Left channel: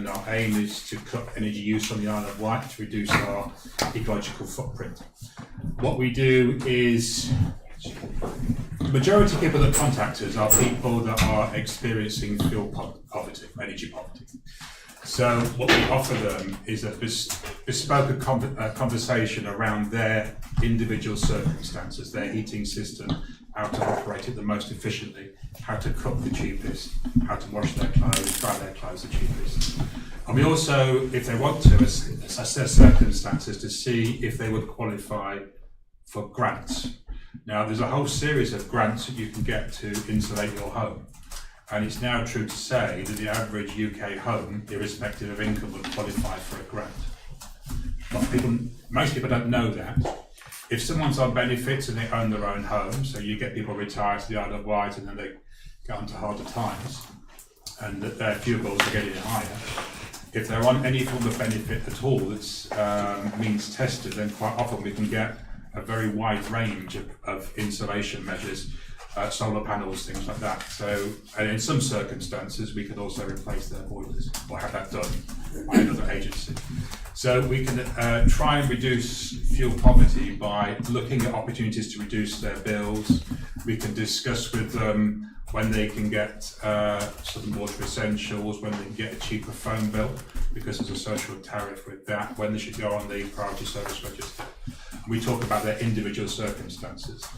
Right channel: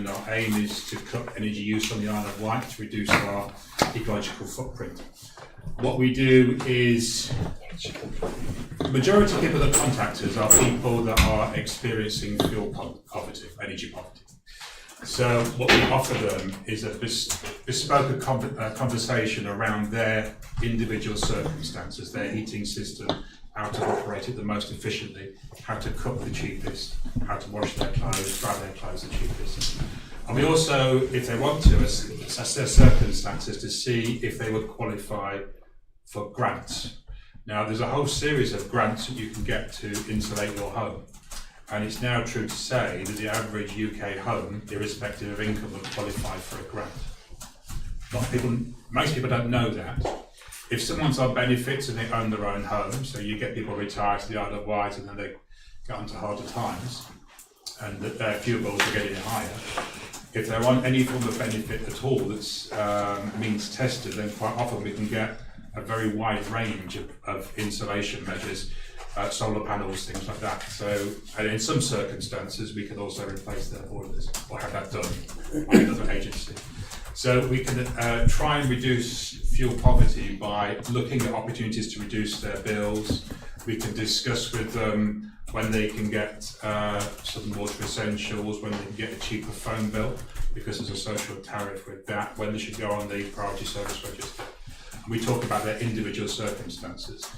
and our aim is to cut energy use on the Isle of Wight to reduce our ecological footprint. What we do is, the majority of people that contact us are people that are experiencing fuel poverty, energy poverty. So what we offer them is a bespoke conversation around their individual circumstances, their heating system, how to operate it the most efficiently, how to cook the cheapest, how to wash their clothes, dry their clothes the cheapest. And we also, if they want to, assess their circumstances to see if they would qualify for grants. Now, there's a whole series of grants that you can get to insulate your home. And it's now true to say that the average UK home, irrespective of income, would qualify for a grant. Most people don't know that. If someone's on benefits and they own their own home, so you get people retired to the Isle of Wight and then they get onto harder times, and that their fuel bills are getting higher. If they're on any form of benefit at all that's means tested, then quite often we can get a very wide range of insulation measures. Solar panels, things like that. So, and in some circumstances, we can also replace their boilers or have that done by another agency. So we can try and reduce fuel poverty by looking at opportunities to reduce their bills. We can discuss with them when they can get some water essentials, when they can get a cheaper phone bill, because there's a social tariff with that, when they should go on the priority service register. And we talk about their individual circumstances.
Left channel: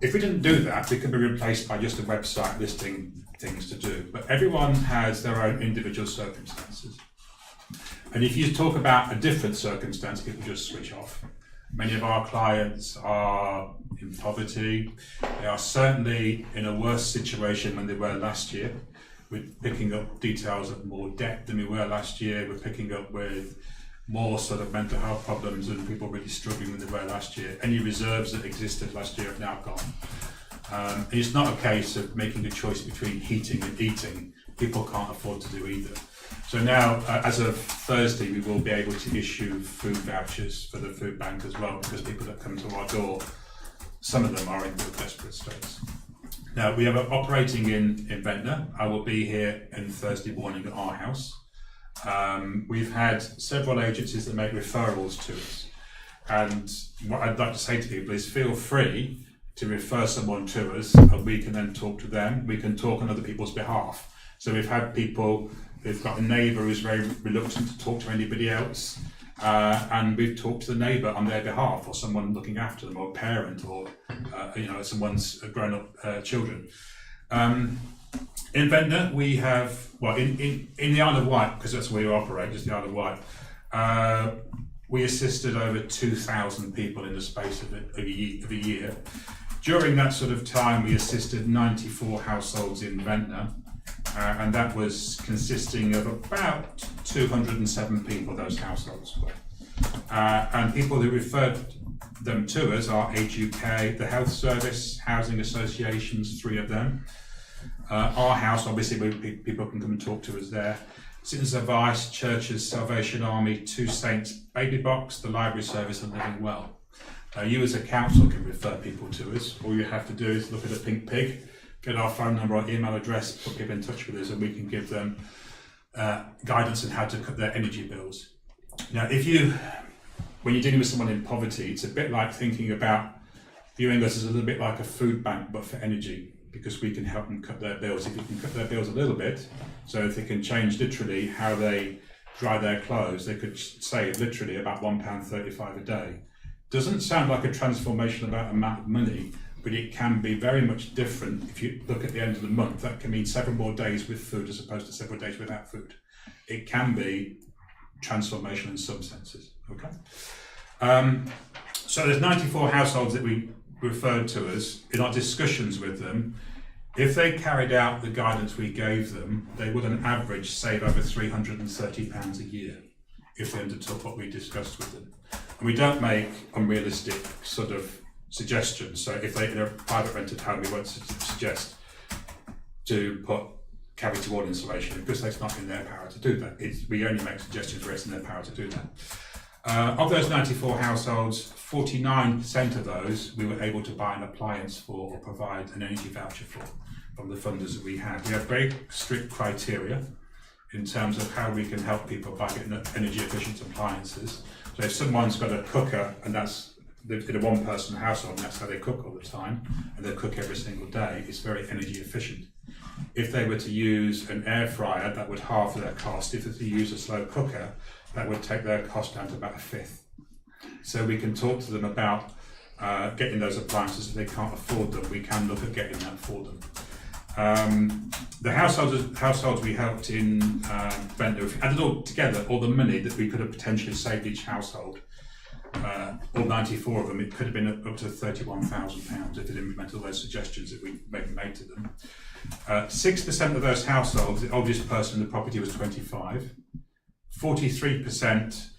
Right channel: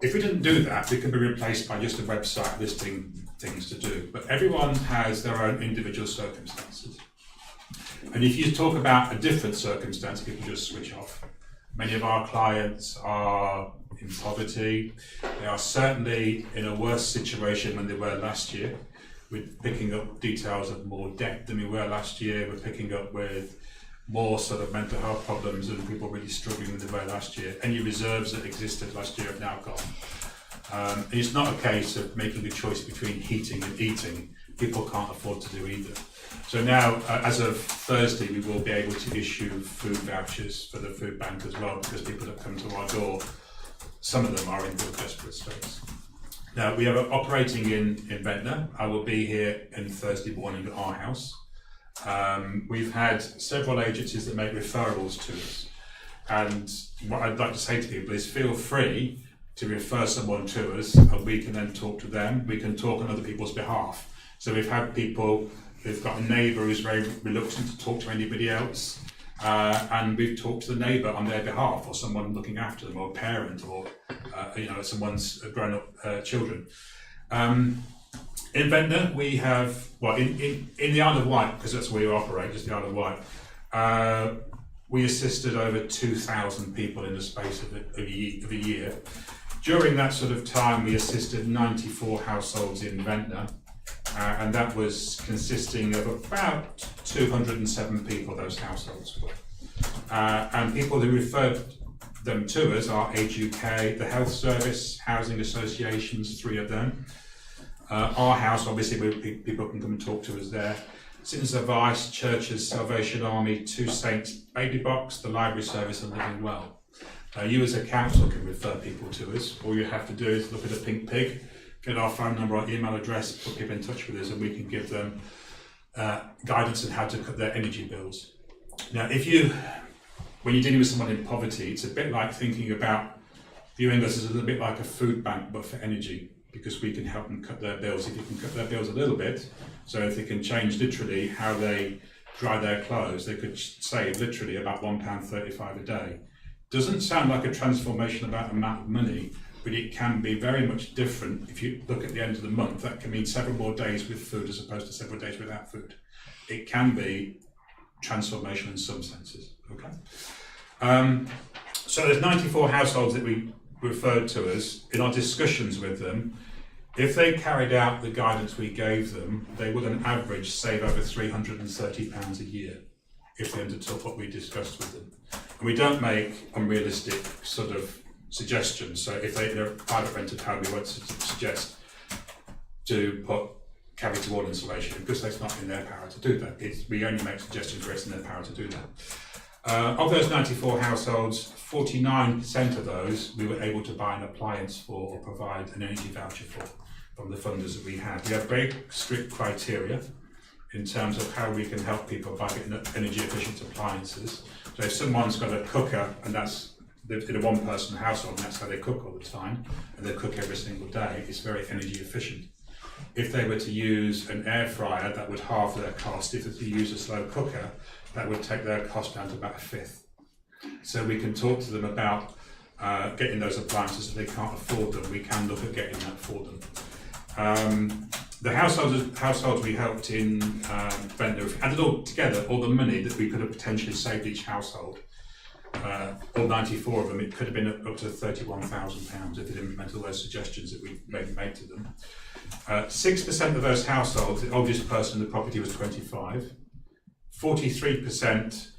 If we didn't do that, we could be replaced by just a website listing things to do. But everyone has their own individual circumstances. And if you talk about a different circumstance, people just switch off. Many of our clients are in poverty. They are certainly in a worse situation than they were last year. We're picking up details of more debt than we were last year. We're picking up with more sort of mental health problems and people really struggling than they were last year. Any reserves that existed last year have now gone. And it's not a case of making a choice between heating and eating. People can't afford to do either. So now, as of Thursday, we will be able to issue food vouchers for the food bank as well, because people that come to our door, some of them are in real desperate states. Now, we are operating in Ventnor. I will be here on Thursday morning at our house. We've had several agencies that make referrals to us, and what I'd like to say to people is feel free to refer someone to us and we can then talk to them. We can talk on other people's behalf. So we've had people, they've got a neighbour who's very reluctant to talk to anybody else, and we've talked to the neighbour on their behalf, or someone looking after them, or a parent, or someone's grown-up children. In Ventnor, we have, well, in the Isle of Wight, because that's where we operate, just the Isle of Wight, we assisted over 2,000 people in the space of a year. During that sort of time, we assisted 94 households in Ventnor, and that was consisting of about 207 people, those households were. And people who referred them to us are Age UK, the Health Service, housing associations, 3 of them. Our house, obviously, where people can come and talk to us there. Citizens Advice, Churches, Salvation Army, 2 Saints, Baby Box, the Library Service, and Living Well. You as a council can refer people to us. All you have to do is look at a pink pig, get our phone number or email address, put people in touch with us, and we can give them guidance on how to cut their energy bills. Now, when you're dealing with someone in poverty, it's a bit like thinking about viewing us as a little bit like a food bank, but for energy, because we can help them cut their bills. If you can cut their bills a little bit, so if they can change literally how they dry their clothes, they could save literally about £1.35 a day. Doesn't sound like a transformational amount of money, but it can be very much different. If you look at the end of the month, that can mean several more days with food as opposed to several days without food. It can be transformational in some senses, okay? So there's 94 households that we referred to us. In our discussions with them, if they carried out the guidance we gave them, they would on average save over £330 a year if they undertook what we discussed with them. And we don't make unrealistic sort of suggestions. So if they're in a private rented home, we won't suggest to put cavity wall insulation, because that's not in their power to do that. We only make suggestions where it's in their power to do that. Of those 94 households, 49% of those we were able to buy an appliance for or provide an energy voucher for from the funders that we had. We have very strict criteria in terms of how we can help people by getting energy efficient appliances. So if someone's got a cooker and that's in a one person household and that's how they cook all the time and they cook every single day, it's very energy efficient. If they were to use an air fryer, that would halve their cost. If they were to use a slow cooker, that would take their cost down to about a fifth. So we can talk to them about getting those appliances. If they can't afford them, we can look at getting that for them. The households we helped in Ventnor, if we added all together, all the money that we could have potentially saved each household, all 94 of them, it could have been up to £31,000 if it implemented all those suggestions that we made to them. 6% of those households, the oldest person in the property was 25. 43%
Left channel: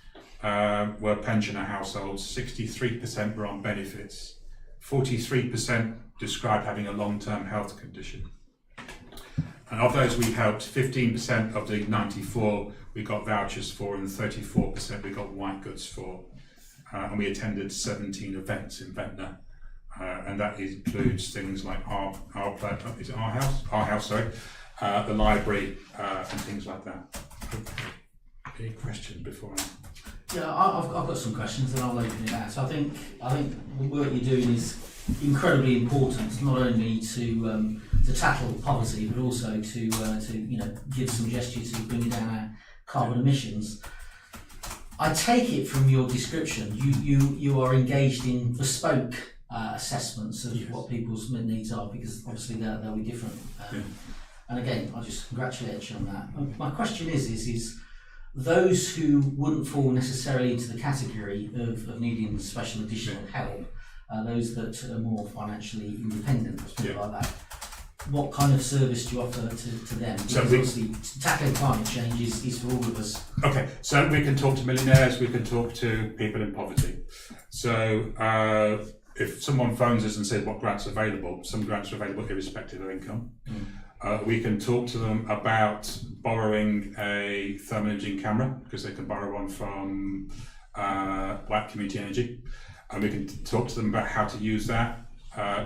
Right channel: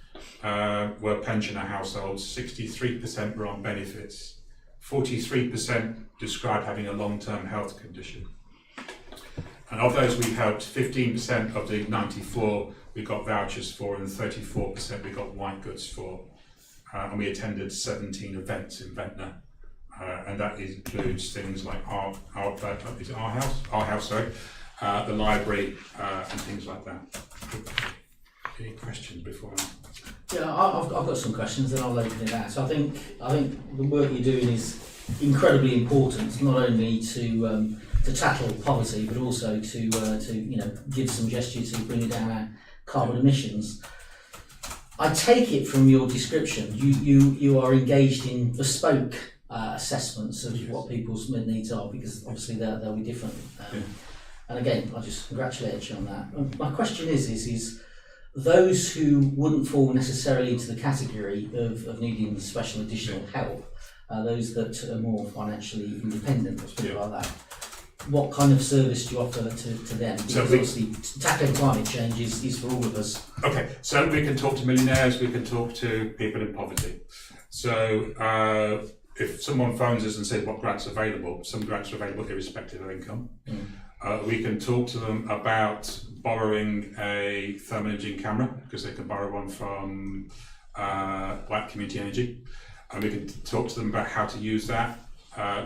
were pensioner households, 63% were on benefits, 43% described having a long-term health condition. And of those we helped, 15% of the 94 we got vouchers for, and 34% we got white goods for. And we attended 17 events in Ventnor. And that includes things like our house, the library, and things like that. Any questions before I? Yeah, I've got some questions and I'll open it out. So I think the work you're doing is incredibly important, not only to tackle poverty, but also to give some gesture to bringing down our carbon emissions. I take it from your description, you are engaged in bespoke assessments of what people's needs are, because obviously they'll be different. And again, I just congratulate you on that. My question is those who wouldn't fall necessarily into the category of needing special additional help, those that are more financially independent, or something like that, what kind of service do you offer to them? Because obviously tackling climate change is for all of us. Okay, so we can talk to millionaires, we can talk to people in poverty. So if someone phones us and says what grants are available, some grants are available irrespective of income. We can talk to them about borrowing a thermal imaging camera, because they can borrow one from Black Community Energy, and we can talk to them about how to use that.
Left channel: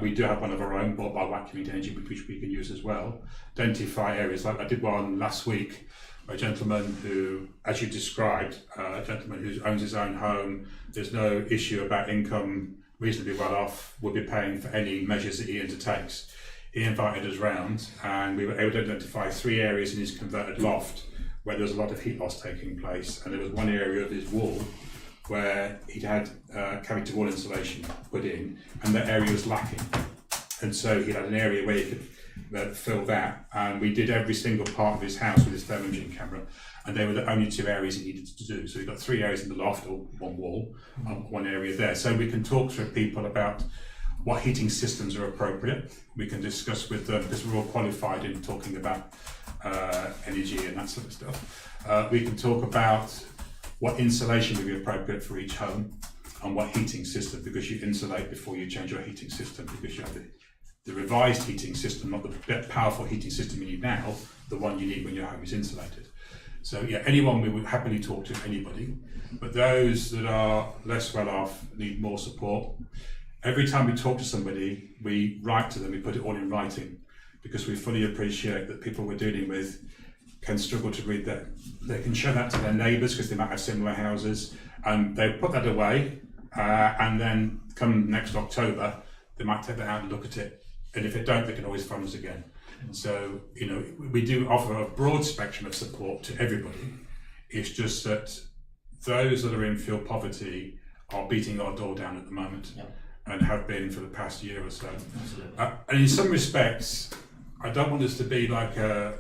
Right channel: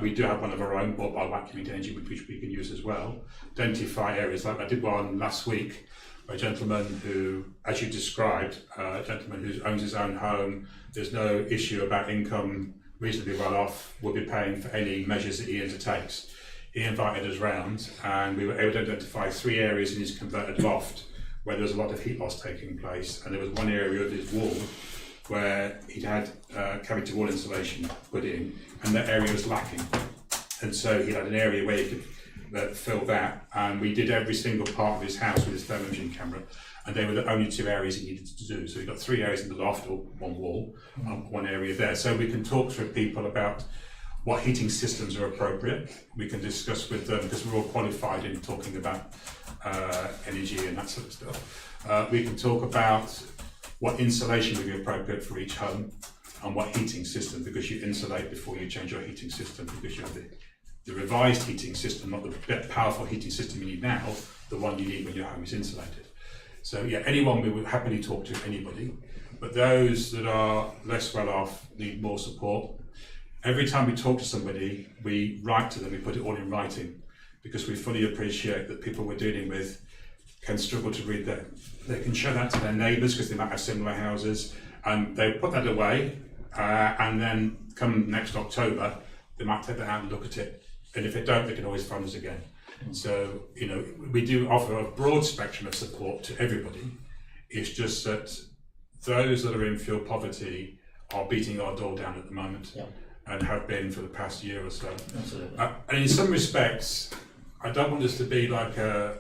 We do have one of our own bought by Black Community Energy, which we can use as well. Identify areas, like I did one last week, a gentleman who, as you described, a gentleman who owns his own home, there's no issue about income, reasonably well off, will be paying for any measures that he undertakes. He invited us round and we were able to identify 3 areas in his converted loft where there was a lot of heat loss taking place, and there was one area of his wall where he'd had cavity wall insulation put in and that area was lacking, and so he had an area where he could fill that, and we did every single part of his house with his thermal imaging camera, and they were the only 2 areas he needed to do. So we've got 3 areas in the loft, or one wall, one area there. So we can talk to people about what heating systems are appropriate. We can discuss with them, because we're all qualified in talking about energy and that sort of stuff. We can talk about what insulation would be appropriate for each home, and what heating system, because you insulate before you change your heating system, because you have the revised heating system, not the powerful heating system you need now, the one you need when your home is insulated. So yeah, anyone, we would happily talk to, anybody, but those that are less well off need more support. Every time we talk to somebody, we write to them, we put it all in writing, because we fully appreciate that people we're dealing with can struggle to read that. They can show that to their neighbours because they might have similar houses, and they put that away, and then come next October, they might take that out and look at it, and if they don't, they can always phone us again. So, we do offer a broad spectrum of support to everybody. It's just that those that are in fuel poverty are beating our door down at the moment. And have been for the past year or so. And in some respects, I don't want us to be like a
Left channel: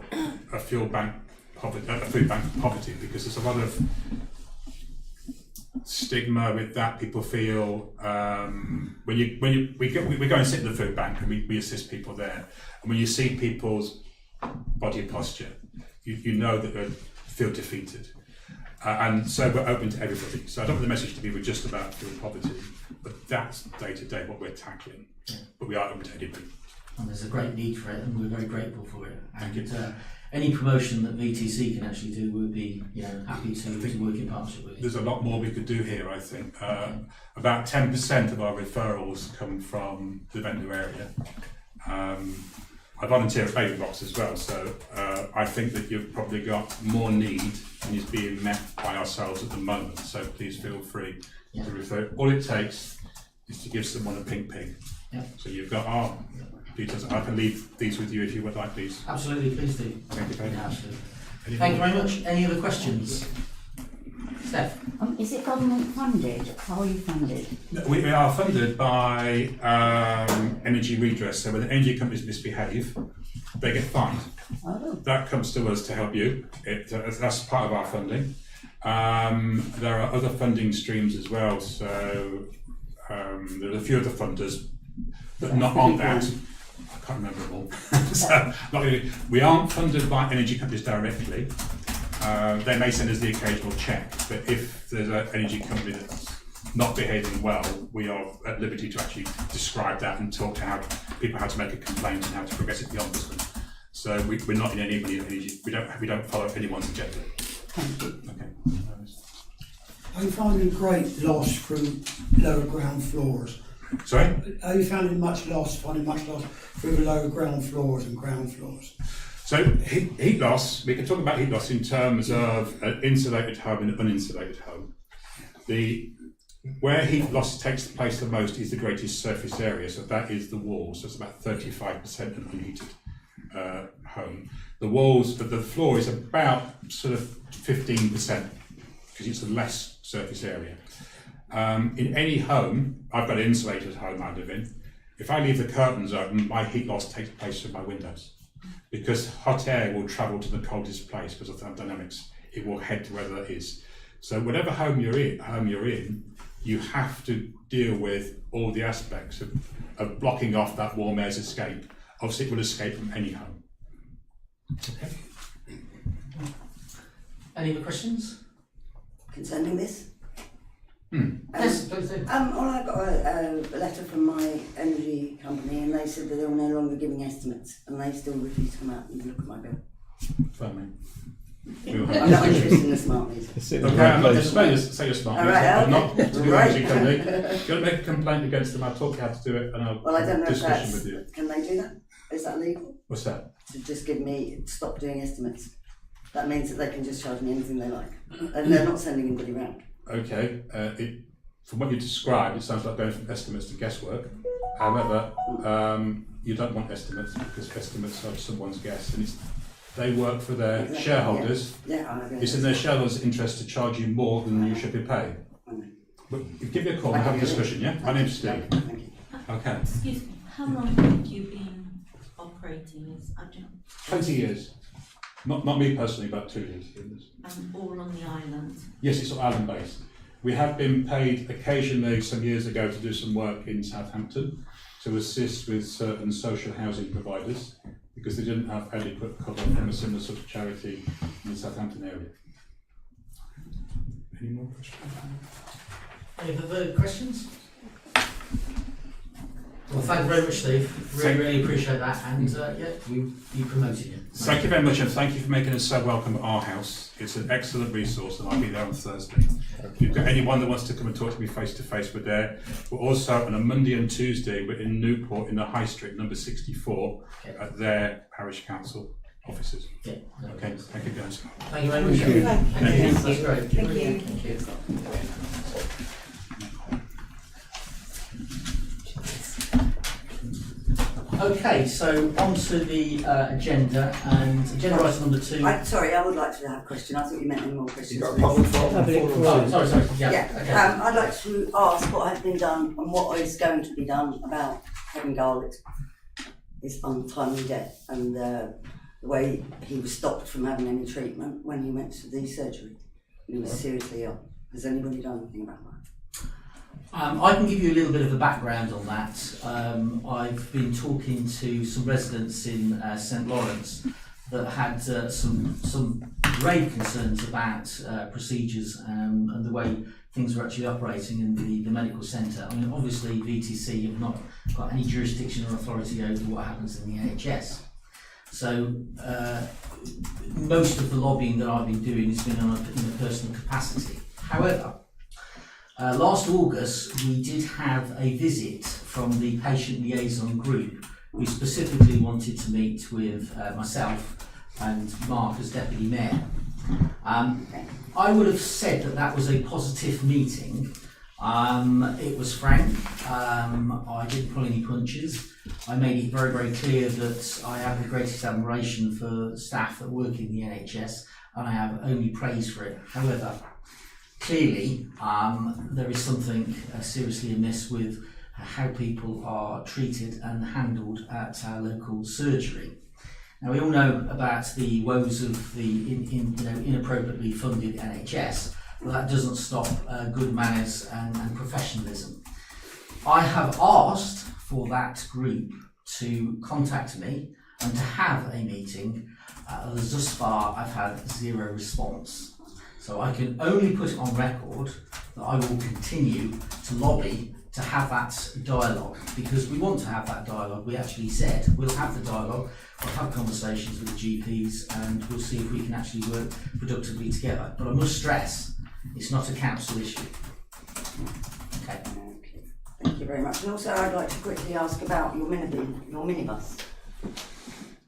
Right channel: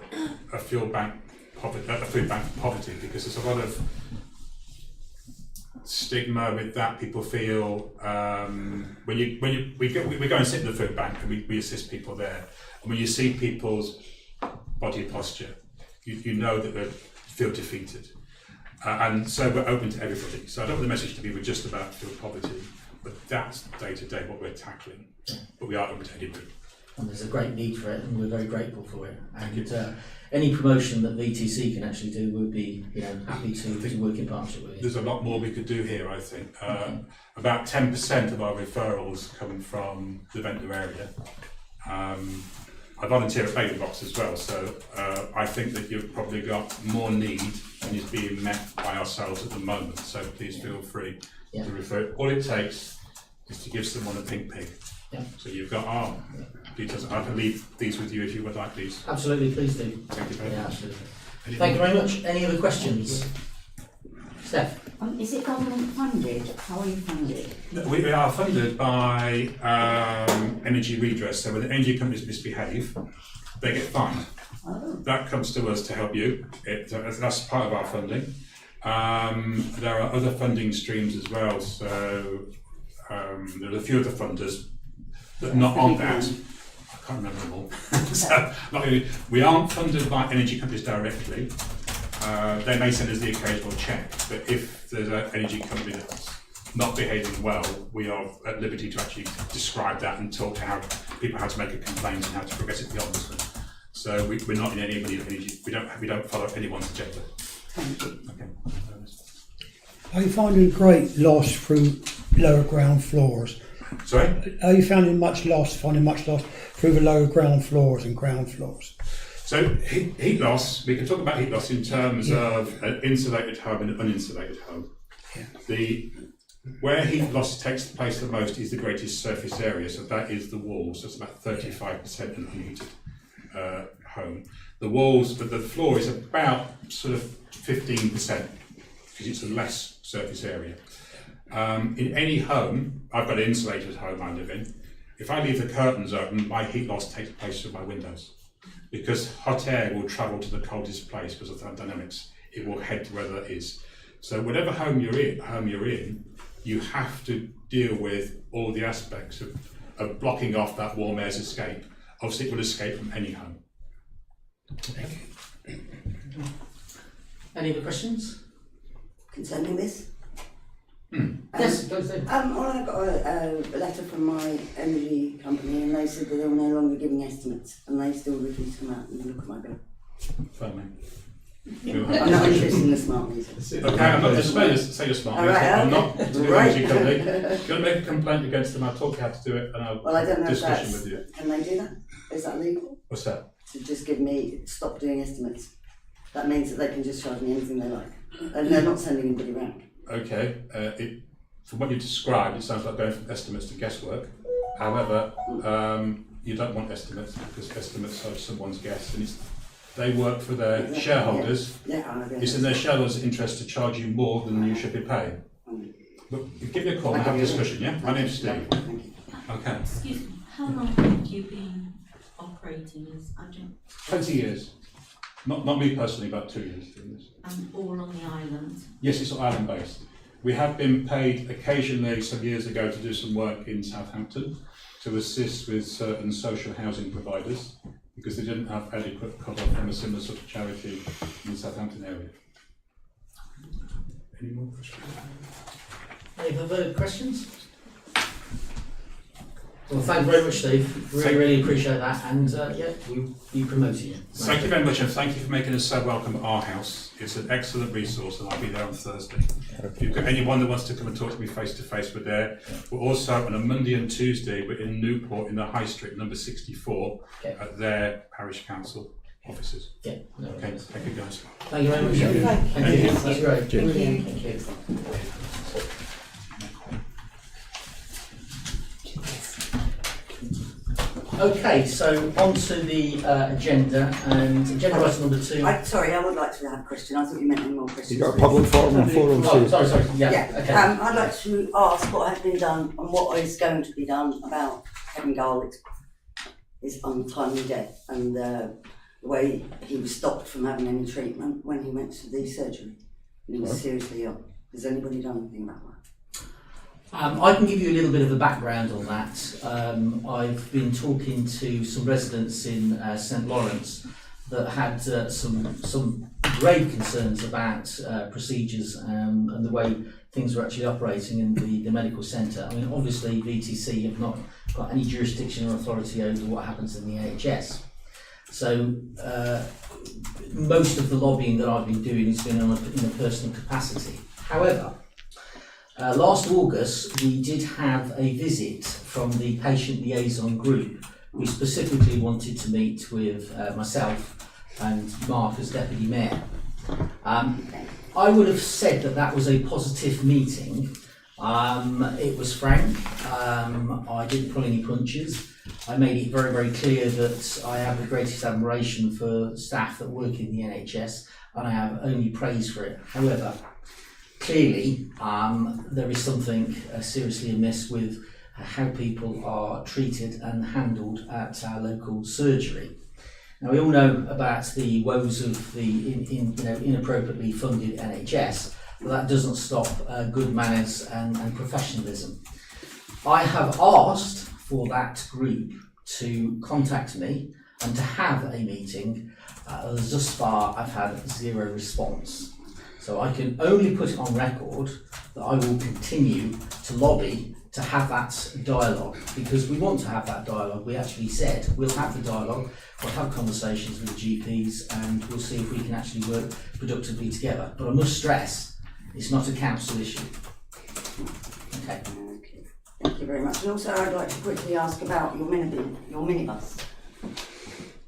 food bank poverty, because there's a lot of stigma with that. People feel we go and sit in the food bank and we assist people there, and when you see people's body posture, you know that they feel defeated. And so we're open to everybody. So I don't want the message to be we're just about fuel poverty, but that's day to day what we're tackling. But we are open to anybody. And there's a great need for it, and we're very grateful for it. And any promotion that VTC can actually do, we'll be happy to work in partnership with you. There's a lot more we could do here, I think. About 10% of our referrals come from the Ventnor area. I volunteer at Baby Box as well, so I think that you've probably got more need than is being met by ourselves at the moment. So please feel free to refer. All it takes is to give someone a pink pig. Yeah. So you've got our details. I can leave these with you if you would like these. Absolutely, please do. Thank you very much. Absolutely. Thank you very much. Any other questions? Steph? Is it government funded? How are you funded? We are funded by energy redress. So when the energy companies misbehave, they get fined. Oh. That comes to us to help you. That's part of our funding. There are other funding streams as well. So there are a few other funders, but not on that. I can't remember them all. So not really. We aren't funded by energy companies directly. They may send us the occasional check, but if there's an energy company that's not behaving well, we are at liberty to actually describe that and talk to how people how to make a complaint and how to progress it beyond this one. So we're not in anybody energy. We don't follow anyone's agenda. Thank you. Okay. Are you finding great loss through lower ground floors? Sorry? Are you finding much loss through the lower ground floors and ground floors? So heat loss, we can talk about heat loss in terms of an insulated home and an uninsulated home. Where heat loss takes place the most is the greatest surface area, so that is the walls. So it's about 35% an unheated home. The walls, but the floor is about sort of 15% because it's a less surface area. In any home, I've got an insulated home I live in. If I leave the curtains open, my heat loss takes place through my windows. Because hot air will travel to the coldest place because of thermodynamics. It will head to where that is. So whatever home you're in, you have to deal with all the aspects of blocking off that warm air's escape. Obviously, it will escape from any home. Okay. Any other questions? Concerning this? Yes, please do. Well, I got a letter from my energy company and they said that they were no longer giving estimates and they still refuse to come out and look at my bill. Fine. I'm not interested in the smart meter. Okay, I'm not just say you're smart. All right, I'm okay. not to be Right. energy company. If you're going to make a complaint against them, I'll talk you how to do it and I'll Well, I don't know if discussion that's, with you. can they do that? Is that legal? What's that? To just stop doing estimates. That means that they can just charge me anything they like. And they're not sending anybody round. Okay, from what you described, it sounds like going from estimates to guesswork. However, you don't want estimates because estimates are someone's guess, and they work for their Exactly, shareholders. Yeah, I agree. It's in their shareholders' interest to charge you more than you should be paying. But give me a call and have a discussion, yeah? My name's Steve. Thank you. Okay. Excuse me, how long have you been operating as adjunct 20 years. Not me personally, but 2 years doing this. and all on the island? Yes, it's all island based. We have been paid occasionally some years ago to do some work in Southampton to assist with certain social housing providers because they didn't have adequate cover from a similar sort of charity in the Southampton area. Any more questions? Any other questions? Well, thank you very much, Steve. Really appreciate that, and we'll be promoting you. Thank you very much, and thank you for making us so welcome at our house. It's an excellent resource, and I'll be there on Thursday. If you've got anyone that wants to come and talk to me face to face, we're there. We're also on a Monday and Tuesday, we're in Newport in the High Street, number 64, at their parish council offices. Yeah, no Okay, worries. thank you guys. Thank you very much. Thank you. That's great. Brilliant. Thank you. Okay, so on to the agenda, and agenda item number 2. Sorry, I would like to have a question. I thought you meant any more questions. You got a public forum on forum Oh, two. sorry, yeah, Yeah, okay. I'd like to ask what has been done and what is going to be done about Kevin Garlick's untimely death and the way he was stopped from having any treatment when he went to the surgery. He was seriously ill. Has anybody done anything about that? I can give you a little bit of a background on that. I've been talking to some residents in St Lawrence that had some grave concerns about procedures and the way things were actually operating in the medical centre. I mean, obviously VTC have not got any jurisdiction or authority over what happens in the NHS. So most of the lobbying that I've been doing has been in a personal capacity. However, last August we did have a visit from the patient liaison group We specifically wanted to meet with myself and Mark as Deputy Mayor. I would have said that that was a positive meeting. It was frank. I didn't pull any punches. I made it very, very clear that I have the greatest admiration for staff that work in the NHS, and I have only praise for it. However, clearly, there is something seriously amiss with how people are treated and handled at our local surgery. Now, we all know about the woes of the inappropriately funded NHS, but that doesn't stop good manners and professionalism. I have asked for that group to contact me and to have a meeting. Thus far, I've had zero response. So I can only put it on record that I will continue to lobby to have that dialogue, because we want to have that dialogue. We actually said we'll have the dialogue, we'll have conversations with the GPs, and we'll see if we can actually work productively together. But I must stress, it's not a council issue. Okay. Okay, thank you very much. And also I'd like to quickly ask about your minibus.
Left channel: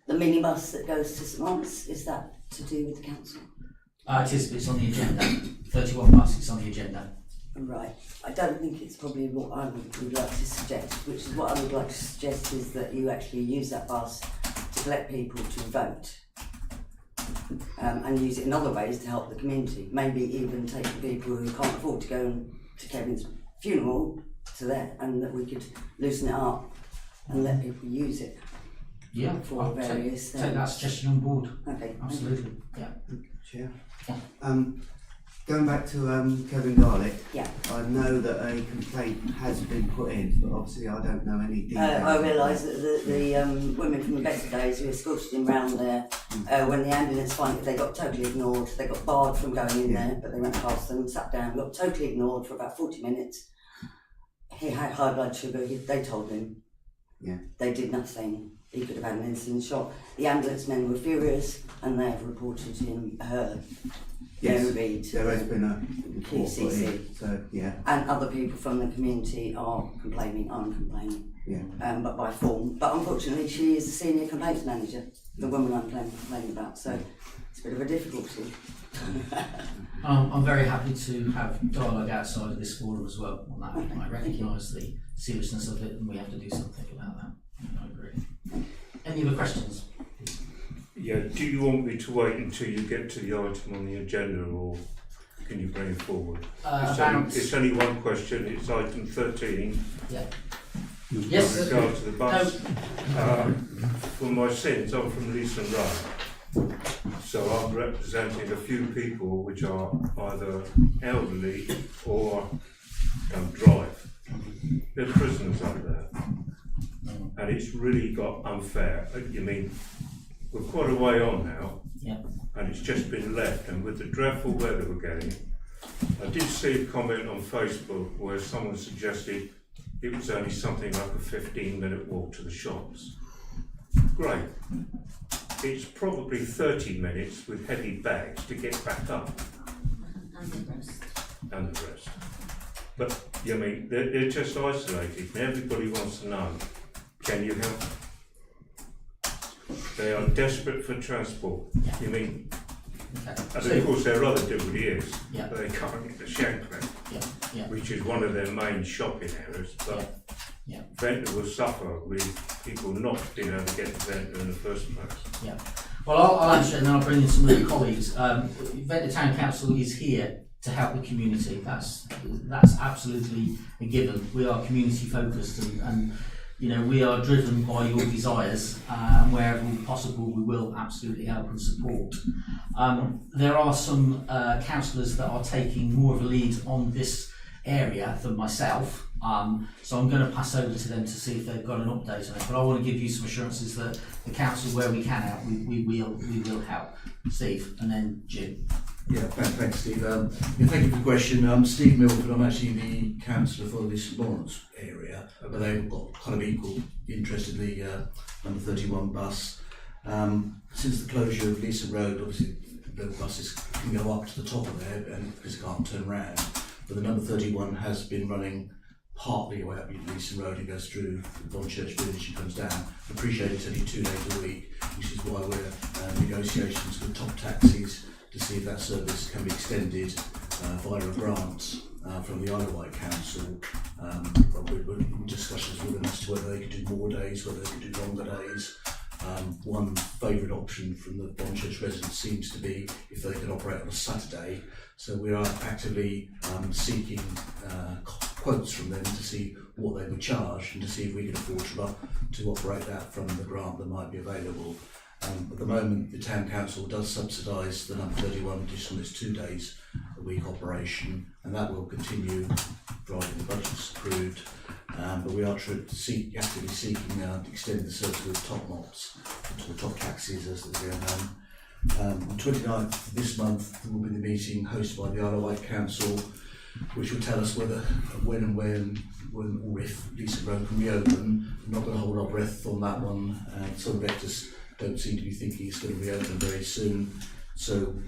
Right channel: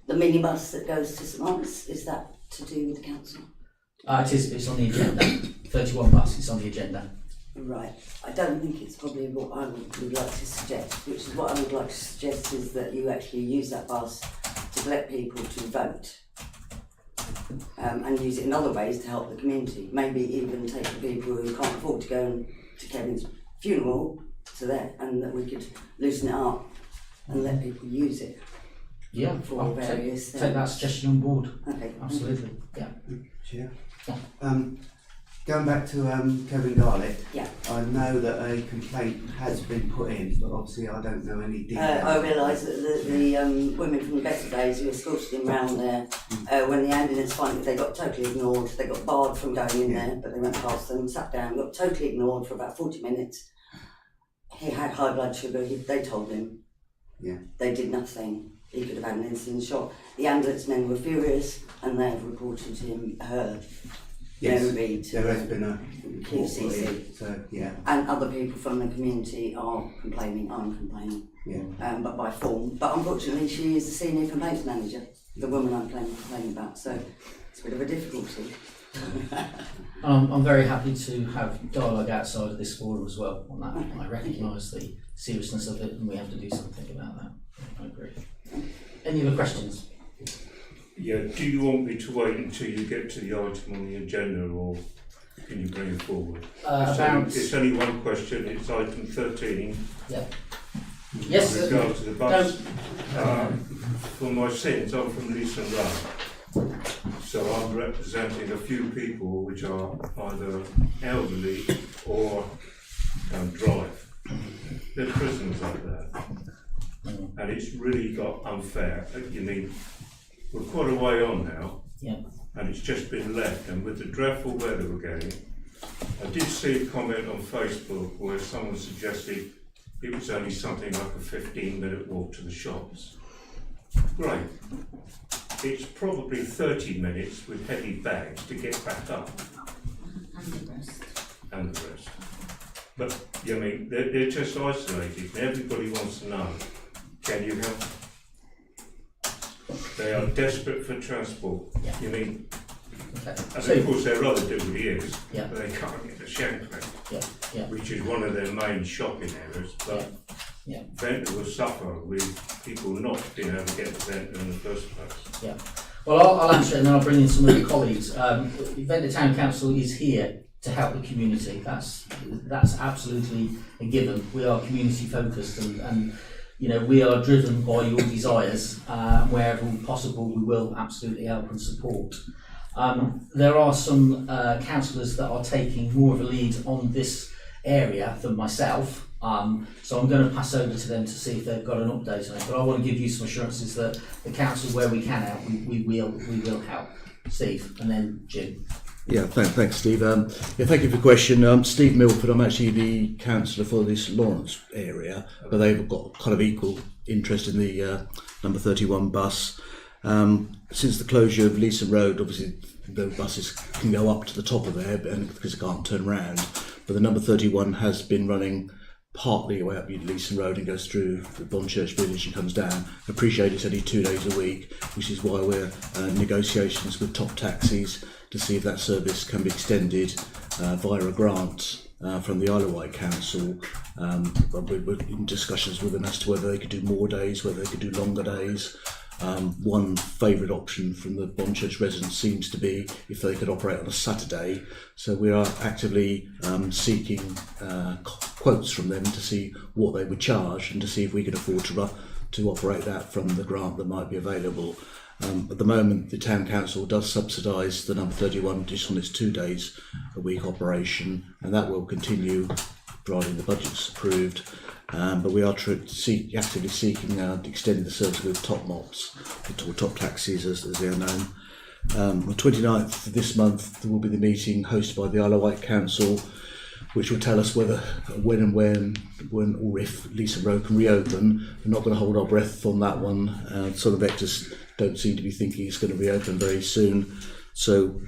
The minibus that goes to St Mark's, is that to do with the council? It is, it's on the agenda. 31 bus, it's on the agenda. Right. I don't think it's probably what I would like to suggest, which is what I would like to suggest is that you actually use that bus to collect people to vote. And use it in other ways to help the community. Maybe even take the people who can't afford to go to Kevin's funeral to there, and that we could loosen it up and let people use it. Yeah, For I'll various take that things. suggestion on board. Okay. Absolutely. Yeah. Chair. Yeah. Going back to Kevin Garlick, Yeah. I know that a complaint has been put in, but obviously I don't know any details. I realise that the women from the better days who escorted him round there, when the ambulance finally, they got totally ignored. They got barred from going in there, but they went past them, sat down, got totally ignored for about 40 minutes. He had high blood sugar, they told him. Yeah. They did nothing. He could have had an insulin shot. The ambulance men were furious, and they have reported her Yes, Mary to there has been a report put QCC. in, so yeah, and other people from the community are complaining, I'm complaining, yeah. but by form. But unfortunately, she is the senior complaints manager, the woman I'm complaining about, so it's a bit of a difficulty. I'm very happy to have dialogue outside of this forum as well on that. I recognise the seriousness of it, and we have to do something about that. I agree. Any other questions? Yeah, do you want me to wait until you get to the item on the agenda, or can you bring it forward? It's only one question, it's item 13. Yeah. Yes. With regard to the bus. For my sins, I'm from Leeson Road. So I'm representing a few people which are either elderly or don't drive. They're prisoners up there. And it's really got unfair. You mean, we're quite a way on now, Yeah. and it's just been left, and with the dreadful weather we're getting, I did see a comment on Facebook where someone suggested it was only something like a 15-minute walk to the shops. Great. It's probably 30 minutes with heavy bags to get back up. And the rest. And the rest. But, I mean, they're just isolated, and everybody wants to know, can you help? They are desperate for transport. Yeah. You mean, Okay. and of course their other duty is, Yeah. but they can't get to Shankland, Yeah. Yeah. which is one of their main shopping areas. But Yeah. Ventnor will suffer with people not being able to get to Ventnor in the first place. Yeah. Well, I'll answer it and then I'll bring in some of the colleagues. Ventnor Town Council is here to help the community. That's absolutely a given. We are community focused and you know, we are driven by your desires, and wherever possible we will absolutely help and support. There are some councillors that are taking more of a lead on this area than myself, so I'm going to pass over to them to see if they've got an update on it. But I want to give you some assurances that the council, where we can help, we will help. Steve, and then Jim. Yeah, thanks Steve. Thank you for the question. Steve Milford, I'm actually the councillor for this Lawrence area, but they've got kind of equal interest in the number 31 bus. Since the closure of Leeson Road, obviously the buses can go up to the top of there because they can't turn round, but the number 31 has been running partly way up Leeson Road and goes through the Bonchurch Village and comes down. I appreciate it's only 2 days a week, which is why we're negotiations with Top Taxis to see if that service can be extended via a grant from the Isle of Wight Council. We're in discussions with them as to whether they could do more days, whether they could do longer days. One favourite option from the Bonchurch residents seems to be if they could operate on a Saturday. So we are actively seeking quotes from them to see what they would charge and to see if we could afford to operate that from the grant that might be available. At the moment, the Town Council does subsidise the number 31 just on its 2 days a week operation, and that will continue providing the budget's approved. But we are actively seeking to extend the service with Top Mops, or Top Taxis as they are known. On the 29th of this month, there will be the meeting hosted by the Isle of Wight Council, which will tell us whether, when or if Leeson Road can reopen. We're not going to hold our breath on that one. Southern Vectors don't seem to be thinking it's going to reopen very soon. So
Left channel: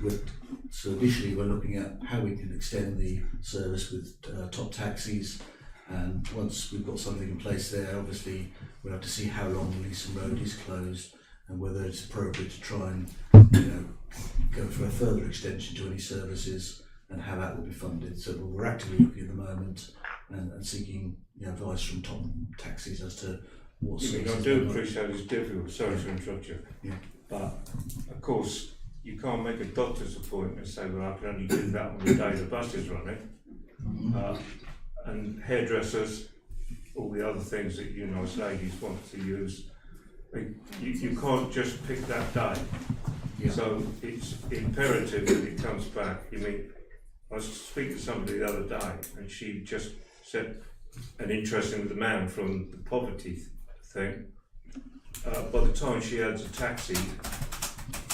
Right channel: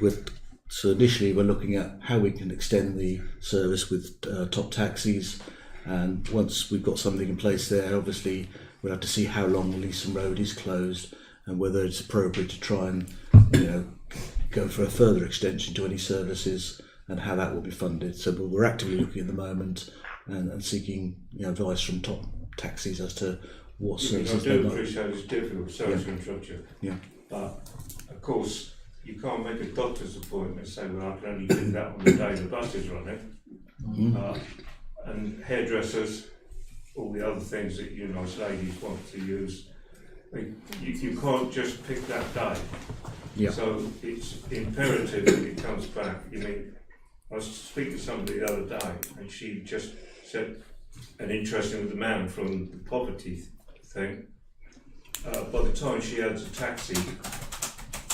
initially we're looking at how we can extend the service with Top Taxis. And once we've got something in place there, obviously we'll have to see how long Leeson Road is closed and whether it's appropriate to try and go for a further extension to any services and how that will be funded. So we're actively looking at the moment and seeking advice from Top Taxis as to what services. I do appreciate it's difficult, sorry to interrupt you. Yeah. But of course you can't make a doctor's appointment and say, well, I can only do that on the day the bus is running. Mm-hmm. And hairdressers, all the other things that you nice ladies want to use, you can't just pick that day. Yeah. So it's imperative that it comes back. I was speaking to somebody the other day and she just said, and interesting with the man from the poverty thing, by the time she adds a taxi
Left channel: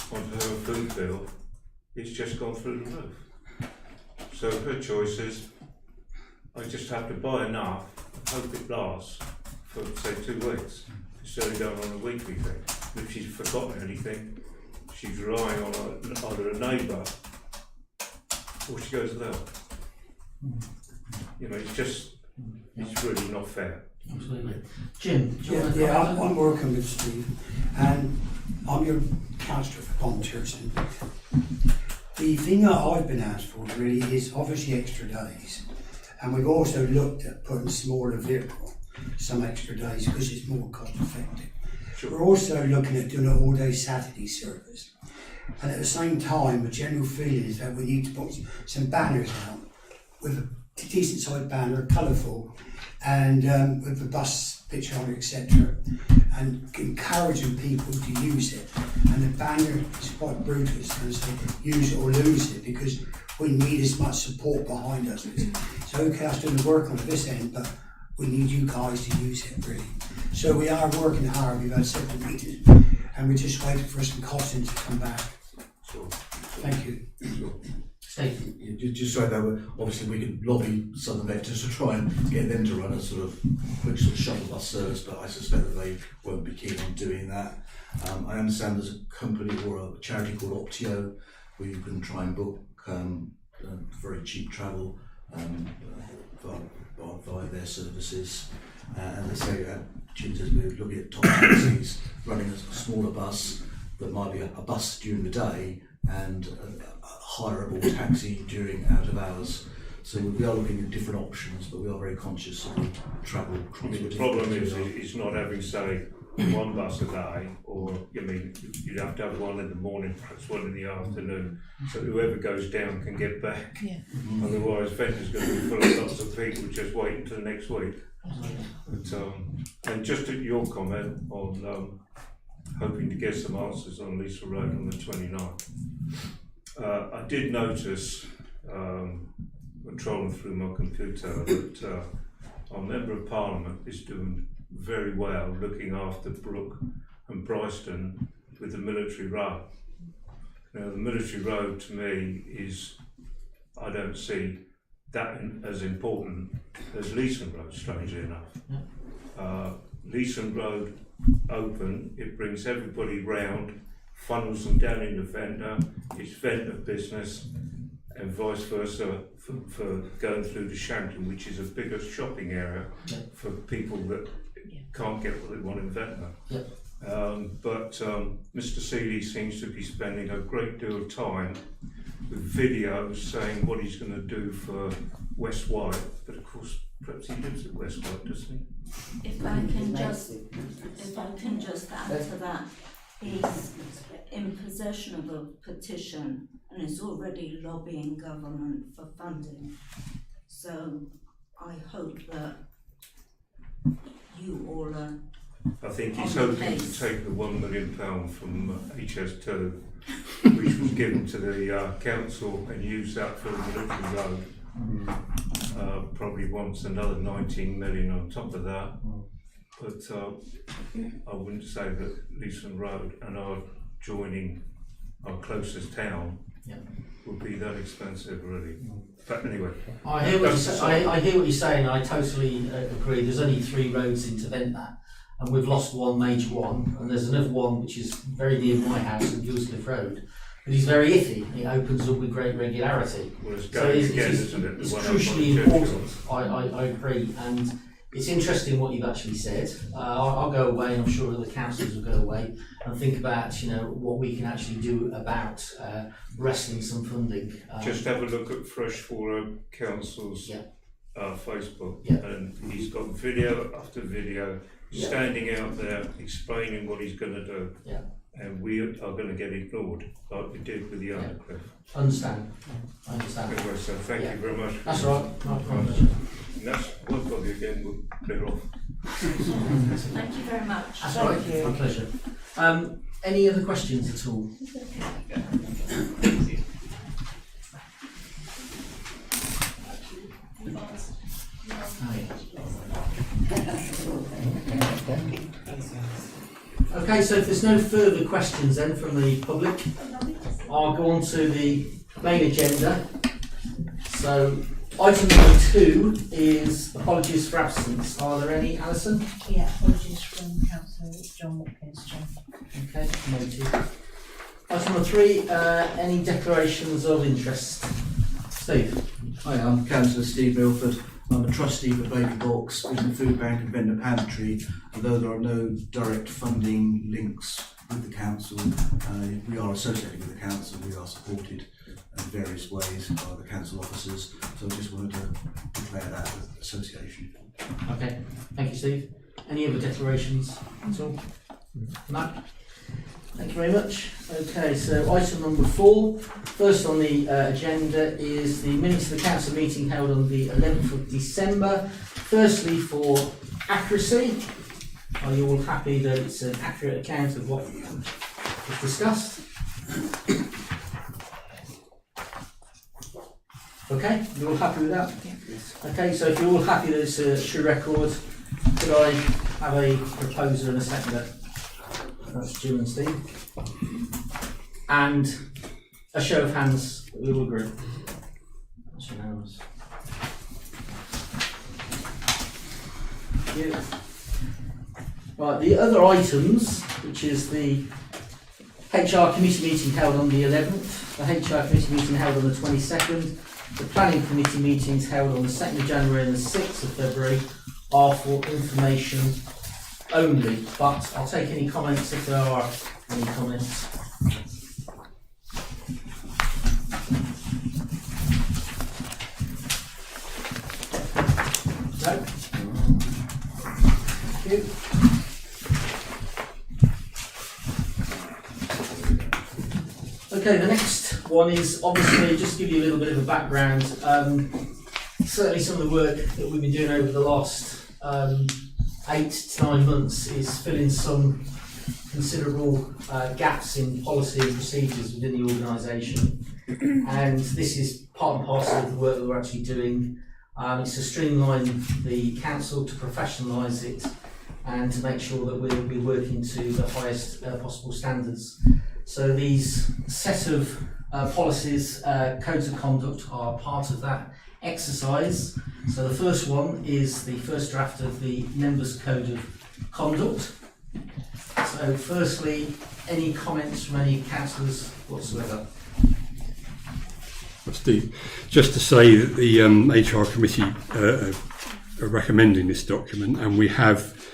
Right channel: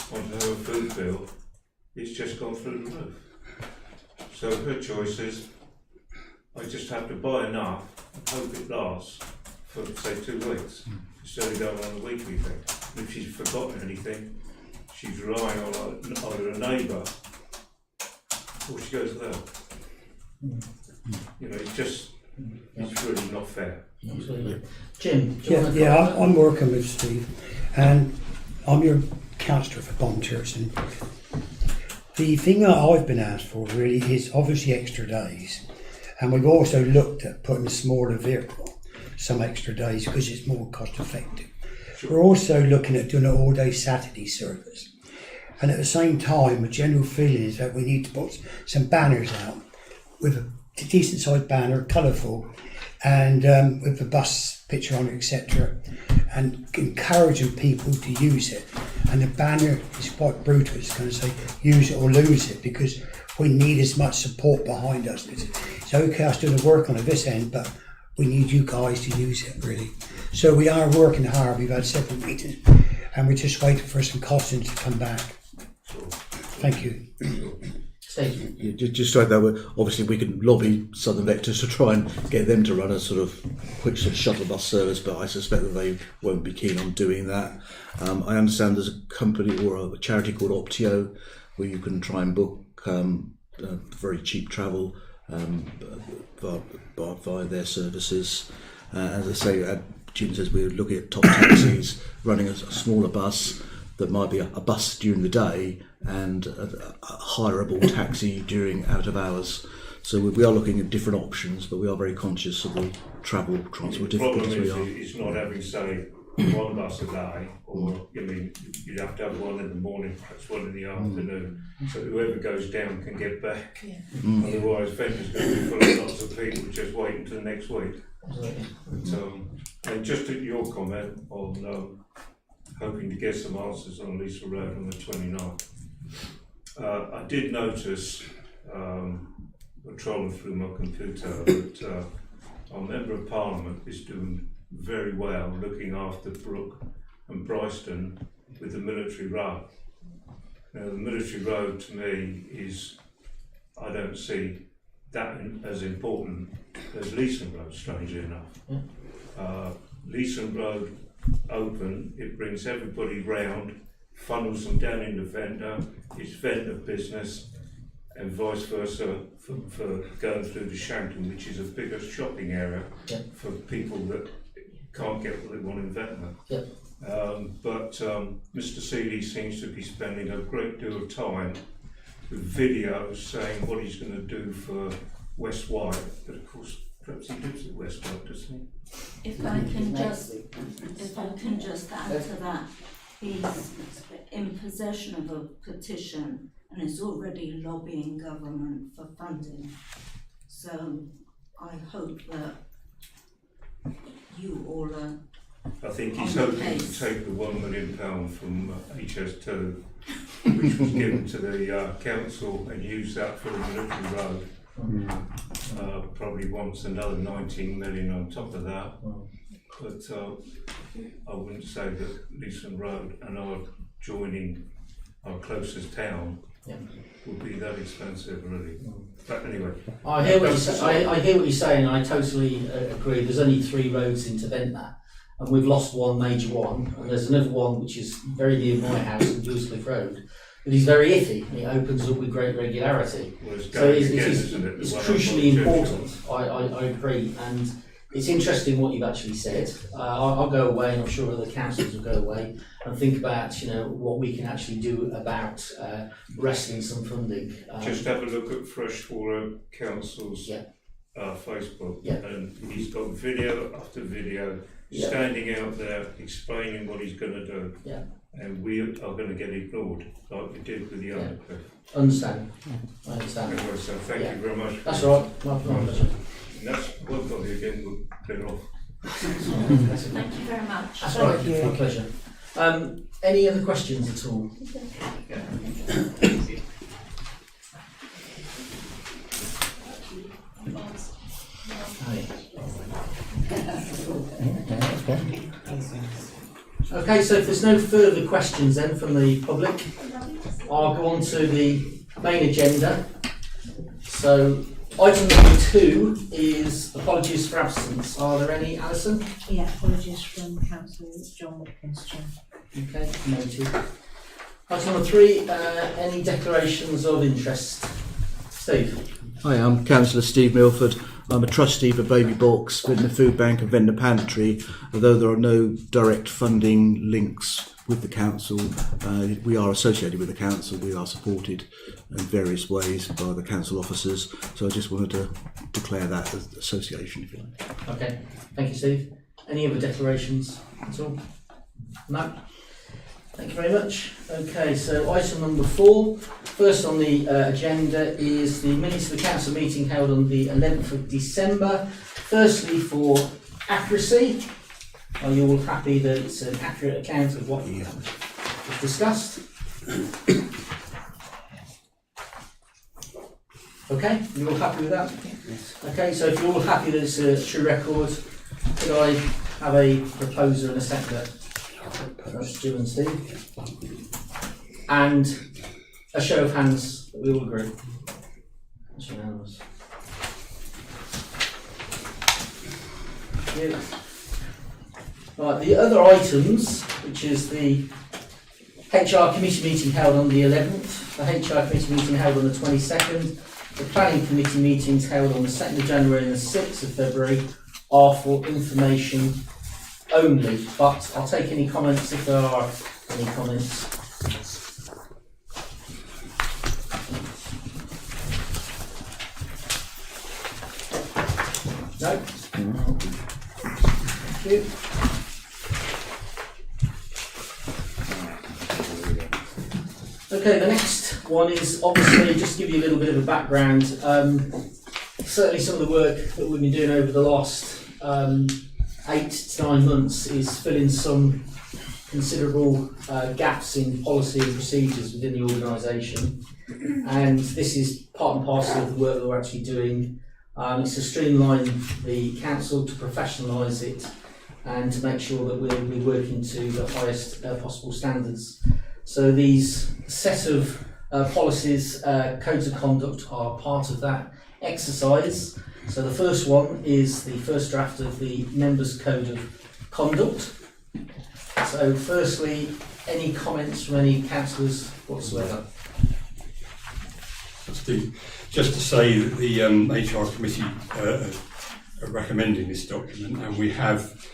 onto her food bill, it's just gone through the roof. So her choice is, I just have to buy enough and hope it lasts for, say, 2 weeks. It's only going on a weekly thing. And if she's forgotten anything, she's relying on either a neighbour or she goes there. It's really not fair. Absolutely. Jim, do you want to Yeah, comment? I'm working with Steve, and I'm your councillor for Bonchurch. And the thing that I've been asked for really is obviously extra days, and we've also looked at putting a smaller vehicle some extra days because it's more cost effective. Sure. We're also looking at doing an all-day Saturday service, and at the same time, the general feeling is that we need to put some banners out with a decent sized banner, colourful, and with the bus picture on it, etc., and encouraging people to use it. And the banner is quite brutal, it's going to say use it or lose it, because we need as much support behind us. It's okay us doing the work on this end, but we need you guys to use it really. So we are working hard. We've had several meetings and we're just waiting for some costings to come back. Sure. Thank you. Steve. Yeah, just so that obviously we can lobby Southern Vectors to try and get them to run a sort of quick sort of shuttle bus service, but I suspect that they won't be keen on doing that. I understand there's a company or a charity called Optio where you can try and book very cheap travel via their services. As I say, Jim says we're looking at Top Taxis running a smaller bus that might be a bus during the day and a hireable taxi during out of hours. So we are looking at different options, but we are very conscious of the travel transport. The problem is not having, say, one bus a day, or you'd have to have one in the morning, perhaps one in the afternoon, so whoever goes down can get back. Yeah. Otherwise, Ventnor's going to be full of lots of people just waiting until next week. Absolutely. And just at your comment on hoping to get some answers on Leeson Road on the 29th, I did notice, trolling through my computer, that our Member of Parliament is doing very well looking after Brook and Bryston with the military road. Now the military road to me is, I don't see that as important as Leeson Road, strangely enough. Leeson Road open, it brings everybody round, funnels them down into Ventnor, it's Ventnor business, and vice versa for going through the Shanklin, which is a bigger shopping area Yeah. for people that can't get what they want in Ventnor. Yeah. But Mr. Seeley seems to be spending a great deal of time with videos saying what he's going to do for West White, but of course perhaps he lives at West White, doesn't he? If I can just add to that, he's in possession of a petition and is already lobbying government for funding. So I hope that you all are. I think he's On the hoping to case. take the £1 million from HS2, which was given to the council, and use that for the military road. Probably wants another 19 million on top of that. But I wouldn't say that Leeson Road and our joining our closest town Yeah. would be that expensive, really. But anyway, I hear what That's- I hear what you're saying. I totally agree. There's only 3 roads into Ventnor, and we've lost one major one, and there's another one which is very near my house, on Dewscliff Road, but it's very iffy. It opens up with great regularity. well, it's So going it's, again, it's, isn't it? The it's one up by crucially the church. important. I agree, and it's interesting what you've actually said. I'll go away, and I'm sure other councillors will go away and think about what we can actually do about wresting some funding. Just have a look at Freshwater Council's Yeah. Facebook, Yeah. and he's got video after video Yeah. standing out there explaining what he's going to do. Yeah. And we are going to get ignored, like we did with the Yeah. Undercliff. Understand. I understand. Anyway, so thank Yeah. you very much. That's all right. My pleasure. And that's work on you again, we'll clear off. Thank you very much. That's all right. My pleasure. Any other questions at all? Okay, so if there's no further questions then from the public, I'll go on to the main agenda. So item number 2 is apologies for absence. Are there any, Alison? Yeah, apologies from Councillor John Watkins, Chair. Okay, noted. Item number 3, any declarations of interest? Steve? Hi, I'm Councillor Steve Milford. I'm a trustee for Baby Box, Ventnor Food Bank and Ventnor Pantry. Although there are no direct funding links with the council, we are associated with the council. We are supported in various ways by the council officers. So I just wanted to declare that as association. If you like. Okay, thank you, Steve. Any other declarations at all? No? Thank you very much. Okay, so item number 4. First on the agenda is the minutes of the council meeting held on the 11th of December. Firstly, for accuracy, are you all happy that it's an accurate account of what was discussed? Okay, you're all happy with that? Okay, so if you're all happy that it's a true record, could I have a proposer and a seconder? That's Stu and Steve. And a show of hands that we all agree. That's unanimous. Thank you. Right, the other items, which is the HR committee meeting held on the 11th, the HR committee meeting held on the 22nd, the planning committee meetings held on the 2nd of January and the 6th of February are for information only, but I'll take any comments if there are any comments. No? Thank you. Okay, the next one is obviously just to give you a little bit of a background. Certainly some of the work that we've been doing over the last 8 to 9 months is filling some considerable gaps in policy and procedures within the organisation, and this is part and parcel of the work that we're actually doing. It's to streamline the council, to professionalise it, and to make sure that we're working to the highest possible standards. So these set of policies, codes of conduct are part of that exercise. So the first one is the first draft of the Members' Code of Conduct. So firstly, any comments from any councillors whatsoever? Steve, just to say that the HR committee are recommending this document, and we have,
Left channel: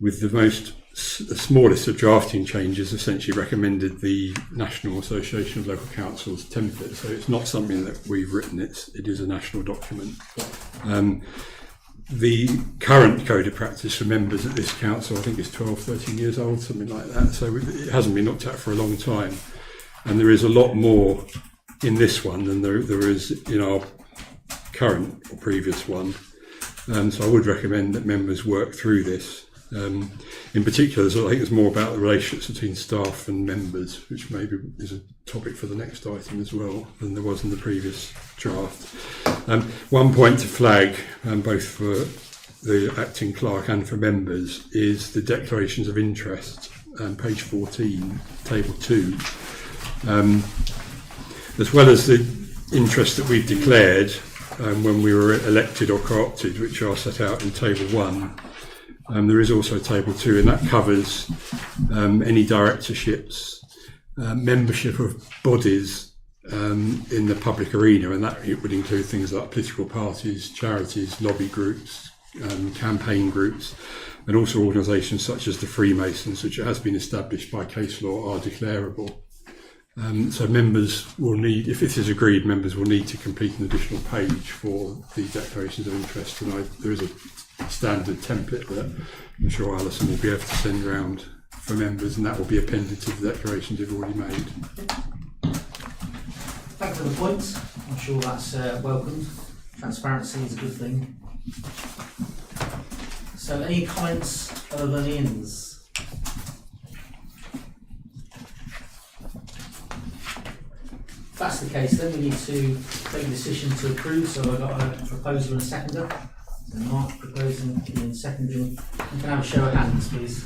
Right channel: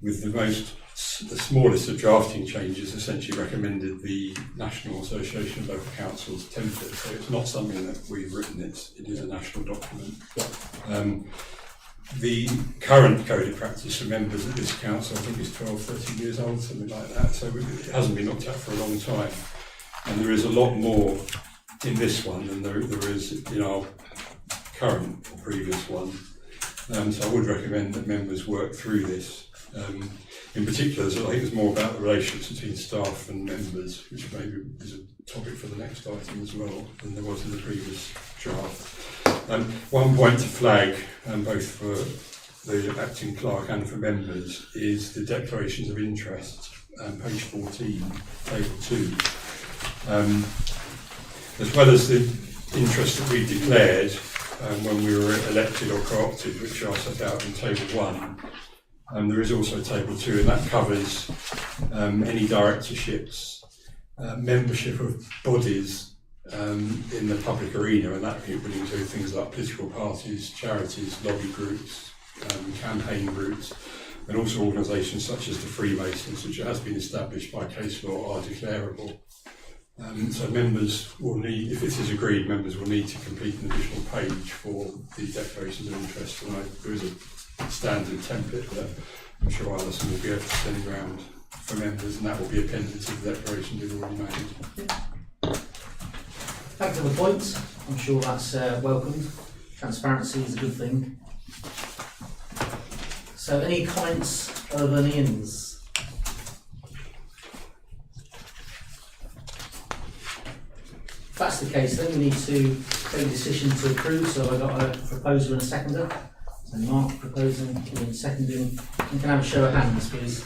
with the smallest of drafting changes, essentially recommended the National Association of Local Councils template. So it's not something that we've written; it is a national document. The current code of practice for members at this council, I think, is 12, 13 years old, something like that. So it hasn't been looked at for a long time, and there is a lot more in this one than there is in our current or previous one. So I would recommend that members work through this. In particular, I think it's more about the relationships between staff and members, which maybe is a topic for the next item as well than there was in the previous draft. One point to flag, both for the acting clerk and for members, is the declarations of interest, page 14, table 2. As well as the interest that we declared when we were elected or co-opted, which are set out in table 1, there is also table 2, and that covers any directorships, membership of bodies in the public arena, and that would include things like political parties, charities, lobby groups, campaign groups, and also organisations such as the Freemasons, which has been established by case law, are declarable. So members will need, if this is agreed, members will need to complete an additional page for the declarations of interest, and there is a standard template that I'm sure Alison will be able to send around for members, and that will be appended to the declarations you've already made. Thank you for the points. I'm sure that's welcomed. Transparency is a good thing. So, any comments other than Ian's? If that's the case, then we need to take a decision to approve. So I've got a proposer and a seconder. So Mark proposing, Ian seconding. You can have a show of hands, please.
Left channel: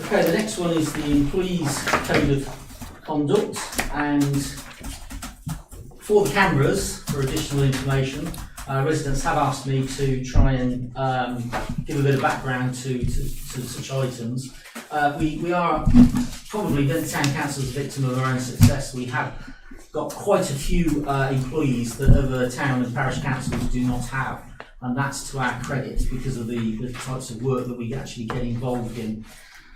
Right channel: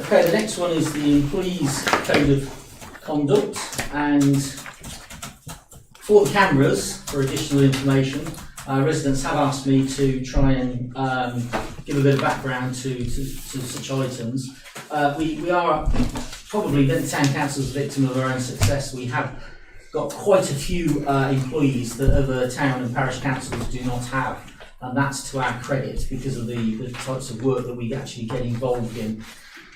Okay, the next one is the Employees Code of Conduct, and for the cameras, for additional information, residents have asked me to try and give a bit of background to such items. We are probably, the town council is a victim of our own success. We have got quite a few employees that other town and parish councils do not have, and that's to our credit because of the types of work that we actually get involved in.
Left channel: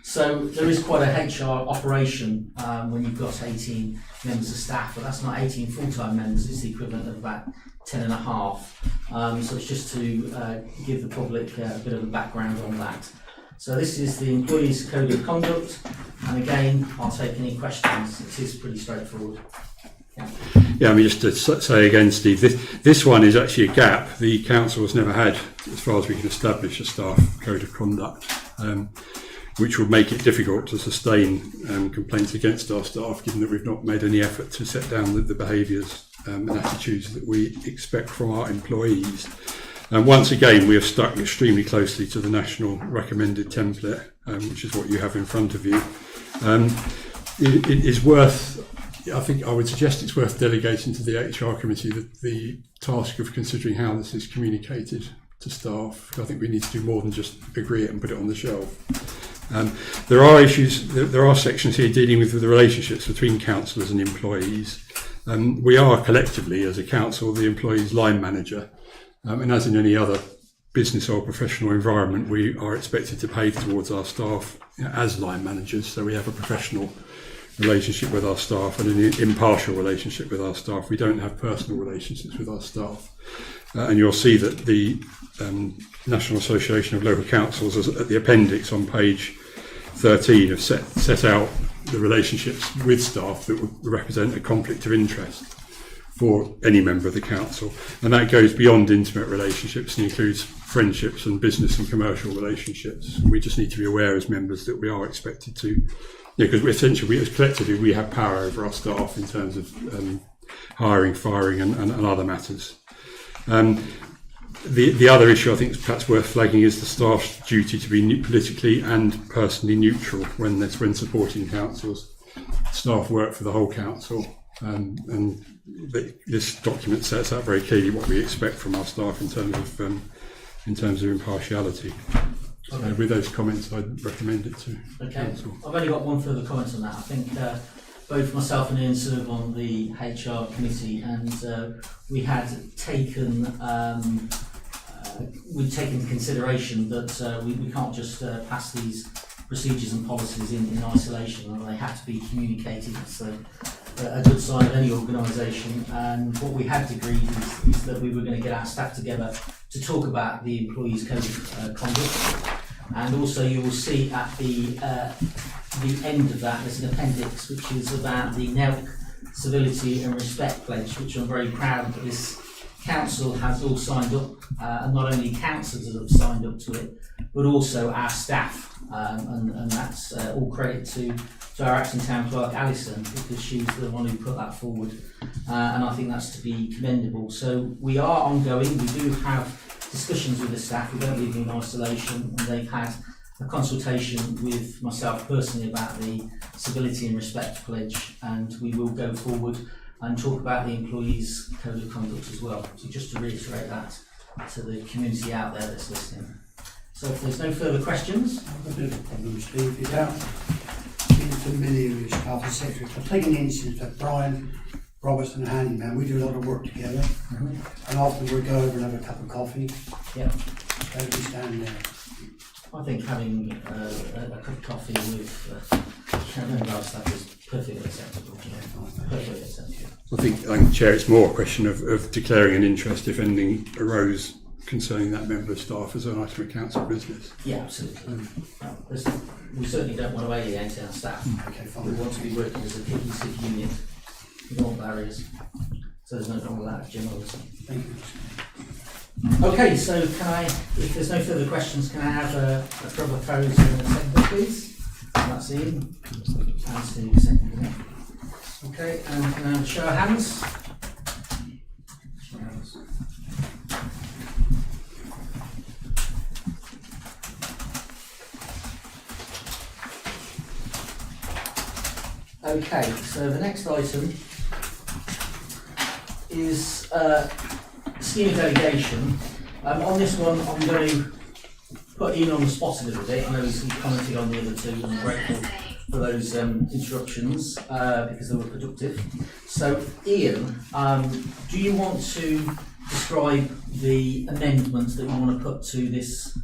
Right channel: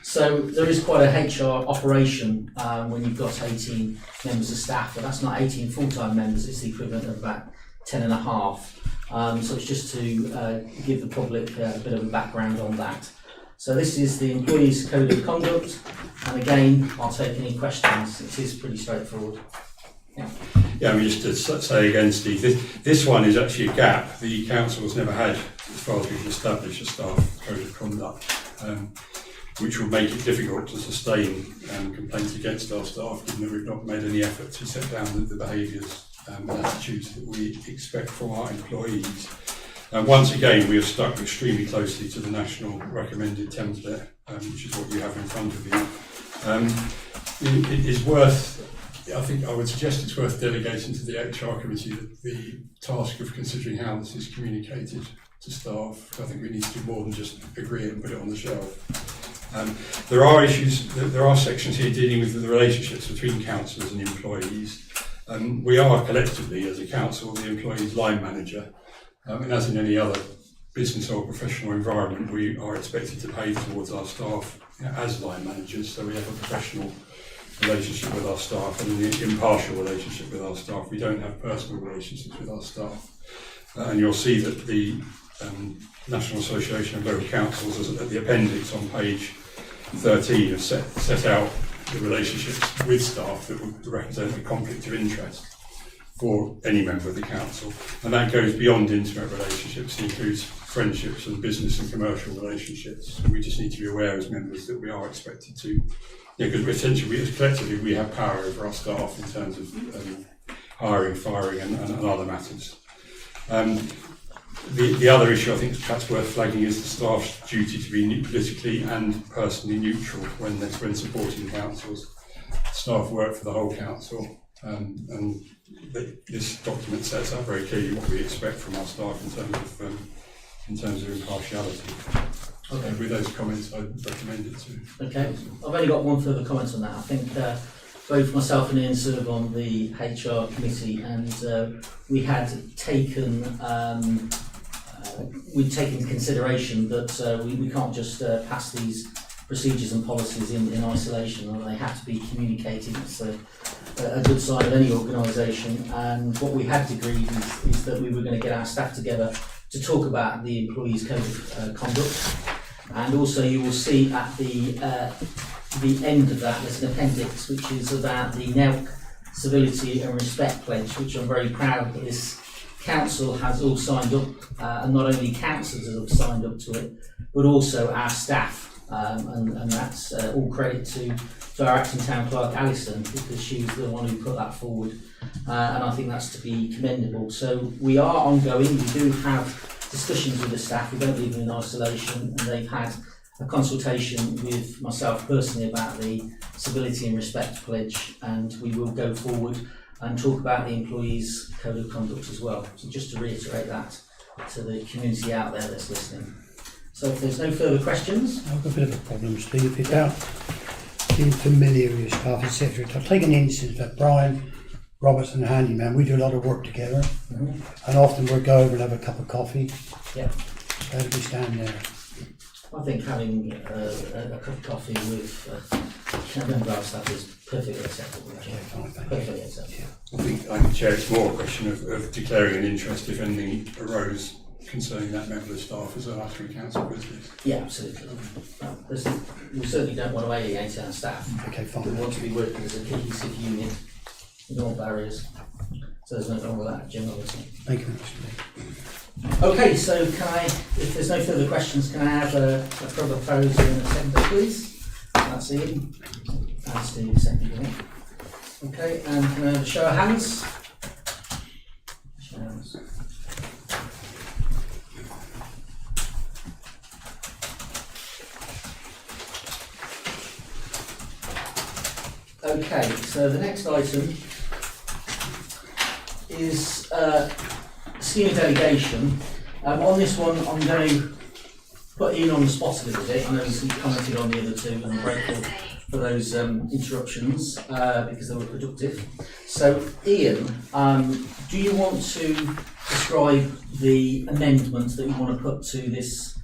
So there is quite a HR operation when you've got 18 members of staff, but that's not 18 full-time members, it's the equivalent of about 10 and a half. So it's just to give the public a bit of a background on that. So this is the Employees Code of Conduct, and again, I'll take any questions. It is pretty straightforward. Yeah, I mean, just to say again, Steve, this one is actually a gap. The council has never had, as far as we can establish, a staff code of conduct, which would make it difficult to sustain complaints against our staff, given that we've not made any effort to set down the behaviours and attitudes that we expect from our employees. Once again, we have stuck extremely closely to the national recommended template, which is what you have in front of you. It is worth, I think I would suggest it's worth delegating to the HR committee the task of considering how this is communicated to staff. I think we need to do more than just agree it and put it on the shelf. There are issues, there are sections here dealing with the relationships between councillors and employees. We are collectively, as a council, the employee's line manager. And as in any other business or professional environment, we are expected to pay towards our staff as line managers. So we have a professional relationship with our staff and an impartial relationship with our staff. We don't have personal relationships with our staff. And you'll see that the National Association of Local Councils, at the appendix on page 13, have set out the relationships with staff that would represent a conflict of interest for any member of the council, and that goes beyond intimate relationships and includes friendships and business and commercial relationships. And we just need to be aware as members that we are expected to, because essentially, collectively, we have power over our staff in terms of hiring, firing, and other matters. The other issue I think is perhaps worth flagging is the staff's duty to be politically and personally neutral when supporting councils. Staff work for the whole council, and this document sets out very clearly what we expect from our staff in terms of impartiality. So Okay. with those comments, I'd recommend it to Okay. council. I've only got one further comment on that. I think both myself and Ian serve on the HR committee, and we had taken we'd taken into consideration that we can't just pass these procedures and policies in isolation, and they have to be communicated. It's a good sign of any organisation. And what we had agreed is that we were going to get our staff together to talk about the employees' code of conduct. And also, you will see at the end of that, there's an appendix which is about the NELC Civility and Respect Pledge, which I'm very proud that this council has all signed up, and not only councillors have signed up to it, but also our staff. And that's all credit to our acting town clerk Alison, because she was the one who put that forward, and I think that's to be commendable. So we are ongoing. We do have discussions with the staff. We don't leave them in isolation, and they've had a consultation with myself personally about the Civility and Respect Pledge, and we will go forward and talk about the employees' code of conduct as well. So just to reiterate that to the community out there that's listening. So if there's no further questions. I've got a bit of a problem, Steve. Without being familiar with staff, etc. I've taken the instance that Brian Robertson, the handyman, we do a lot of work together, and often we'll go over and have a cup of coffee. Yeah. Where do we stand there? I think having a cup of coffee with a member of our staff is perfectly acceptable. Perfectly acceptable. I think, Chair, it's more a question of declaring an interest if anything arose concerning that member of staff as an item of council business. Yeah, absolutely. Well, we certainly don't want to alienate our staff. Okay, fine. We want to be working as a cohesive union with no barriers. So there's nothing wrong with that, Jim, obviously. Thank you. Okay, so can I, if there's no further questions, can I have a proposer and a seconder, please? That's Ian. And Steve, second. Okay, and can I have a show of hands? Show of hands. Okay, so the next item is scheme delegation. On this one, I'm going to put Ian on the spot a little bit. I know he commented on the other two, and I'm grateful for those interruptions because they were productive. So, Ian, do you want to describe the amendments that you want to put to this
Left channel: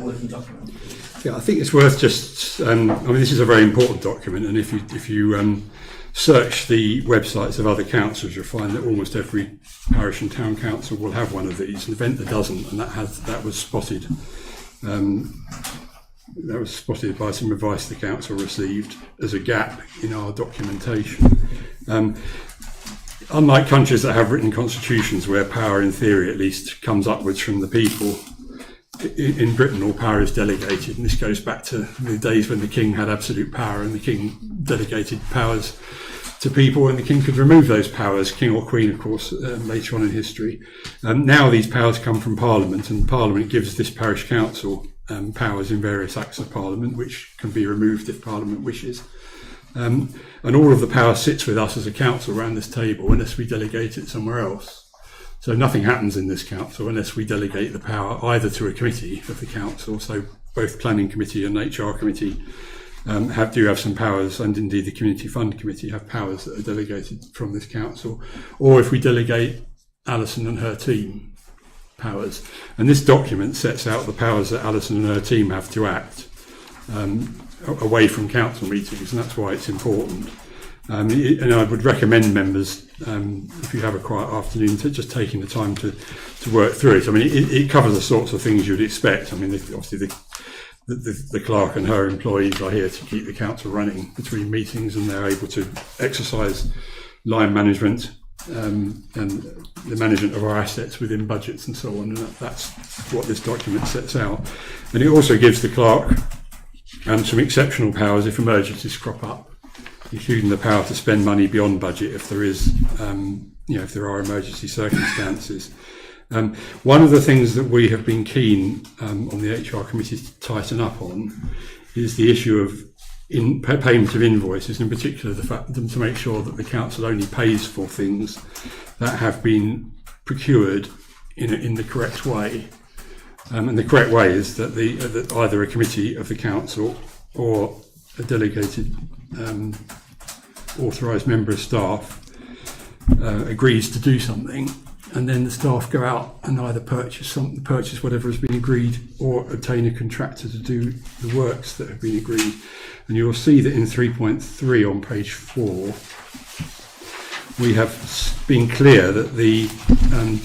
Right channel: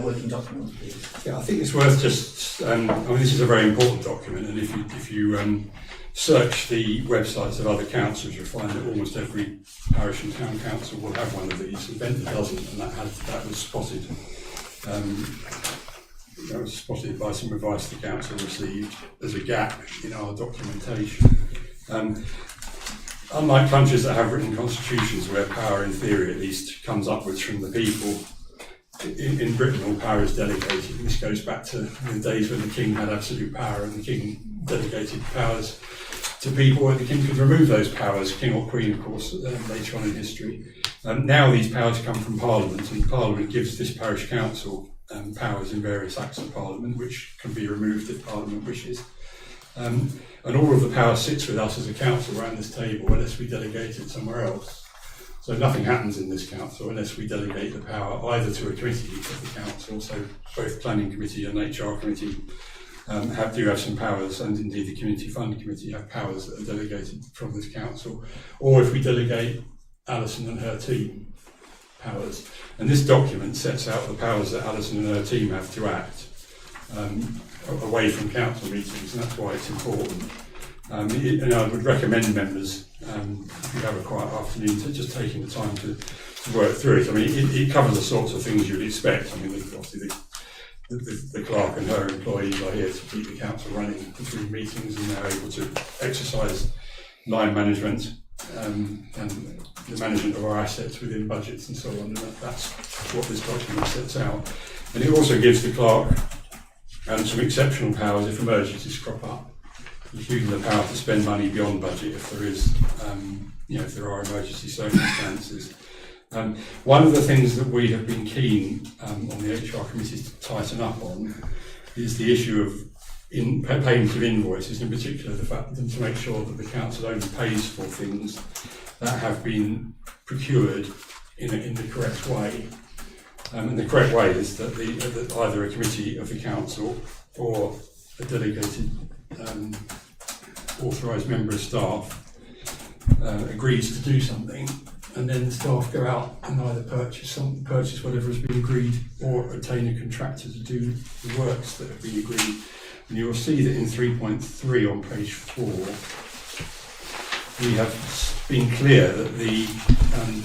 working document, please? Yeah, I think it's worth just. I mean, this is a very important document, and if you search the websites of other councils, you'll find that almost every parish and town council will have one of these. Ventnor doesn't, and that was spotted. That was spotted by some advice the council received as a gap in our documentation. Unlike countries that have written constitutions where power, in theory at least, comes upwards from the people, in Britain all power is delegated, and this goes back to the days when the king had absolute power and the king delegated powers to people, and the king could remove those powers, king or queen of course, later on in history. Now these powers come from Parliament, and Parliament gives this parish council powers in various acts of Parliament, which can be removed if Parliament wishes. And all of the power sits with us as a council around this table unless we delegate it somewhere else. So nothing happens in this council unless we delegate the power either to a committee of the council, so both Planning Committee and HR Committee do have some powers, and indeed the Community Fund Committee have powers that are delegated from this council, or if we delegate Alison and her team powers. And this document sets out the powers that Alison and her team have to act away from council meetings, and that's why it's important. And I would recommend members, if you have a quiet afternoon, to just taking the time to work through it. I mean, it covers the sorts of things you'd expect. I mean, obviously the clerk and her employees are here to keep the council running between meetings, and they're able to exercise line management and the management of our assets within budgets and so on. And that's what this document sets out. And it also gives the clerk some exceptional powers if emergencies crop up, including the power to spend money beyond budget if there is, if there are emergency circumstances. One of the things that we have been keen on the HR committee to tighten up on is the issue of payment of invoices, in particular the fact to make sure that the council only pays for things that have been procured in the correct way. And the correct way is that that either a committee of the council or a delegated authorised member of staff agrees to do something, and then the staff go out and either purchase whatever has been agreed or obtain a contractor to do the works that have been agreed. And you'll see that in 3.3 on page 4, we have been clear that the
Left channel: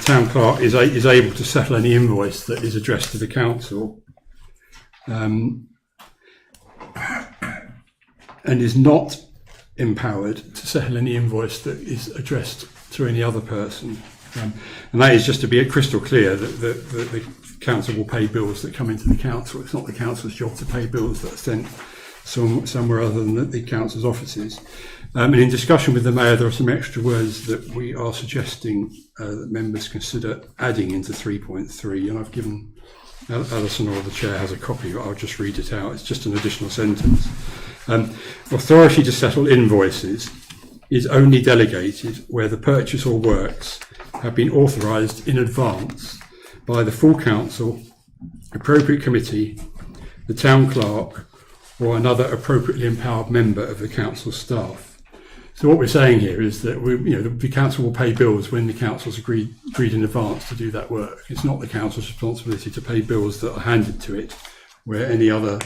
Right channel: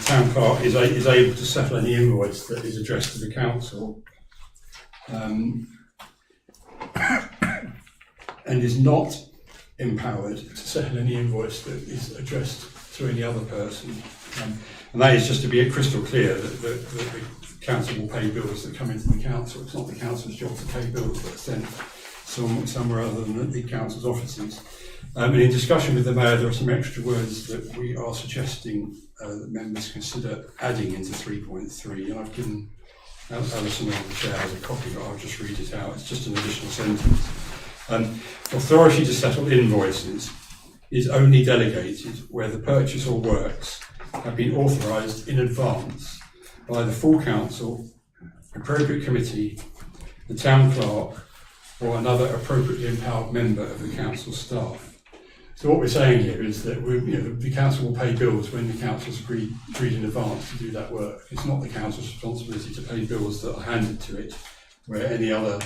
town clerk is able to settle any invoice that is addressed to the council, and is not empowered to settle any invoice that is addressed to any other person. And that is just to be crystal clear that the council will pay bills that come into the council. It's not the council's job to pay bills that are sent somewhere other than the council's offices. And in discussion with the mayor, there are some extra words that we are suggesting that members consider adding into 3.3, and I've given Alison, or the chair, has a copy, but I'll just read it out. It's just an additional sentence. Authority to settle invoices is only delegated where the purchase or works have been authorised in advance by the full council, appropriate committee, the town clerk, or another appropriately empowered member of the council staff. So what we're saying here is that the council will pay bills when the council's agreed in advance to do that work. It's not the council's responsibility to pay bills that are handed to it, where any other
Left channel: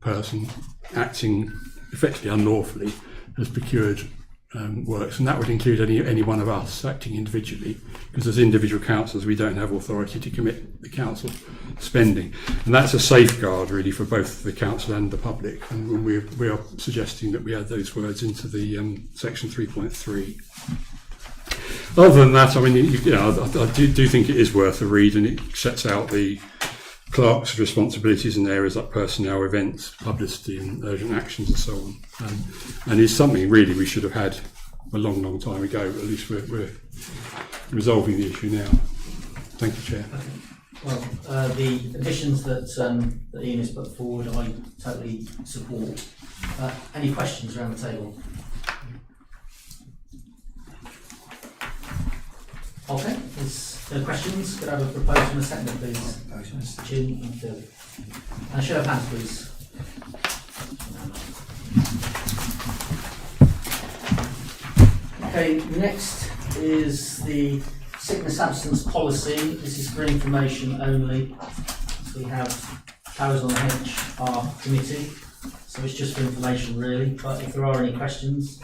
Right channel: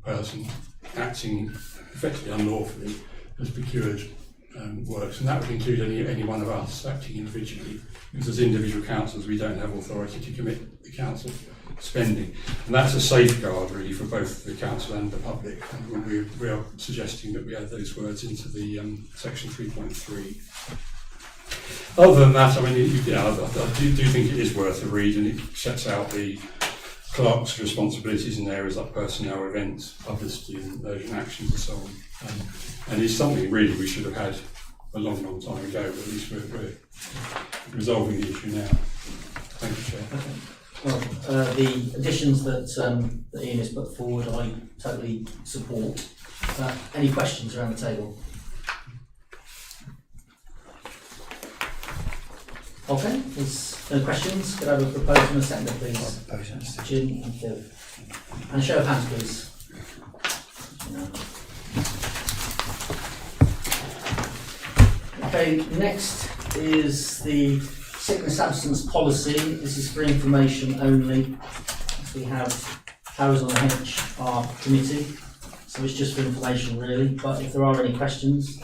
person acting effectively unlawfully has procured works, and that would include any one of us acting individually, because as individual councillors we don't have authority to commit the council spending, and that's a safeguard really for both the council and the public, and we are suggesting that we add those words into the section 3.3. Other than that, I mean, I do think it is worth a read, and it sets out the clerk's responsibilities in areas like personnel, events, publicity and urgent actions and so on. And it's something really we should have had a long time ago, but at least we're resolving the issue now. Thank you, Chair. Okay. Well, the additions that Ian has put forward, I totally support. Any questions around the table? Okay, there's no questions. Could I have a proposal and a second, please? Jim and Phil. And a show of hands, please. Okay, next is the sickness absence policy. This is for information only. We have powers on the HR committee, so it's just for information really, but if there are any questions.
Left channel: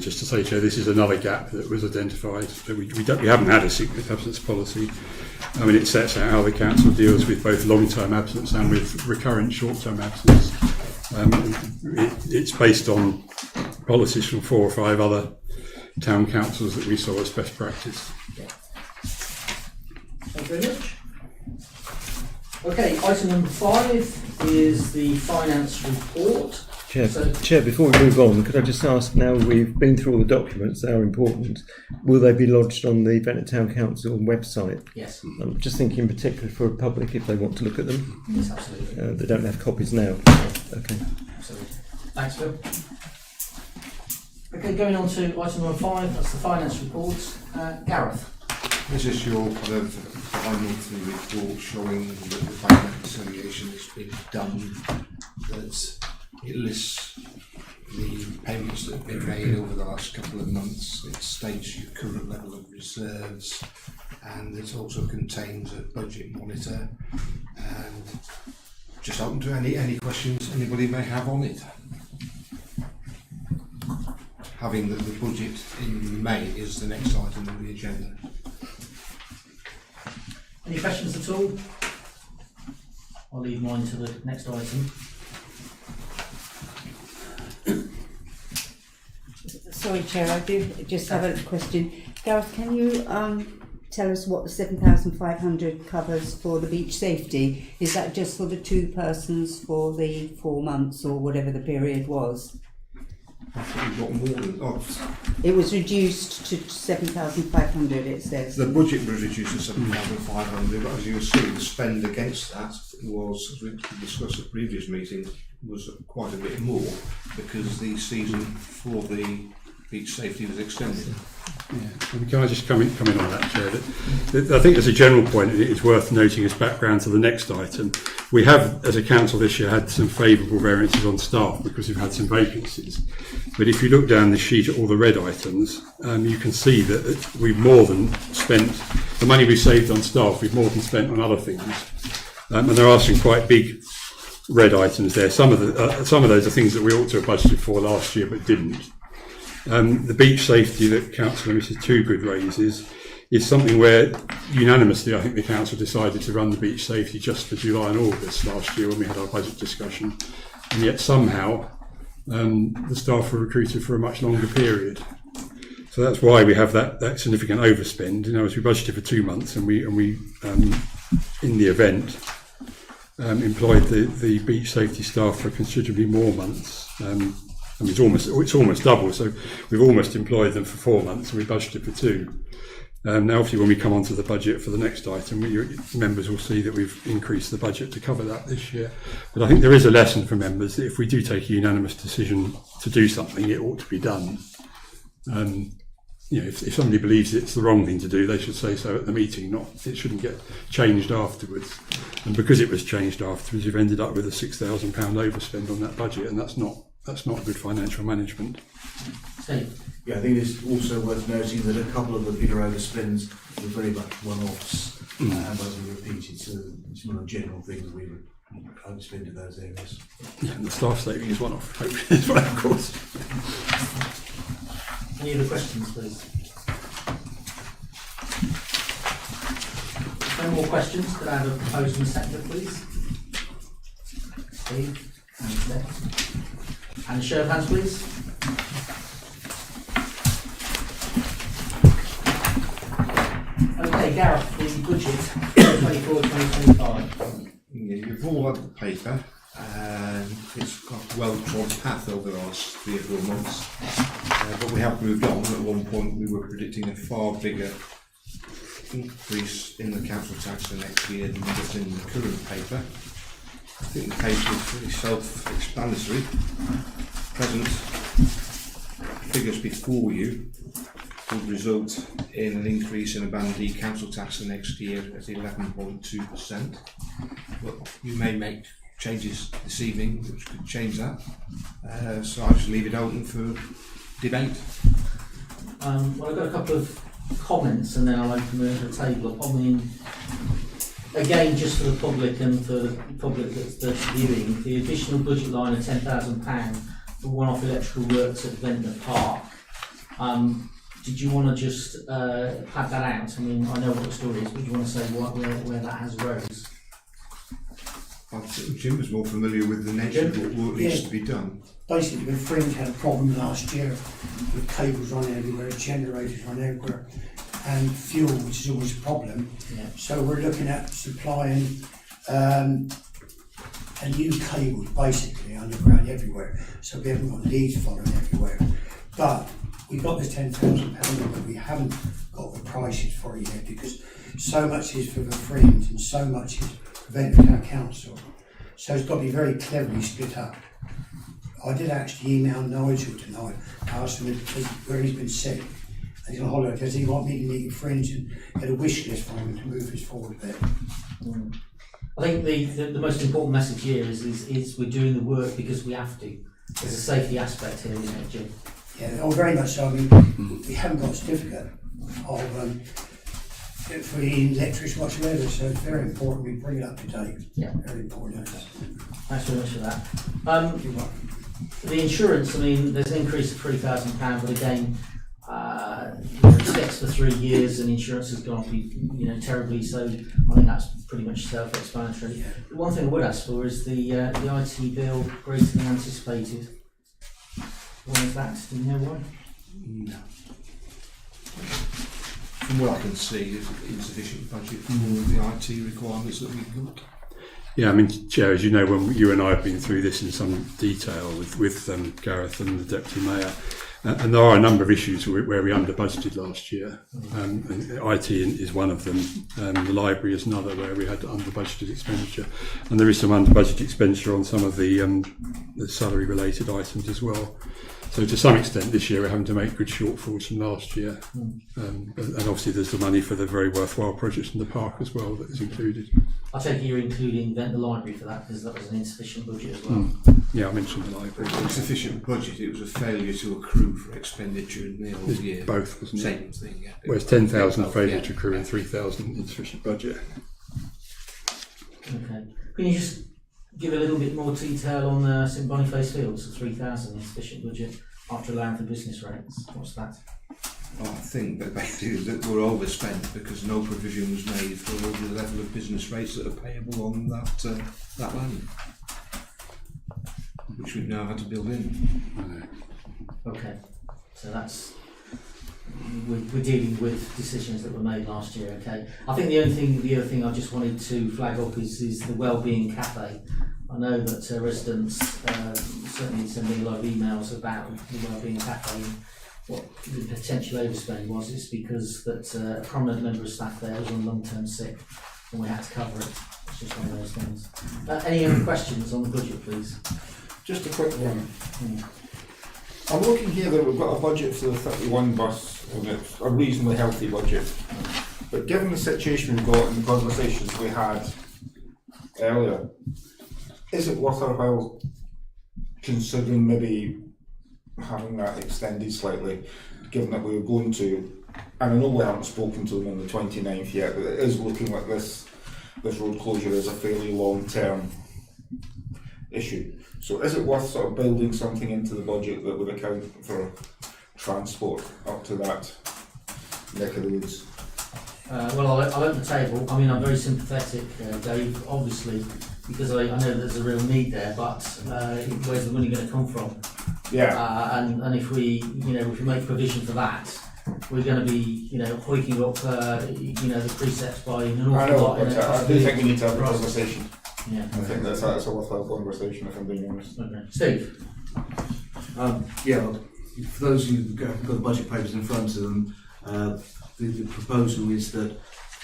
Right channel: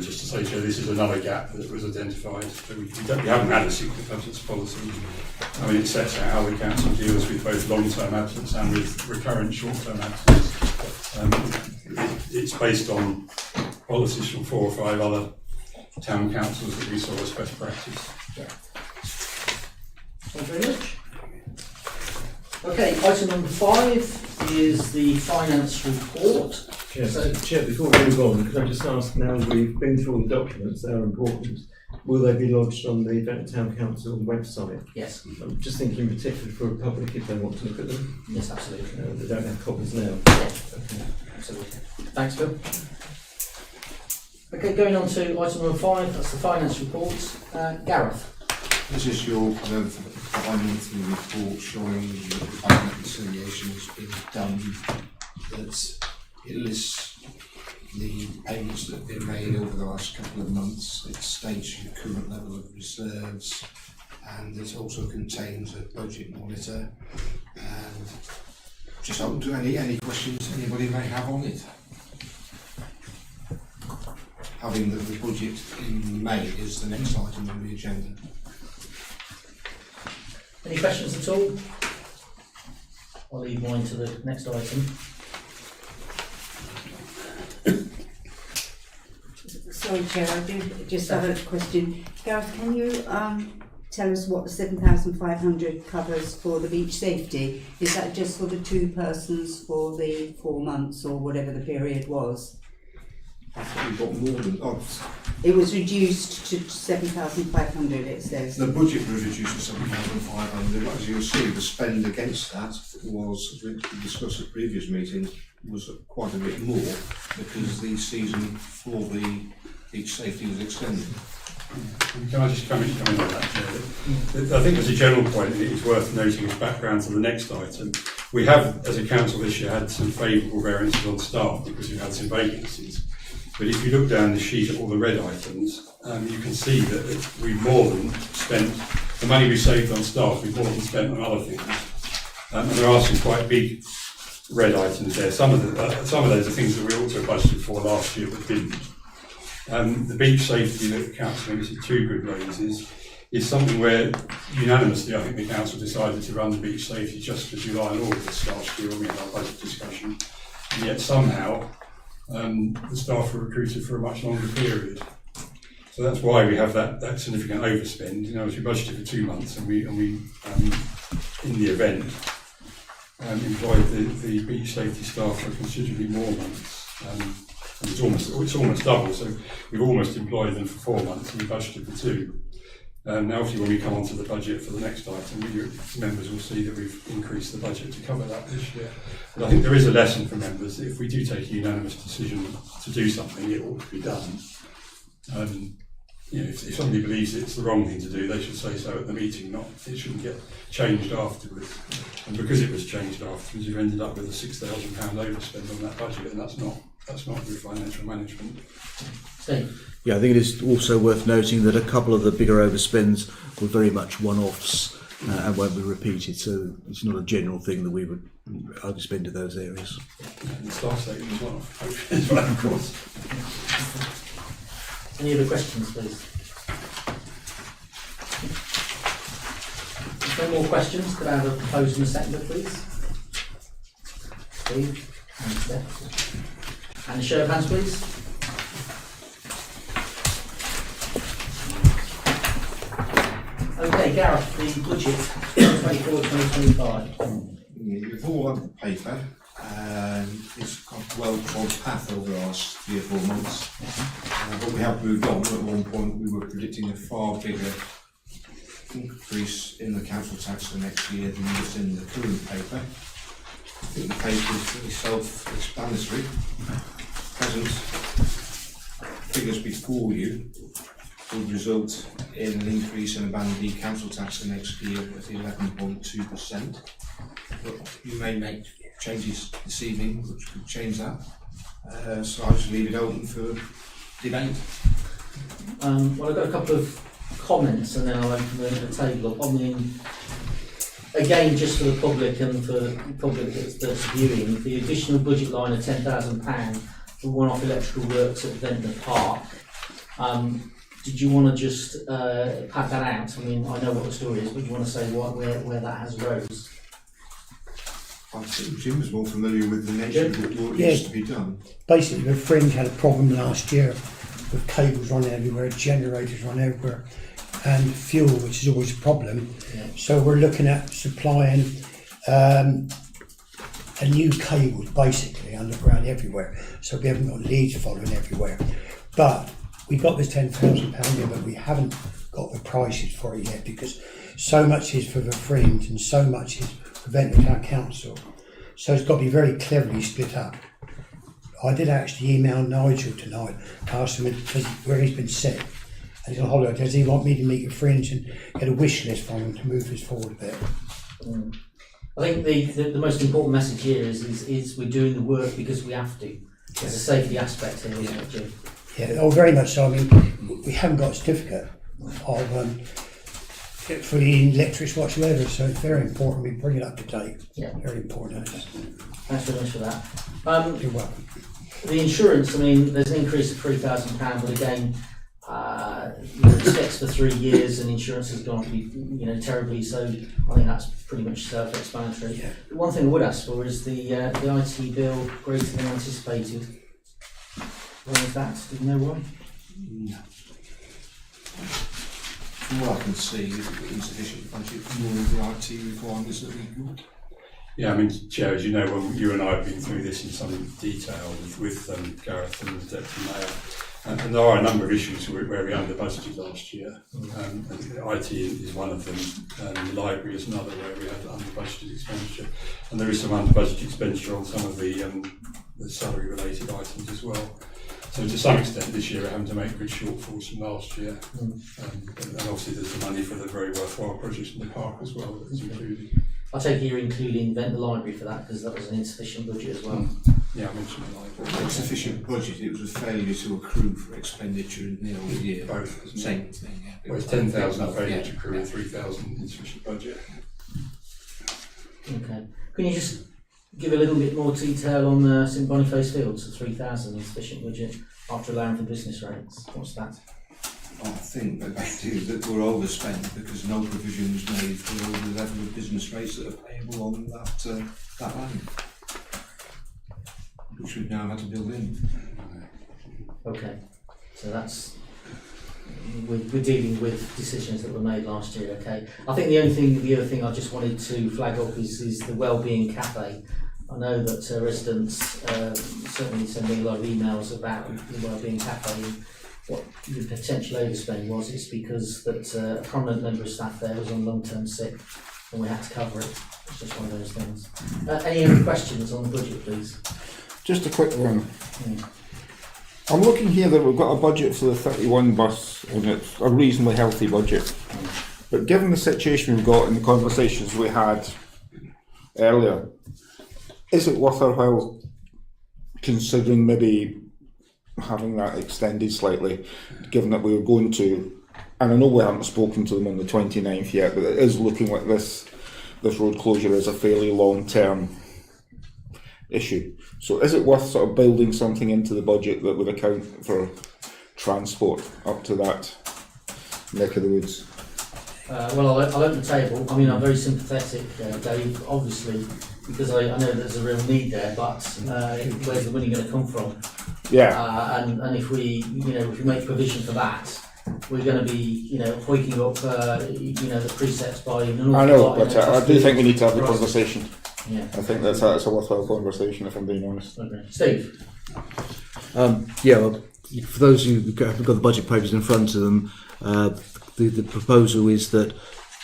Just to say, Chair, this is another gap that was identified. We haven't had a sickness absence policy. I mean, it sets out how the council deals with both long-term absence and with recurrent short-term absence. It's based on policies from 4 or 5 other town councils that we saw as best practice. Yeah. Thank you very much. Okay, item number 5 is the finance report. Chair, before we move on, could I just ask, now we've been through all the documents that are important, will they be lodged on the Ventnor Town Council website? Yes. I'm just thinking in particular for the public if they want to look at them. Yes, absolutely. They don't have copies now. Yes. Okay. Absolutely. Thanks, Phil. Okay, going on to item number 5, that's the finance report. Gareth. This is your kind of bi-monthly report showing that the payment reconciliation has been done. That it lists the payments that have been made over the last couple of months. It states your current level of reserves, and it also contains a budget monitor. And just open to any questions anybody may have on it. Having the budget in May is the next item on the agenda. Any questions at all? I'll leave mine to the next item. Sorry, Chair, I do just have a question. Gareth, can you tell us what the 7,500 covers for the beach safety? Is that just for the 2 persons for the 4 months or whatever the period was? It was reduced to 7,500, it says. The budget was reduced to 7,500, but as you'll see, the spend against that was, as we discussed at previous meetings, was quite a bit more, because the season for the beach safety was extended. Can I just come in on that, Chair? I think as a general point, it is worth noting as background to the next item. We have, as a council this year, had some favourable variances on staff because we've had some vacancies. But if you look down the sheet at all the red items, you can see that we've more than spent, the money we saved on staff, we've more than spent on other things. And there are some quite big red items there. Some of those are things that we ought to have budgeted for last year but didn't. The beach safety that Councillor Mrs Toogood raises is something where unanimously I think the council decided to run the beach safety just for July and August last year when we had our budget discussion, and yet somehow the staff were recruited for a much longer period. So that's why we have that significant overspend. As we budgeted for 2 months and we in the event employed the beach safety staff for considerably more months. And it's almost double, so we've almost employed them for 4 months and we budgeted for 2. Now obviously when we come on to the budget for the next item, members will see that we've increased the budget to cover that this year. But I think there is a lesson for members that if we do take a unanimous decision to do something, it ought to be done. If somebody believes it's the wrong thing to do, they should say so at the meeting, it shouldn't get changed afterwards. And because it was changed afterwards, you've ended up with a £6,000 overspend on that budget, and that's not good financial management. Yeah, I think it is also worth noting that a couple of the bigger overspends were very much one-offs and won't be repeated, so it's not a general thing that we would overspend in those areas. Yeah, and the staff saving is one-off, as well, of course. Any other questions, please? If no more questions, could I have a proposer and a seconder, please? Steve and Steph. And a show of hands, please. Okay, Gareth, the budget 2024-2025. You've all had the paper, and it's got a well-trod path over the last 3 or 4 months. But we have moved on. At one point, we were predicting a far bigger increase in the council tax for next year than what's in the current paper. I think the paper is really self-explanatory. Present figures before you would result in an increase in the Band D council tax for next year at 11.2%. But you may make changes this evening which could change that. So I'll just leave it open for debate. Well, I've got a couple of comments and then I'll open the table up. I mean, again, just for the public and for the public that's viewing, the additional budget line of £10,000 for one-off electrical works at Ventnor Park. Did you want to just pad that out? I mean, I know what the story is, but do you want to say where that has arose? I think Jim was more familiar with the nature of what needs to be done. Basically, the Fringe had a problem last year with cables running everywhere, generators running everywhere, and fuel, which is always a problem. Yeah. So we're looking at supplying a new cable, basically underground everywhere. So we haven't got leads following everywhere, but we got this £10,000, but we haven't got the prices for it yet because so much is for the Fringe and so much is for Ventnor Town Council. So it's got to be very cleverly split up. I did actually email Nigel tonight, ask him where he's been sick and he's on holiday. Does he like me to meet the Fringe and get a wish list from him to move this forward a bit? I think the most important message here is we're doing the work because we have to. There's a safety aspect here, isn't it, Jim? Yeah, oh, very much so. I mean, we haven't got a certificate of for the electrics whatsoever, so it's very important we bring it up to date. Yeah. Very important. Thanks very much for that. You're welcome. The insurance, I mean, there's an increase of £3,000, but again, it's fixed for 3 years and insurance has gone to be, terribly, so I think that's pretty much self-explanatory. Yeah. The one thing I would ask for is the IT bill greater than anticipated. Why is that? Do you know why? No. From what I can see, insufficient budget for the IT requirements that we've got. Yeah, I mean, Chair, as you know, when you and I have been through this in some detail with Gareth and the Deputy Mayor, and there are a number of issues where we under budgeted last year. And IT is one of them. The library is another where we had under budgeted expenditure, and there is some under budgeted expenditure on some of the salary related items as well. So to some extent this year we're having to make good shortfalls from last year. And obviously there's the money for the very worthwhile projects in the park as well that is included. I take it you're including Ventnor Library for that because that was an insufficient budget as well. Yeah, I mentioned the library. Insufficient budget, it was a failure to accrue for expenditure in the whole year. Both, wasn't it? Same thing, yeah. Whereas 10,000 failure to accrue and 3,000 insufficient budget. Okay. Can you just give a little bit more detail on St Boniface Fields, the 3,000 insufficient budget after allowing for business rates? What's that? I think that basically that we're overspent because no provision was made for the level of business rates that are payable on that land, which we've now had to build in. Okay. So that's we're dealing with decisions that were made last year. Okay. I think the other thing I just wanted to flag up is the Wellbeing Cafe. I know that residents certainly send me a lot of emails about the Wellbeing Cafe. What the potential overspend was, it's because that a prominent member of staff there was on long-term sick and we had to cover it. It's just one of those things. Any other questions on the budget, please? Just a quick one. I'm looking here that we've got a budget for the 31 bus and it's a reasonably healthy budget. But given the situation we've got and the conversations we had earlier, is it worth our while considering maybe having that extended slightly, given that we were going to, and I know we haven't spoken to them on the 29th yet, but it is looking like this road closure is a fairly long-term issue. So is it worth sort of building something into the budget that would account for transport up to that neck of the woods? Well, I'll open the table. I mean, I'm very sympathetic, Dave, obviously, because I know there's a real need there, but where's the money going to come from? Yeah. And if we make provision for that, we're going to be, hoiking up, the precepts by an awful I know, lot, but I do think we need to have the conversation. Yeah. I think that's a worthwhile conversation, if I'm being honest. Okay. Steve? Well, for those who haven't got the budget papers in front of them, the proposal is that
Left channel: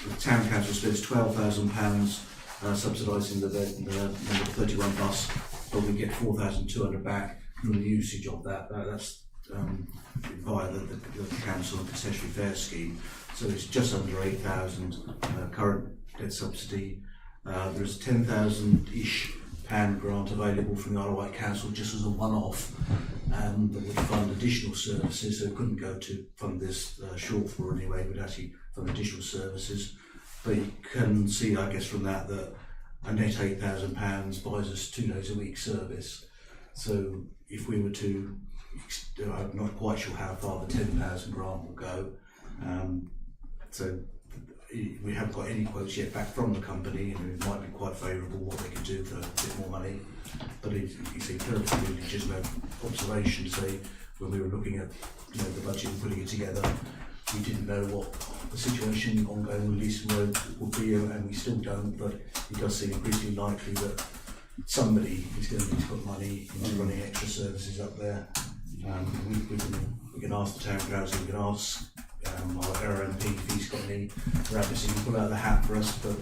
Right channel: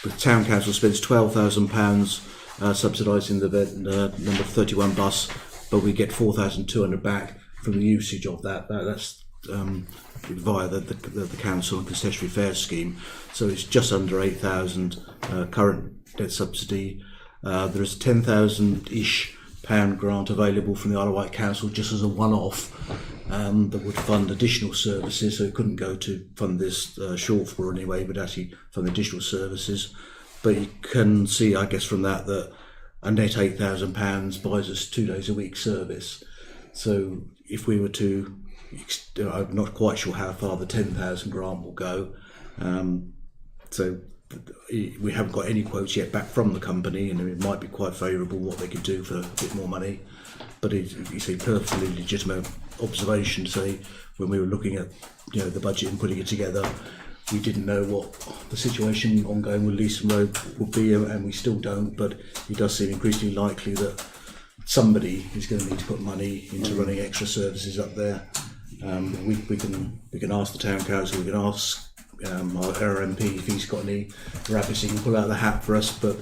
the town council spends £12,000 subsidising the number 31 bus, but we get 4,200 back from the usage of that. That's via the council and concessionary fare scheme. So it's just under 8,000 current debt subsidy. There is £10,000-ish grant available from the Isle of Wight Council just as a one-off that would fund additional services, so it couldn't go to fund this shortfall anyway, but actually fund additional services. But you can see, I guess, from that a net £8,000 buys us 2 days a week service. So if we were to, I'm not quite sure how far the 10,000 grant will go. So we haven't got any quotes yet back from the company, and it might be quite favourable what they could do for a bit more money. But it's a perfectly legitimate observation to say, when we were looking at the budget and putting it together, we didn't know what the situation ongoing with Leeson Road would be, and we still don't, but it does seem increasingly likely that somebody is going to need to put money into running extra services up there. We can ask the town council, we can ask our MP if he's got any rabbits he can pull out of the hat for us, but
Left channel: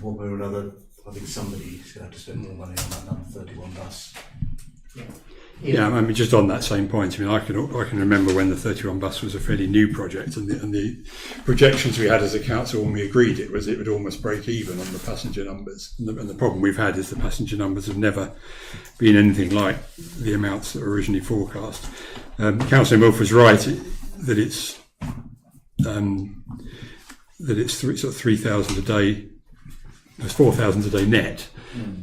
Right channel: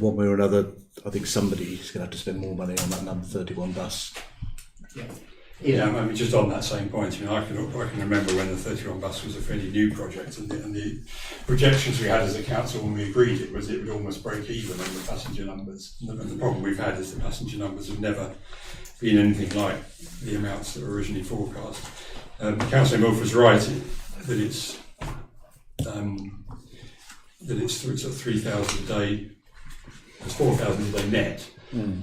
one way or another, I think somebody's going to have to spend more money on that number 31 bus. Yeah, I mean, just on that same point, I mean, I can remember when the 31 bus was a fairly new project, and the projections we had as a council when we agreed it would almost break even on the passenger numbers. And the problem we've had is the passenger numbers have never been anything like the amounts that were originally forecast. Councillor Milf was right that it's sort of 3,000 a day. It's 4,000 a day net.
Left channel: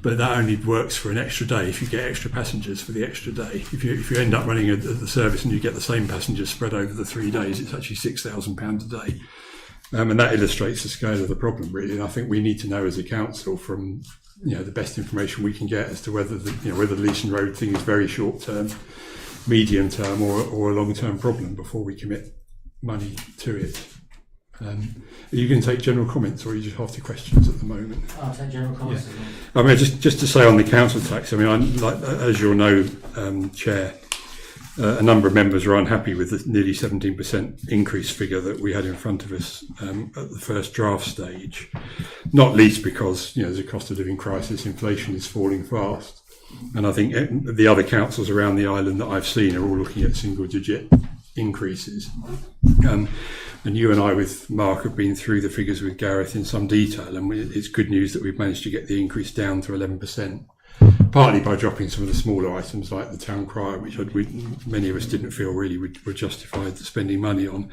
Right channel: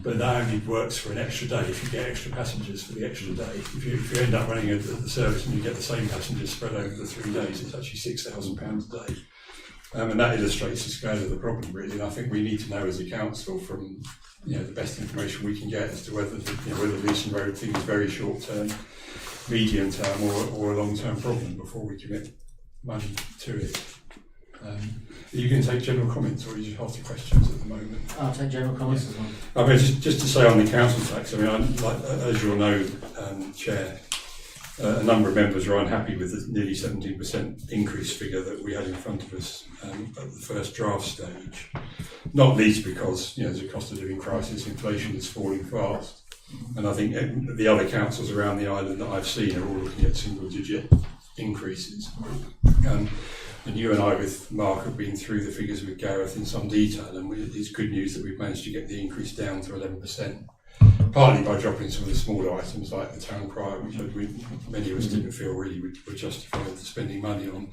But that only works for an extra day if you get extra passengers for the extra day. If you end up running the service and you get the same passengers spread over the 3 days, it's actually £6,000 a day. And that illustrates the scale of the problem, really. And I think we need to know as a council from the best information we can get as to whether the Leeson Road thing is very short term, medium term, or a long term problem before we commit money to it. Are you going to take general comments, or are you just after questions at the moment? I'll take general comments as well. I mean, just to say on the council tax, I mean, as you'll know, Chair, a number of members are unhappy with the nearly 17% increase figure that we had in front of us at the first draft stage. Not least because there's a cost of living crisis, inflation is falling fast, And I think the other councils around the island that I've seen are all looking at single-digit increases. And you and I, with Mark, have been through the figures with Gareth in some detail, and it's good news that we've managed to get the increase down to 11%, partly by dropping some of the smaller items like the town crier, which many of us didn't feel really were justified to spending money on,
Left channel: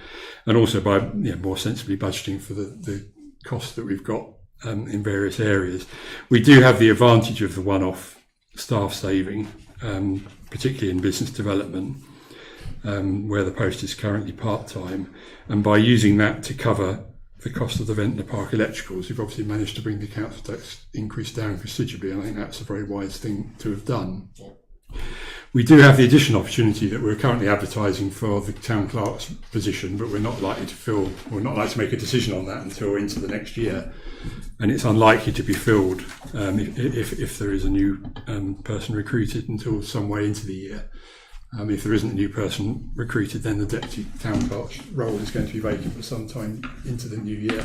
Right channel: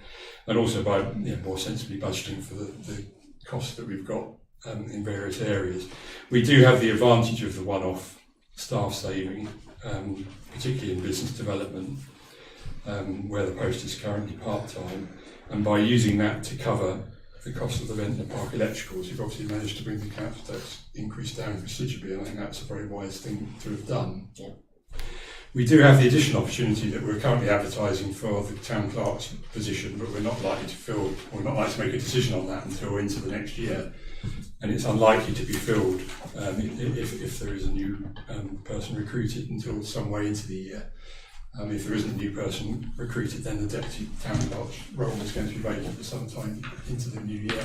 and also by more sensibly budgeting for the costs that we've got in various areas. We do have the advantage of the one-off staff saving, particularly in business development, where the post is currently part-time. And by using that to cover the cost of the Ventnor Park electricals, you've obviously managed to bring the council tax increase down considerably, and I think that's a very wise thing to have done. Yeah. We do have the additional opportunity that we're currently advertising for the town clerk's position, but we're not likely to make a decision on that until into the next year. And it's unlikely to be filled if there is a new person recruited until some way into the year. If there isn't a new person recruited, then the deputy town clerk's role is going to be vacant for some time into the new year.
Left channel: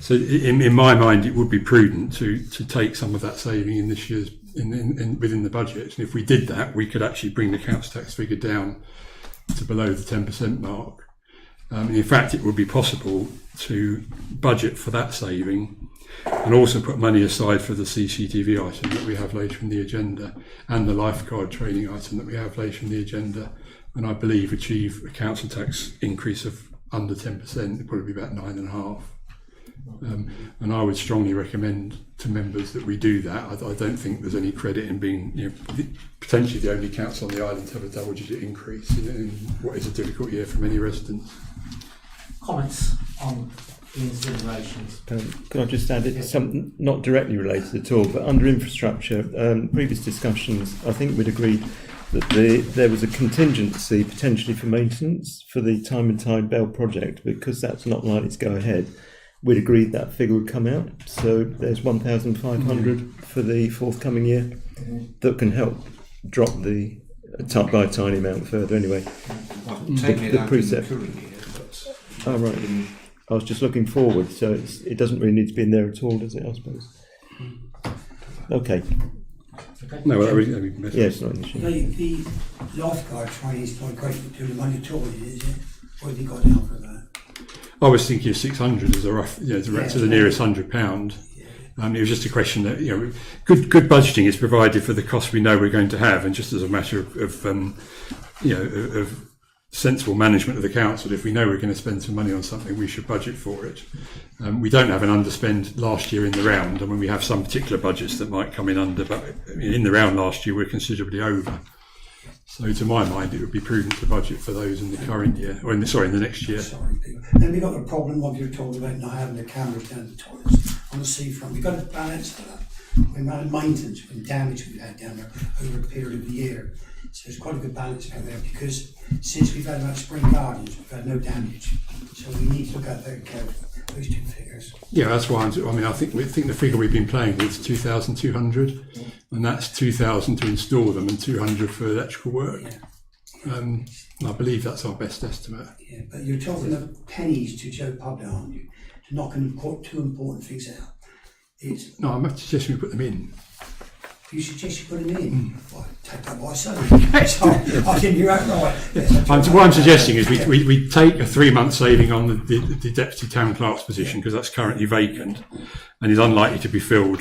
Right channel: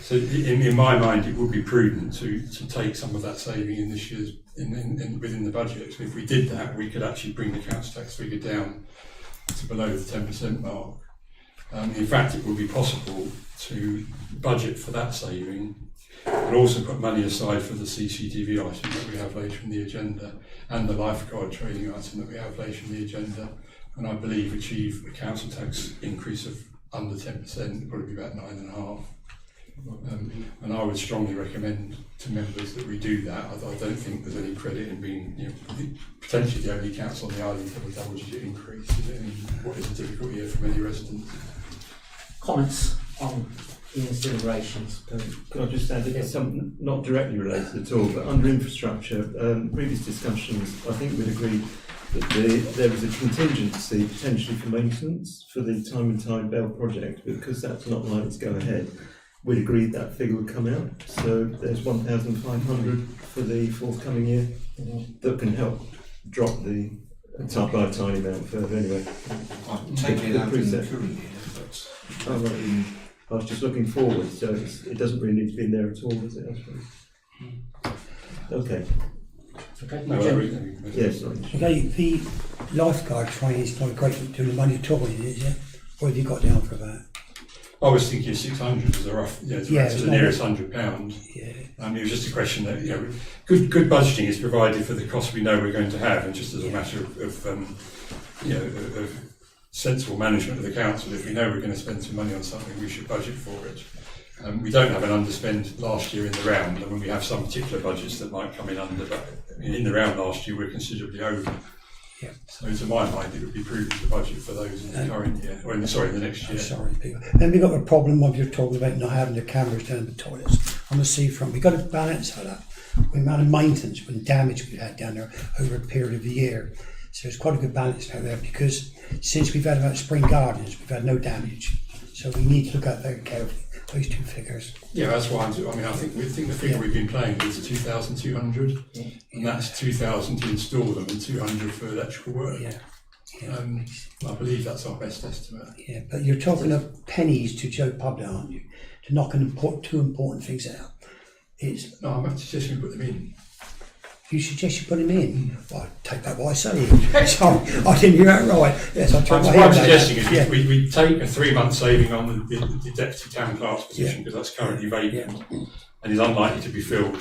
So in my mind, it would be prudent to take some of that saving in this year's within the budget. And if we did that, we could actually bring the council tax figure down to below the 10% mark. In fact, it would be possible to budget for that saving and also put money aside for the CCTV item that we have later in the agenda and the lifeguard training item that we have later in the agenda, and I believe achieve a council tax increase of under 10%, probably about 9.5%. And I would strongly recommend to members that we do that. I don't think there's any credit in being potentially the only council on the island to have a double-digit increase in what is a difficult year for many residents. Comments on Ian's deliberations? Can I just add something not directly related at all, but under infrastructure, previous discussions, I think we'd agreed that there was a contingency potentially for maintenance for the Time and Tide Bell project, because that's not likely to go ahead. We'd agreed that figure would come out, so there's 1,500 for the forthcoming year that can help drop the by a tiny amount further anyway. The precept. Oh right. I was just looking forward, so it doesn't really need to be in there at all, does it, I suppose? Okay. No, yes, not an issue. The lifeguard training is not great doing the money trouble, is it? What have you got down for that? I was thinking 600 as a rough, to the nearest £100. Yeah. It was just a question that good budgeting is provided for the costs we know we're going to have, and just as a matter of sensible management of the council, if we know we're going to spend some money on something, we should budget for it. We don't have an underspend last year in the round, and when we have some particular budgets that might come in under, but in the round last year we're considerably over. Yeah. So to my mind, it would be prudent to budget for those in the current year, or in the next year. Then we've got the problem of you're talking about not having the cameras down the toilets on the seafront. We've got to balance that. The amount of maintenance and damage we've had down there over a period of the year. So it's quite a good balance out there, because since we've had about Spring Gardens, we've had no damage. So we need to look at very carefully those two figures. Yeah, that's why I think the figure we've been playing with is 2,200, and that's 2,000 to install them and 200 for electrical work. Yeah. I believe that's our best estimate. Yeah, but you're talking of pennies to Joe Public, aren't you? To knock two important things out. No, I'm suggesting we put them in. You suggest you put him in? Well, take that what I say. I think you're right. Yes, what I'm suggesting is we take a 3-month saving on the deputy town clerk's position, because that's currently vacant and is unlikely to be filled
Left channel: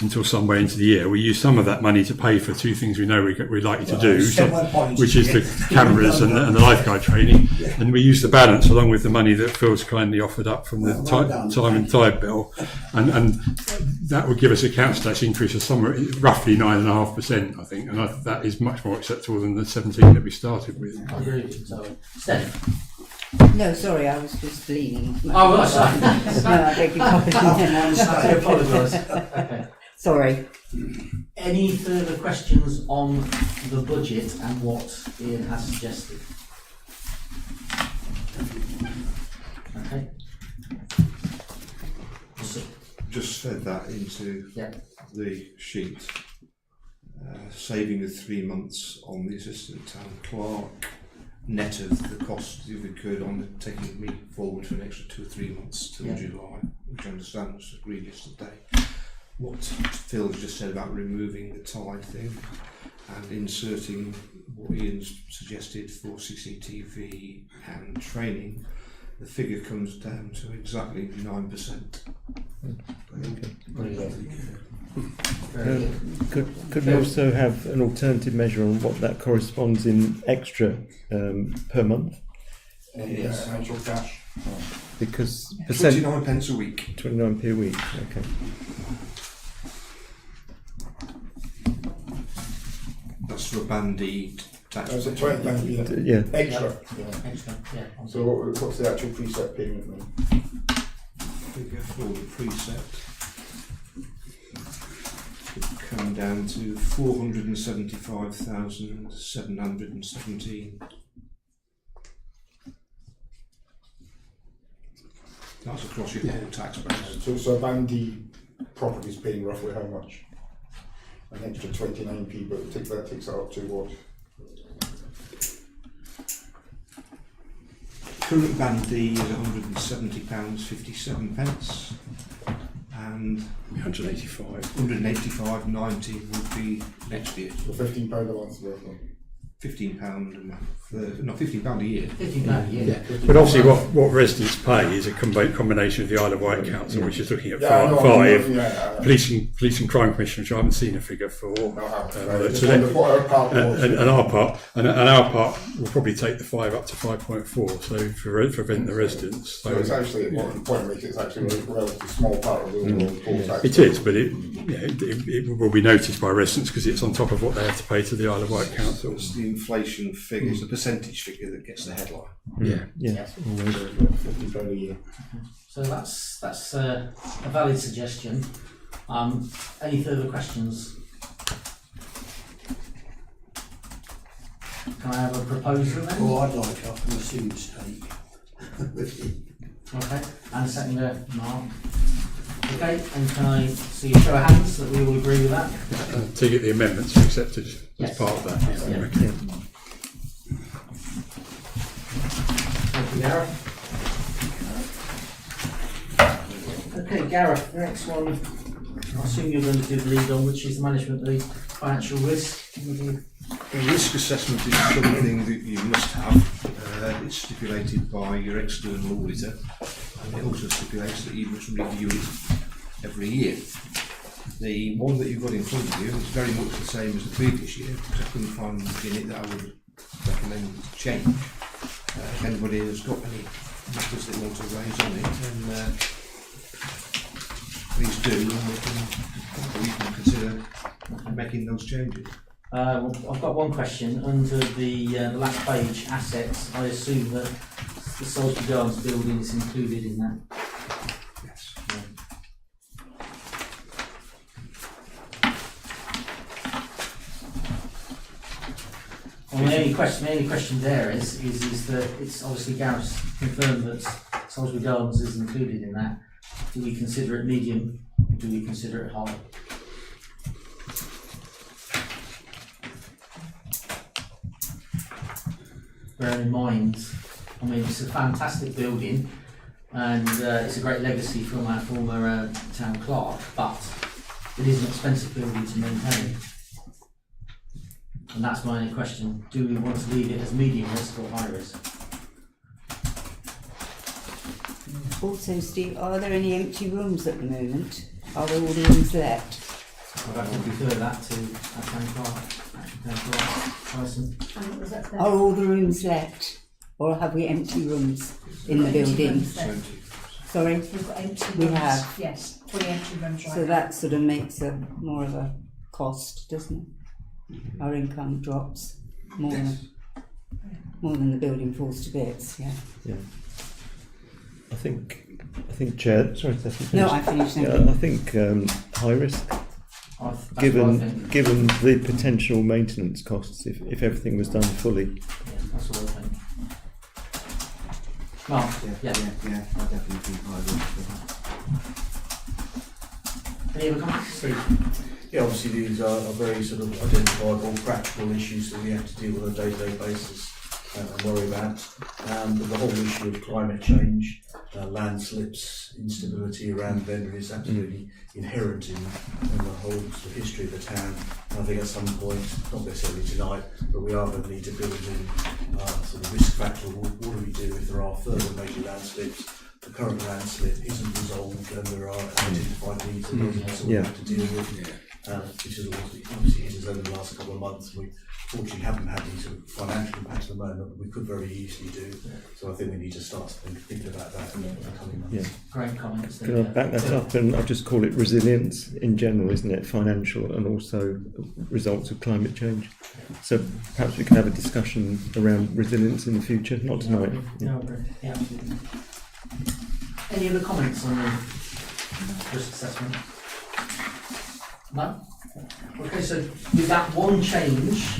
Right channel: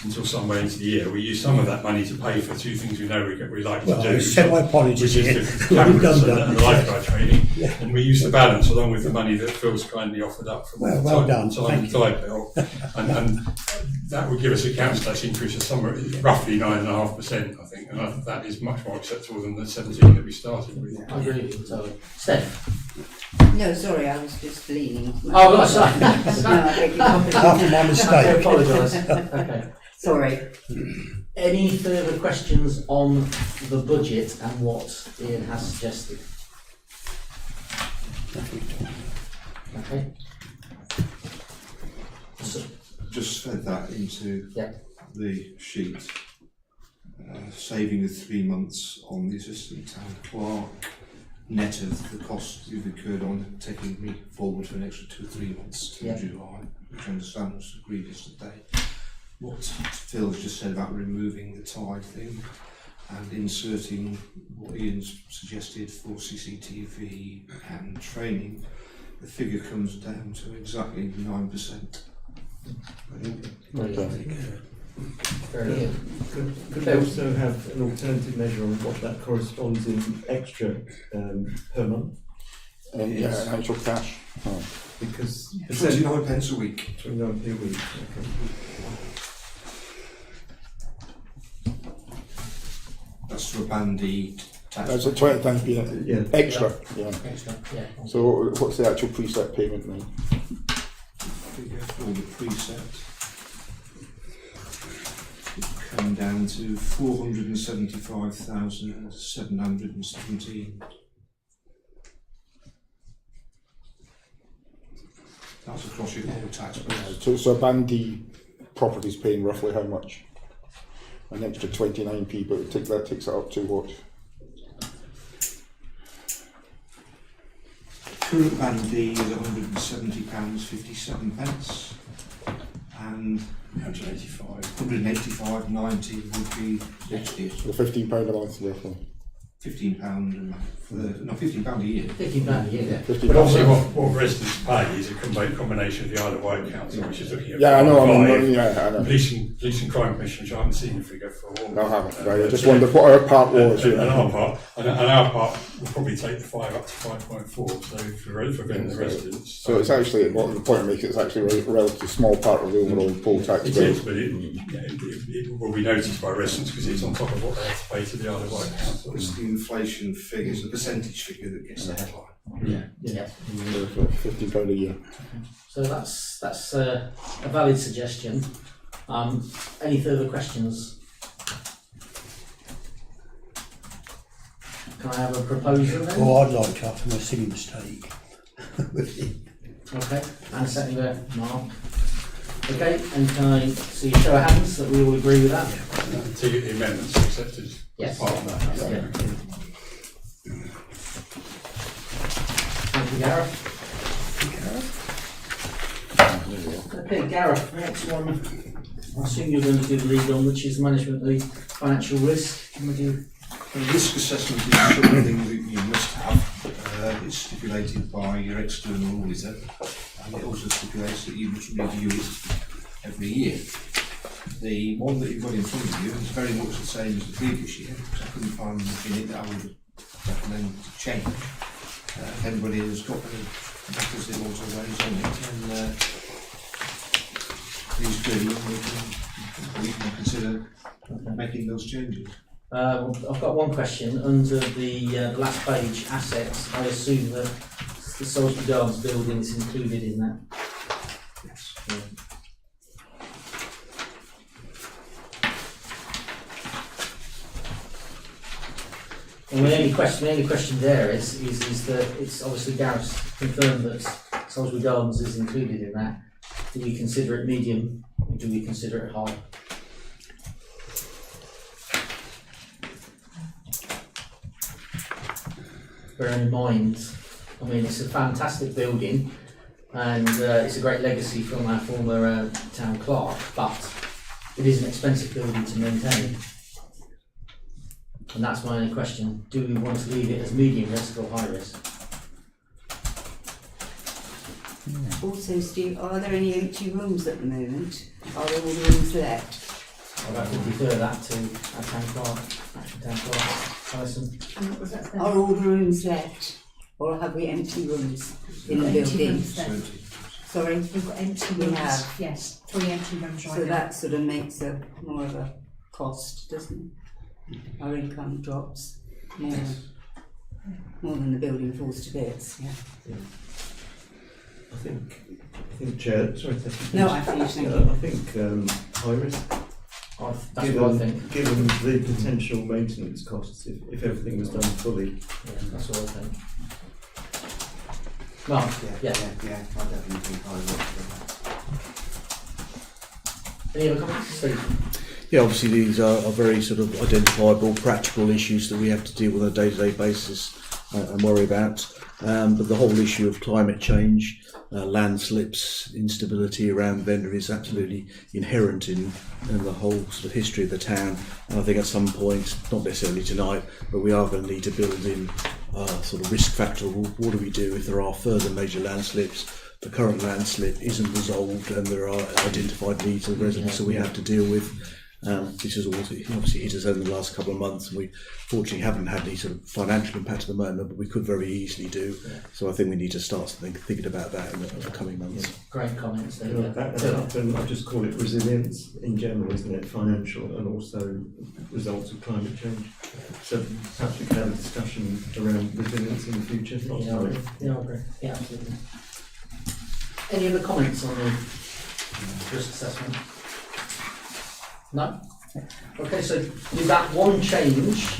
until some way into the year. We use some of that money to pay for two things we know we're likely to do, which is the cameras and the lifeguard training, and we use the balance along with the money that Phil's kindly offered up from the Time and Tide Bill, and that would give us a council tax increase of somewhere roughly 9.5%, I think, and that is much more acceptable than the 17 that we started with. I agree with you, sorry. Steph? No, sorry, I was just leaning. Oh, right, sorry. No, I beg your pardon. I apologise. Okay. Sorry. Any further questions on the budget and what Ian has suggested? Okay. Just fed that into the sheet. Saving of 3 months on the assistant town clerk, net of the costs you've incurred on taking me forward for an extra 2 or 3 months till July, which I understand was agreed yesterday. what Phil's just said about removing the tie thing and inserting what Ian's suggested for CCTV and training, the figure comes down to exactly 9%. Could we also have an alternative measure on what that corresponds in extra per month? Actual cash. Oh. Because 29 pence a week. 29p a week. Okay. That's for a bandy tax. That's a 20 times, yeah. Extra. Yeah. Extra, yeah. So what's the actual preset payment then? Figure for the preset would come down to 475,717. That's across your whole tax base. So a bandy property is paying roughly how much? An extra 29p, but that takes it up to what? Current bandy is £170.57, and 185.90 would be next year. The £15 a month roughly. £15 a month. £15 a year. £15 a year. Yeah. But obviously, what residents pay is a combination of the Isle of Wight Council, which is looking at I know. Police and Crime Commission, which I haven't seen a figure for. No, I haven't. I just wondered what our part was. And our part will probably take the 5 up to 5.4. So for Ventnor residents. So it's actually, what the point I make, it's actually a relatively small part of the overall poll tax. It is, but it will be noticed by residents because it's on top of what they have to pay to the Isle of Wight Council. It's the inflation figures, the percentage figure that gets the headline. Yeah. £15 a year. So that's a valid suggestion. Any further questions? Can I have a proposal then? Well, I'd like up from a sin mistake. Okay, and second Mark. Okay, and can I see a show of hands that we all agree with that? To get the amendments accepted Yes. as part of that. Yeah. Thank you, Gareth. Okay, Gareth, next one. I assume you're going to do the lead on, which is management of the financial risk. Would you? The risk assessment is something that you must have. It's stipulated by your external auditor, and it also stipulates that you must review it every year. The one that you've got in front of you is very much the same as the previous year, which I couldn't find in it that I would recommend change. If anybody has got any matters they want to raise on it, then please do, and we can consider making those changes. I've got one question. Under the last page, assets, I assume that the Salisbury Gardens building is included in that. Yes. Well, my only question there is that it's obviously Gareth's confirmed that Salisbury Gardens is included in that. Do we consider it medium or do we consider it high? Bearing in mind, I mean, it's a fantastic building and it's a great legacy from our former town clerk, but it is an expensive building to maintain. And that's my only question. Do we want to leave it as medium risk or high risk? Also, Steve, are there any empty rooms at the moment? Are there all the rooms let? I'd have to refer that to our town clerk, actual town clerk, Alison. And what was that then? Are all the rooms let? Or have we empty rooms in the Empty building? rooms then. Sorry? We've got empty rooms. We have. Yes, 3 empty rooms right So now. that sort of makes a more of a cost, doesn't it? Our income drops more than the building falls to bits, yeah. I think, Chair. Sorry, Steffi. No, I finished. Thank Yeah, you. I think high risk. That's what I Given think. the potential maintenance costs, if everything was done fully. Yeah, that's what I think. Mark, yeah. I definitely think I would. Any other comments? Steve? Yeah, obviously these are very sort of identifiable, practical issues that we have to deal with on a day-to-day basis. and worry about. But the whole issue of climate change, landslips, instability around Ventnor is absolutely inherent in the whole sort of history of the town. And I think at some point, not necessarily tonight, but we are going to need to build in sort of risk factor. What do we do if there are further major landslips? The current landslip isn't resolved, and there are identified needs of residents that we have to deal with. This has obviously hit us over the last couple of months. We fortunately haven't had any sort of financial impact at the moment, but we could very easily do. So I think we need to start thinking about that in the coming months. Great comments there. Can I back that up? And I'll just call it resilience in general, isn't it? Financial and also results of climate change. So perhaps we can have a discussion around resilience in the future, not tonight. Yeah, I agree. Yeah, absolutely. Any other comments on the risk assessment? No? Okay, so with that one change,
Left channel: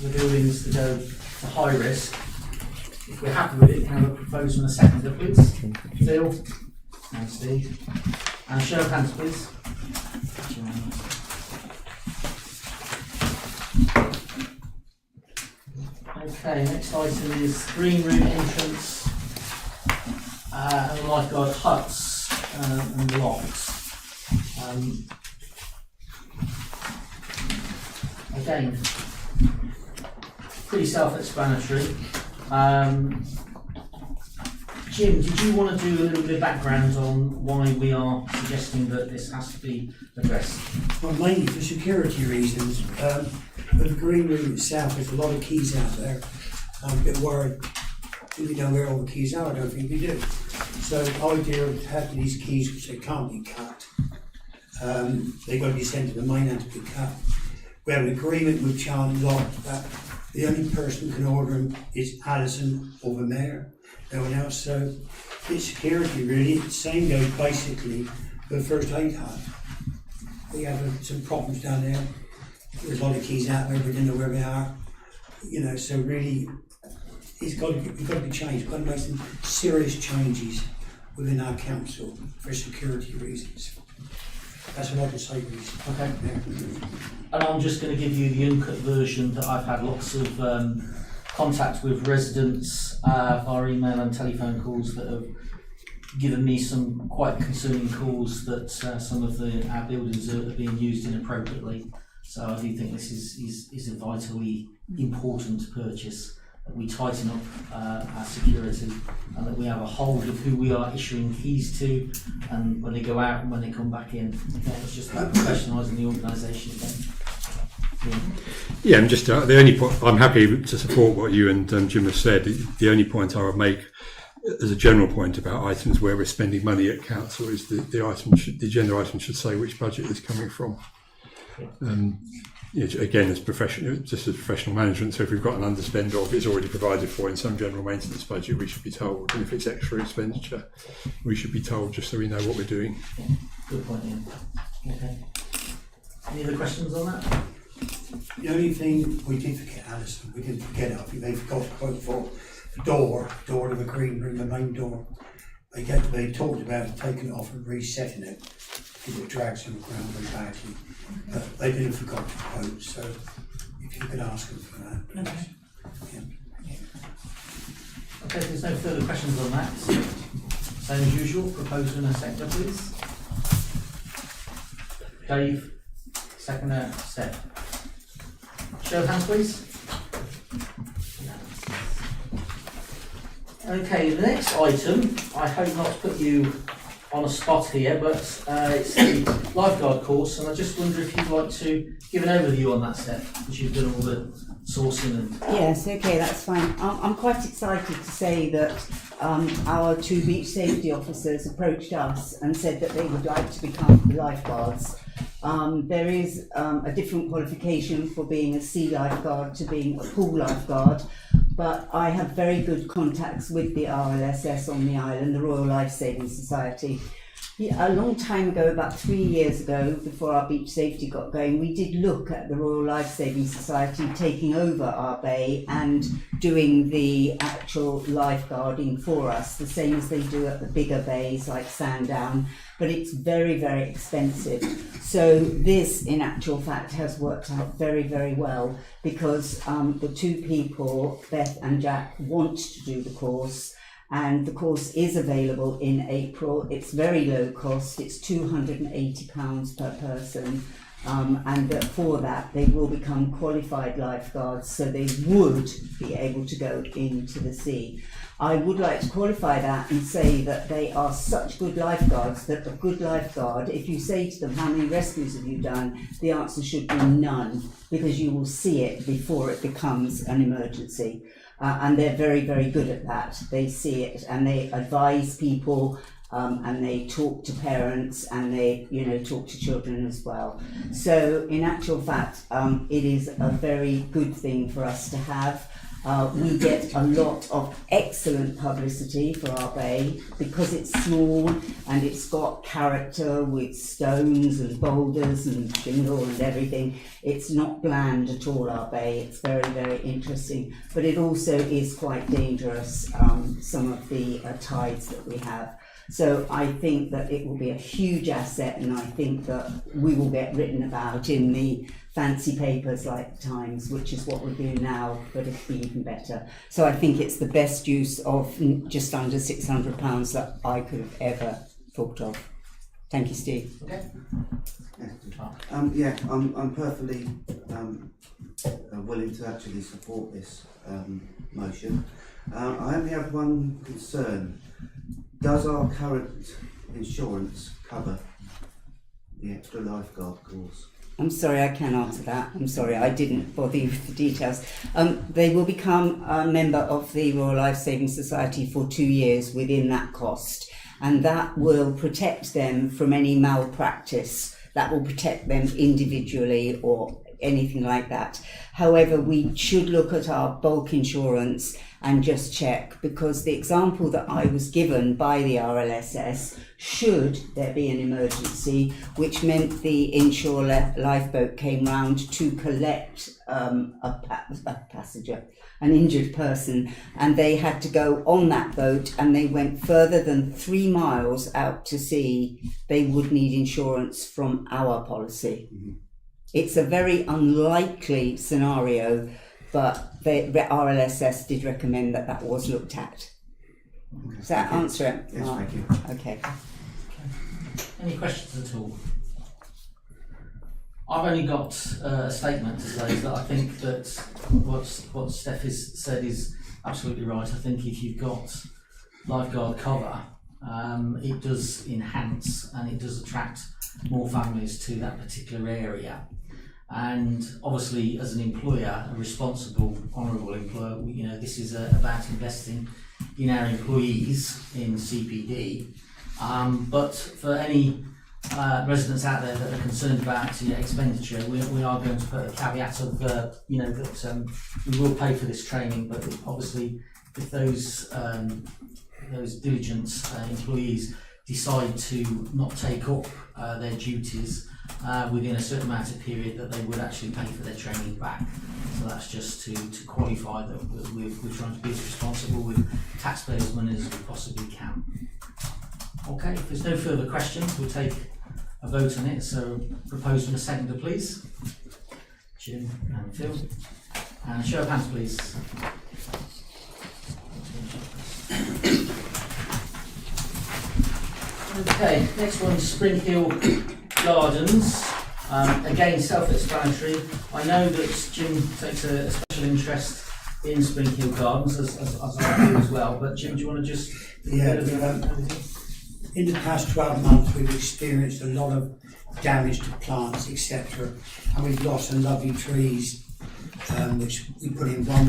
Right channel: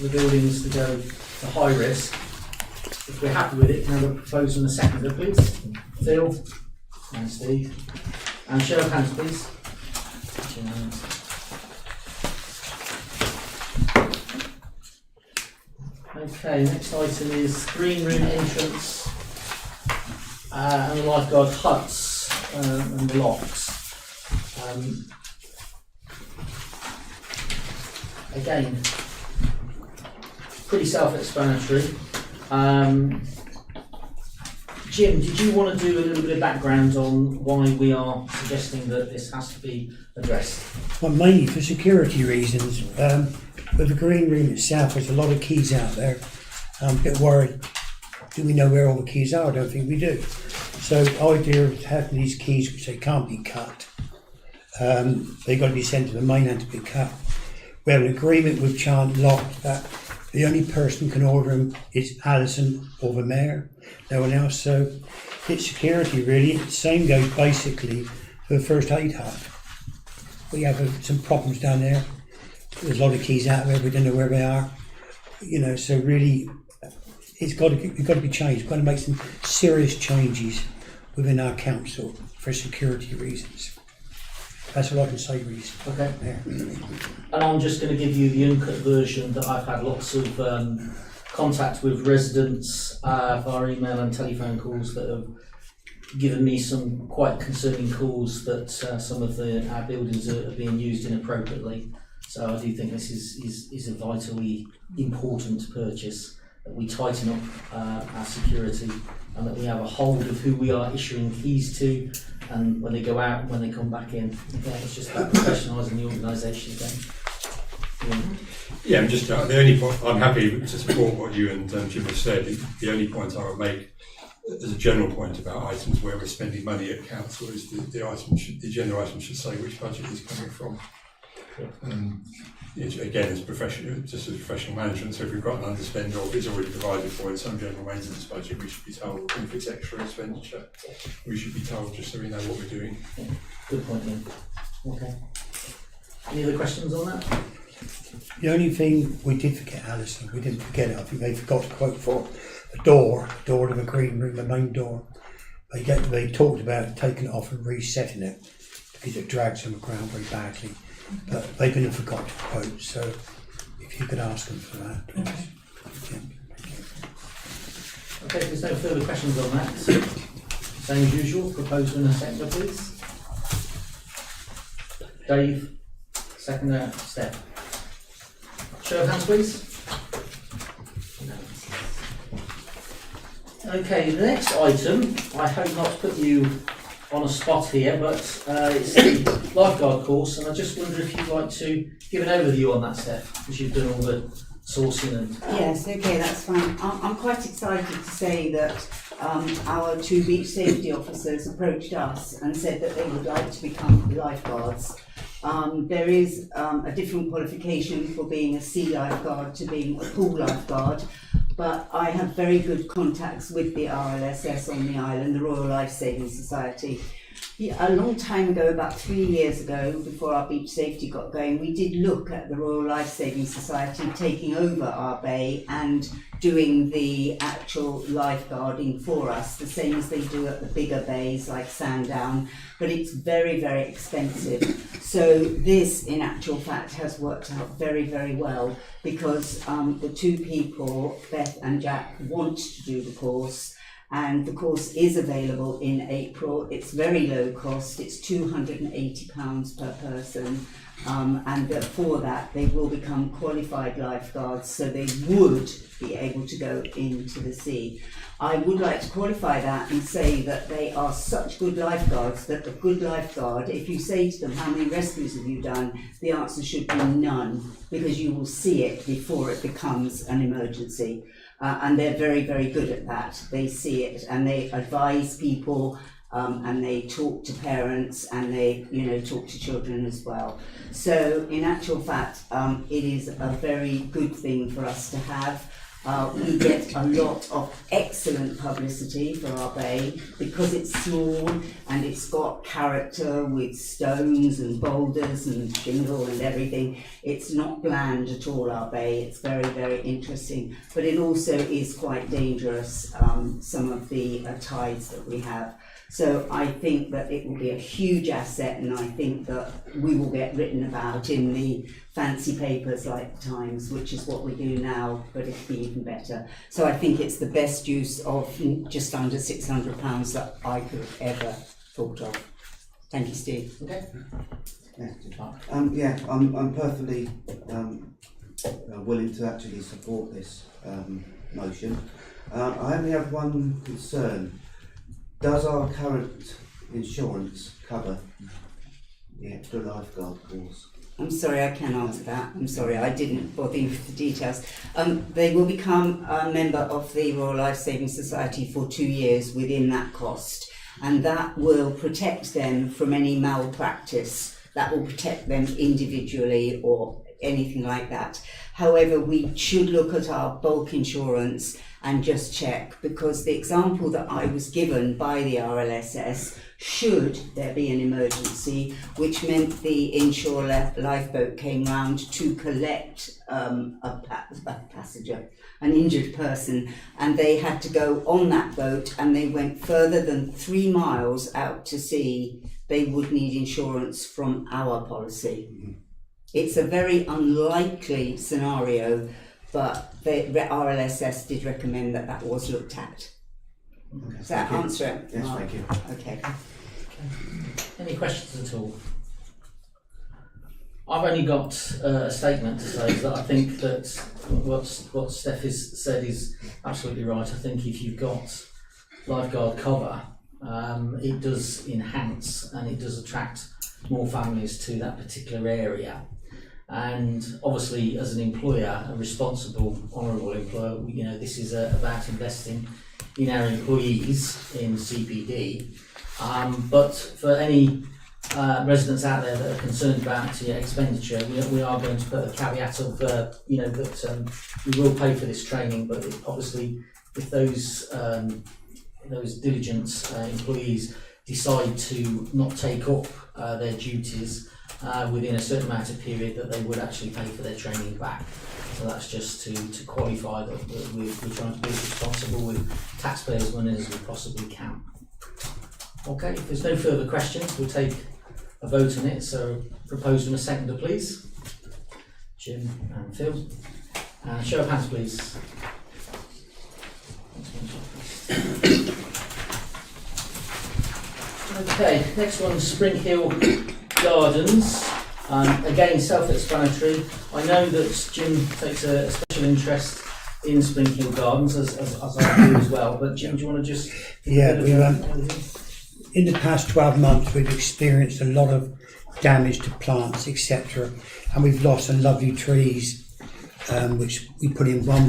the buildings to go to high risk, if we're happy with it, can I have a proposal and a seconder, please? Phil and Steve. And show of hands, please. Okay, next item is green room entrance and the lifeguard huts and locks. Again, pretty self-explanatory. Jim, did you want to do a little bit of background on why we are suggesting that this has to be addressed? Well, mainly for security reasons. With the green room itself, there's a lot of keys out there. I'm a bit worried. Do we know where all the keys are? I don't think we do. So the idea of having these keys, which they can't be cut, they've got to be sent to the mainland to be cut. We have an agreement with Child Lock that the only person who can order them is Alison or the mayor, no one else. So it's security really. The same goes basically for the first aid hut. We have some problems down there. There's a lot of keys out there, we don't know where they are. You know, so really it's got to be changed. We've got to make some serious changes within our council for security reasons. That's what I can say, Reece. Okay. And I'm just going to give you the uncut version that I've had lots of contact with residents via email and telephone calls that have given me some quite concerning calls that some of our buildings are being used inappropriately. So I do think this is a vitally important purchase, that we tighten up our security and that we have a hold of who we are issuing keys to, and when they go out and when they come back in. Yeah, it's just about professionalising the organisation again. Yeah, I'm just the only point. I'm happy to support what you and Jim have said. The only point I would make, as a general point about items where we're spending money at council, is the agenda item should say which budget is coming from. Again, as professional management, so if we've got an underspend or it's already provided for in some general maintenance budget, we should be told. And if it's extra expenditure, we should be told just so we know what we're doing. Yeah, good point, Ian. Okay. Any other questions on that? The only thing we did forget, Alison, we didn't forget it, I think they forgot to quote for the door to the green room, the main door. They talked about taking it off and resetting it because it drags on the ground very badly. But they didn't forget to quote, so if you could ask them for that, please. Okay. Okay, if there's no further questions on that, same as usual, proposal in a sector, please. Dave, seconder, Steph. Show of hands, please. Okay, the next item, I hope not to put you on a spot here, but it's the lifeguard course, and I just wonder if you'd like to give an overview on that, Steph, because you've done all the sourcing and... Yes, okay, that's fine. I'm quite excited to say that our two beach safety officers approached us and said that they would like to become lifeguards. There is a different qualification for being a sea lifeguard to being a pool lifeguard, but I have very good contacts with the RLSS on the island, the Royal Life Saving Society, Yeah, a long time ago, about 3 years ago, before our beach safety got going, we did look at the Royal Life Saving Society taking over our bay and doing the actual lifeguarding for us, the same as they do at the bigger bays like Sandown, but it's very, very expensive. So this, in actual fact, has worked out very, very well because the two people, Beth and Jack, want to do the course. And the course is available in April. It's very low cost. It's £280 per person. And for that, they will become qualified lifeguards, so they would be able to go into the sea. I would like to qualify that and say that they are such good lifeguards that a good lifeguard, if you say to them, how many rescues have you done? The answer should be none, because you will see it before it becomes an emergency. And they're very, very good at that. They see it and they advise people and they talk to parents and they, talk to children as well. So in actual fact, it is a very good thing for us to have. We get a lot of excellent publicity for our bay because it's small and it's got character with stones and boulders and shingle and everything. It's not bland at all, our bay. It's very, very interesting, but it also is quite dangerous, some of the tides that we have. So I think that it will be a huge asset, and I think that we will get written about in the fancy papers like the Times, which is what we do now, but it'll be even better. So I think it's the best use of just under £600 that I could have ever thought of. Thank you, Steve. Okay. Yeah, I'm perfectly willing to actually support this motion. I only have one concern. Does our current insurance cover the extra lifeguard course? I'm sorry, I can't answer that. I'm sorry, I didn't bother you with the details. They will become a member of the Royal Life Saving Society for 2 years within that cost, and that will protect them from any malpractice. That will protect them individually or anything like that. However, we should look at our bulk insurance and just check, because the example that I was given by the RLSS, should there be an emergency, which meant the inshore lifeboat came round to collect a passenger, an injured person, and they had to go on that boat and they went further than 3 miles out to sea, they would need insurance from our policy. Mm-hmm. It's a very unlikely scenario, but the RLSS did recommend that that was looked at. Okay. Does that answer it? Yes, thank you. Okay. Any questions at all? I've only got a statement to say that I think that what Steph has said is absolutely right. I think if you've got lifeguard cover, it does enhance and it does attract more families to that particular area. And obviously, as an employer, a responsible, honourable employer, this is about investing in our employees in CPD. But for any residents out there that are concerned about expenditure, we are going to put a caveat of that we will pay for this training, but obviously if those diligent employees decide to not take up their duties within a certain amount of period, that they would actually pay for their training back. So that's just to qualify that we're trying to be as responsible with taxpayers' money as we possibly can. Okay, if there's no further questions, we'll take a vote on it. So proposed and a seconder, please. Jim and Phil. And show of hands, please. Okay, next one, Spring Hill Gardens. Again, self-explanatory. I know that Jim takes a special interest in Spring Hill Gardens, as I do as well. But Jim, do you want to just in the past 12 months, we've experienced a lot of damage to plants, etc., and we've lost some lovely trees, which we put in for a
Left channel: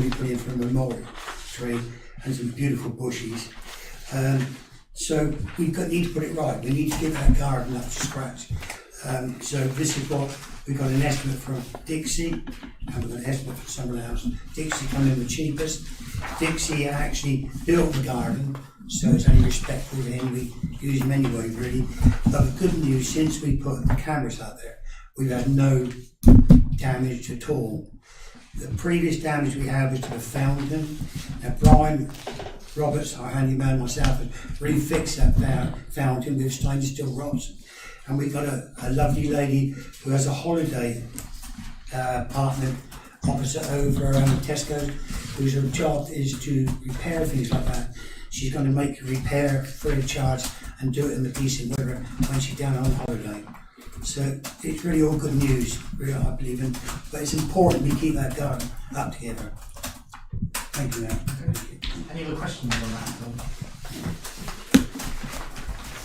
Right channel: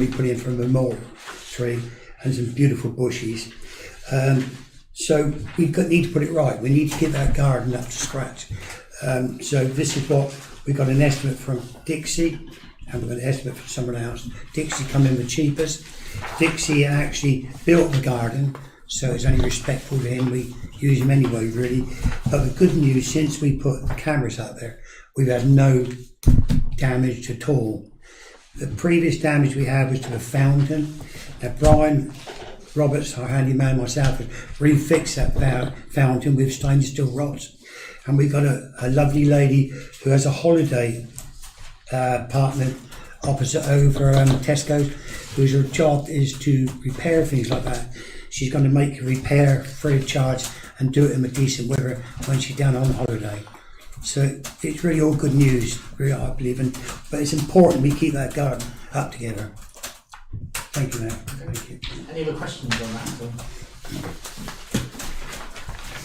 memorial tree, and some beautiful bushes. So we need to put it right. We need to get that garden up to scratch. So this is what we got an estimate from Dixie, and we've got an estimate from someone else. Dixie come in the cheapest. Dixie actually built the garden so it's only respectful to him. We use him anyway, really. But the good news, since we put the cameras out there, we've had no damage at all. The previous damage we had was to the fountain. Now, Brian Roberts, our handyman, myself, has refixed that fountain with stainless steel rods. And we've got a lovely lady who has a holiday partner opposite over Tesco's, whose job is to repair things like that. She's going to make a repair free of charge and do it in a decent weather when she's down on holiday. So it's really all good news, really, I believe in. But it's important we keep that going up together. Thank you, Mayor. Thank you. Any other questions on that?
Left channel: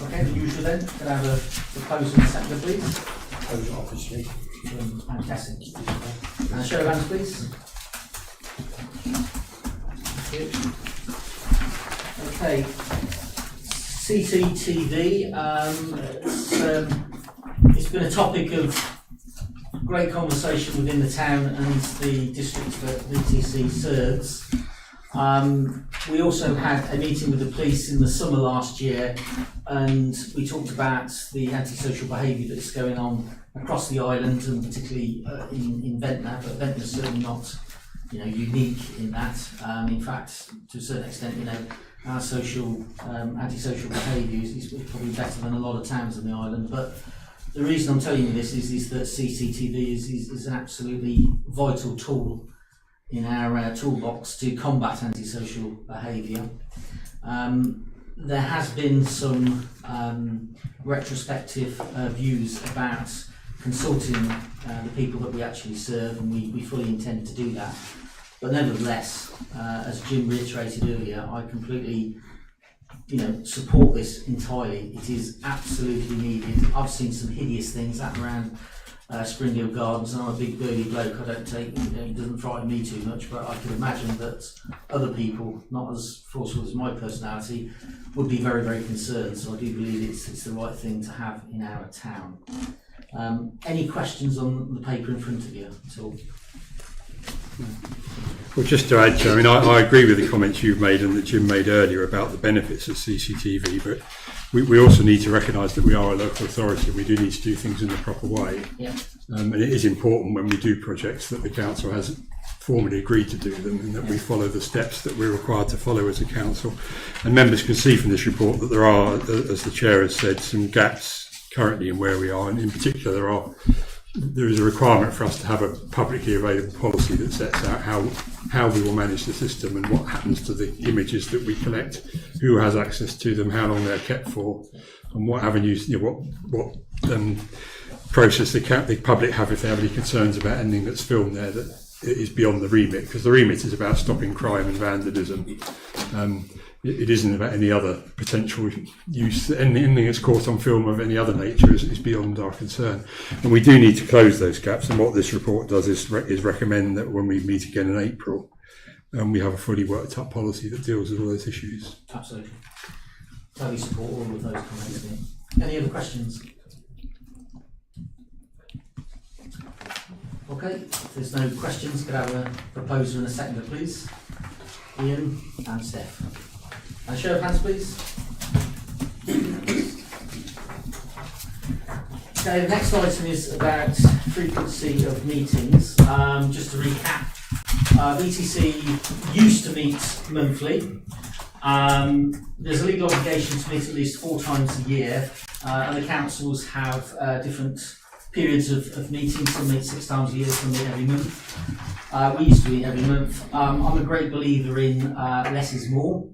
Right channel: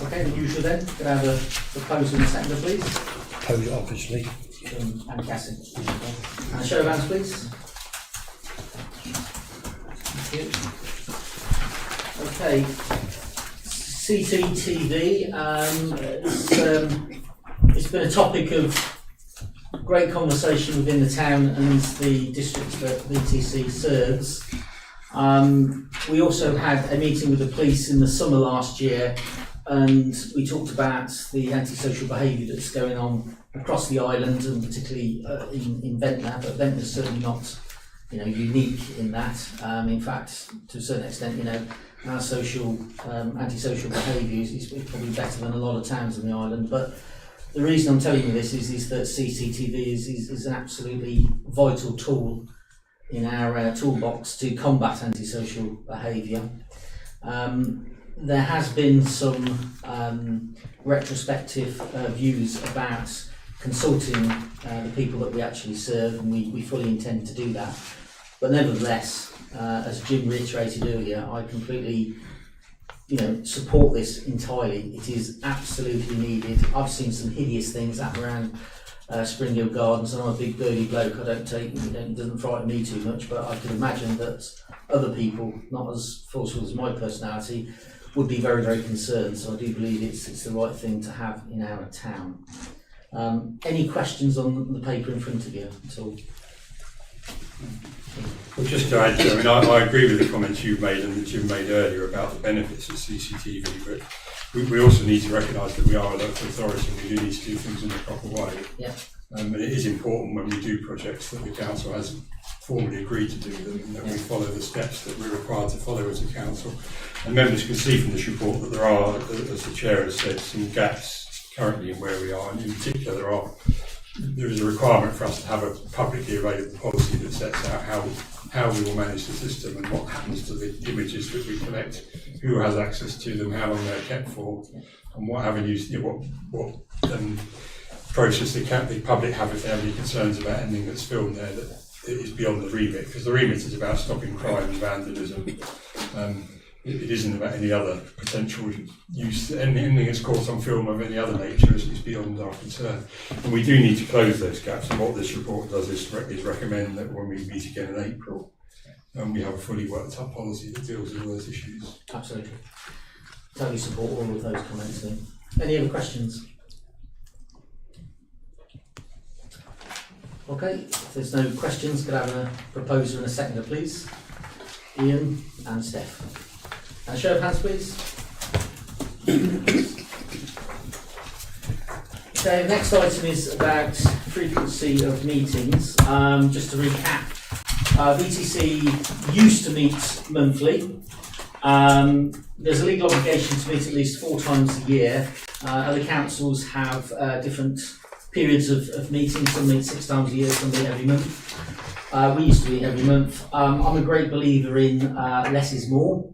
Okay, the usual then. Can I have a proposal and a seconder, please? Proposal, obviously. Fantastic. And a show of hands, please. Thank you. Okay. CCTV. It's been a topic of great conversation within the town and the districts that VTC serves. We also had a meeting with the police in the summer last year, and we talked about the antisocial behaviour that's going on across the island, and particularly in Ventnor. But Ventnor is certainly not, unique in that. In fact, to a certain extent, our antisocial behaviour is probably better than a lot of towns on the island. But the reason I'm telling you this is that CCTV is an absolutely vital tool in our toolbox to combat antisocial behaviour. There has been some retrospective views about consulting the people that we actually serve, and we fully intend to do that. But nevertheless, as Jim reiterated earlier, I completely support this entirely. It is absolutely needed. I've seen some hideous things happen around Springhill Gardens, and I'm a big birdy bloke. It doesn't frighten me too much, but I can imagine that other people, not as forceful as my personality, would be very, very concerned. So I do believe it's the right thing to have in our town. Any questions on the paper in front of you at all? Well, just to add to, I agree with the comments you've made and that Jim made earlier about the benefits of CCTV, but we also need to recognise that we are a local authority. We do need to do things in the proper way. Yeah. And it is important when we do projects that the council has formally agreed to do them, and that we follow the steps that we're required to follow as a council. And members can see from this report that there are, as the chair has said, some gaps currently in where we are, and in particular there is a requirement for us to have a publicly available policy that sets out how we will manage the system and what happens to the images that we collect, who has access to them, how long they're kept for, and what avenues, what process the public have if they have any concerns about anything that's filmed there that is beyond the remit, because the remit is about stopping crime and vandalism. It isn't about any other potential use. Anything that's caught on film of any other nature is beyond our concern. And we do need to close those gaps, and what this report does is recommend that when we meet again in April, we have a fully worked up policy that deals with all those issues. Absolutely. Totally support all of those comments. Any other questions? Okay, if there's no questions, could I have a proposer and a seconder, please? Ian and Steph. And show of hands, please. Okay, the next item is about frequency of meetings. Just to recap, VTC used to meet monthly. There's a legal obligation to meet at least 4 times a year. Other councils have different periods of meetings. Some meet 6 times a year, some meet every month. We used to meet every month. I'm a great believer in less is more.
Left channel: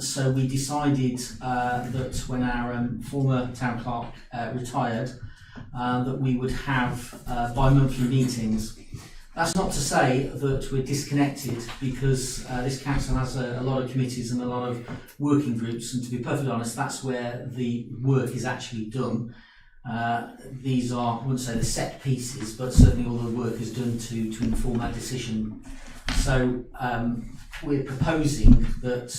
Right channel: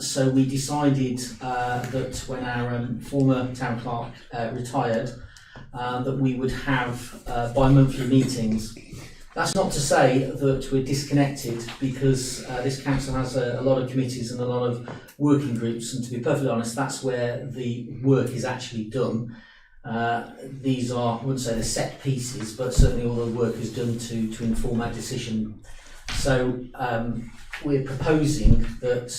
So we decided that when our former town clerk retired, that we would have bi-monthly meetings. That's not to say that we're disconnected, because this council has a lot of committees and a lot of working groups, and to be perfectly honest, that's where the work is actually done. These are, I wouldn't say the set pieces, but certainly all the work is done to inform our decision. So we're proposing that,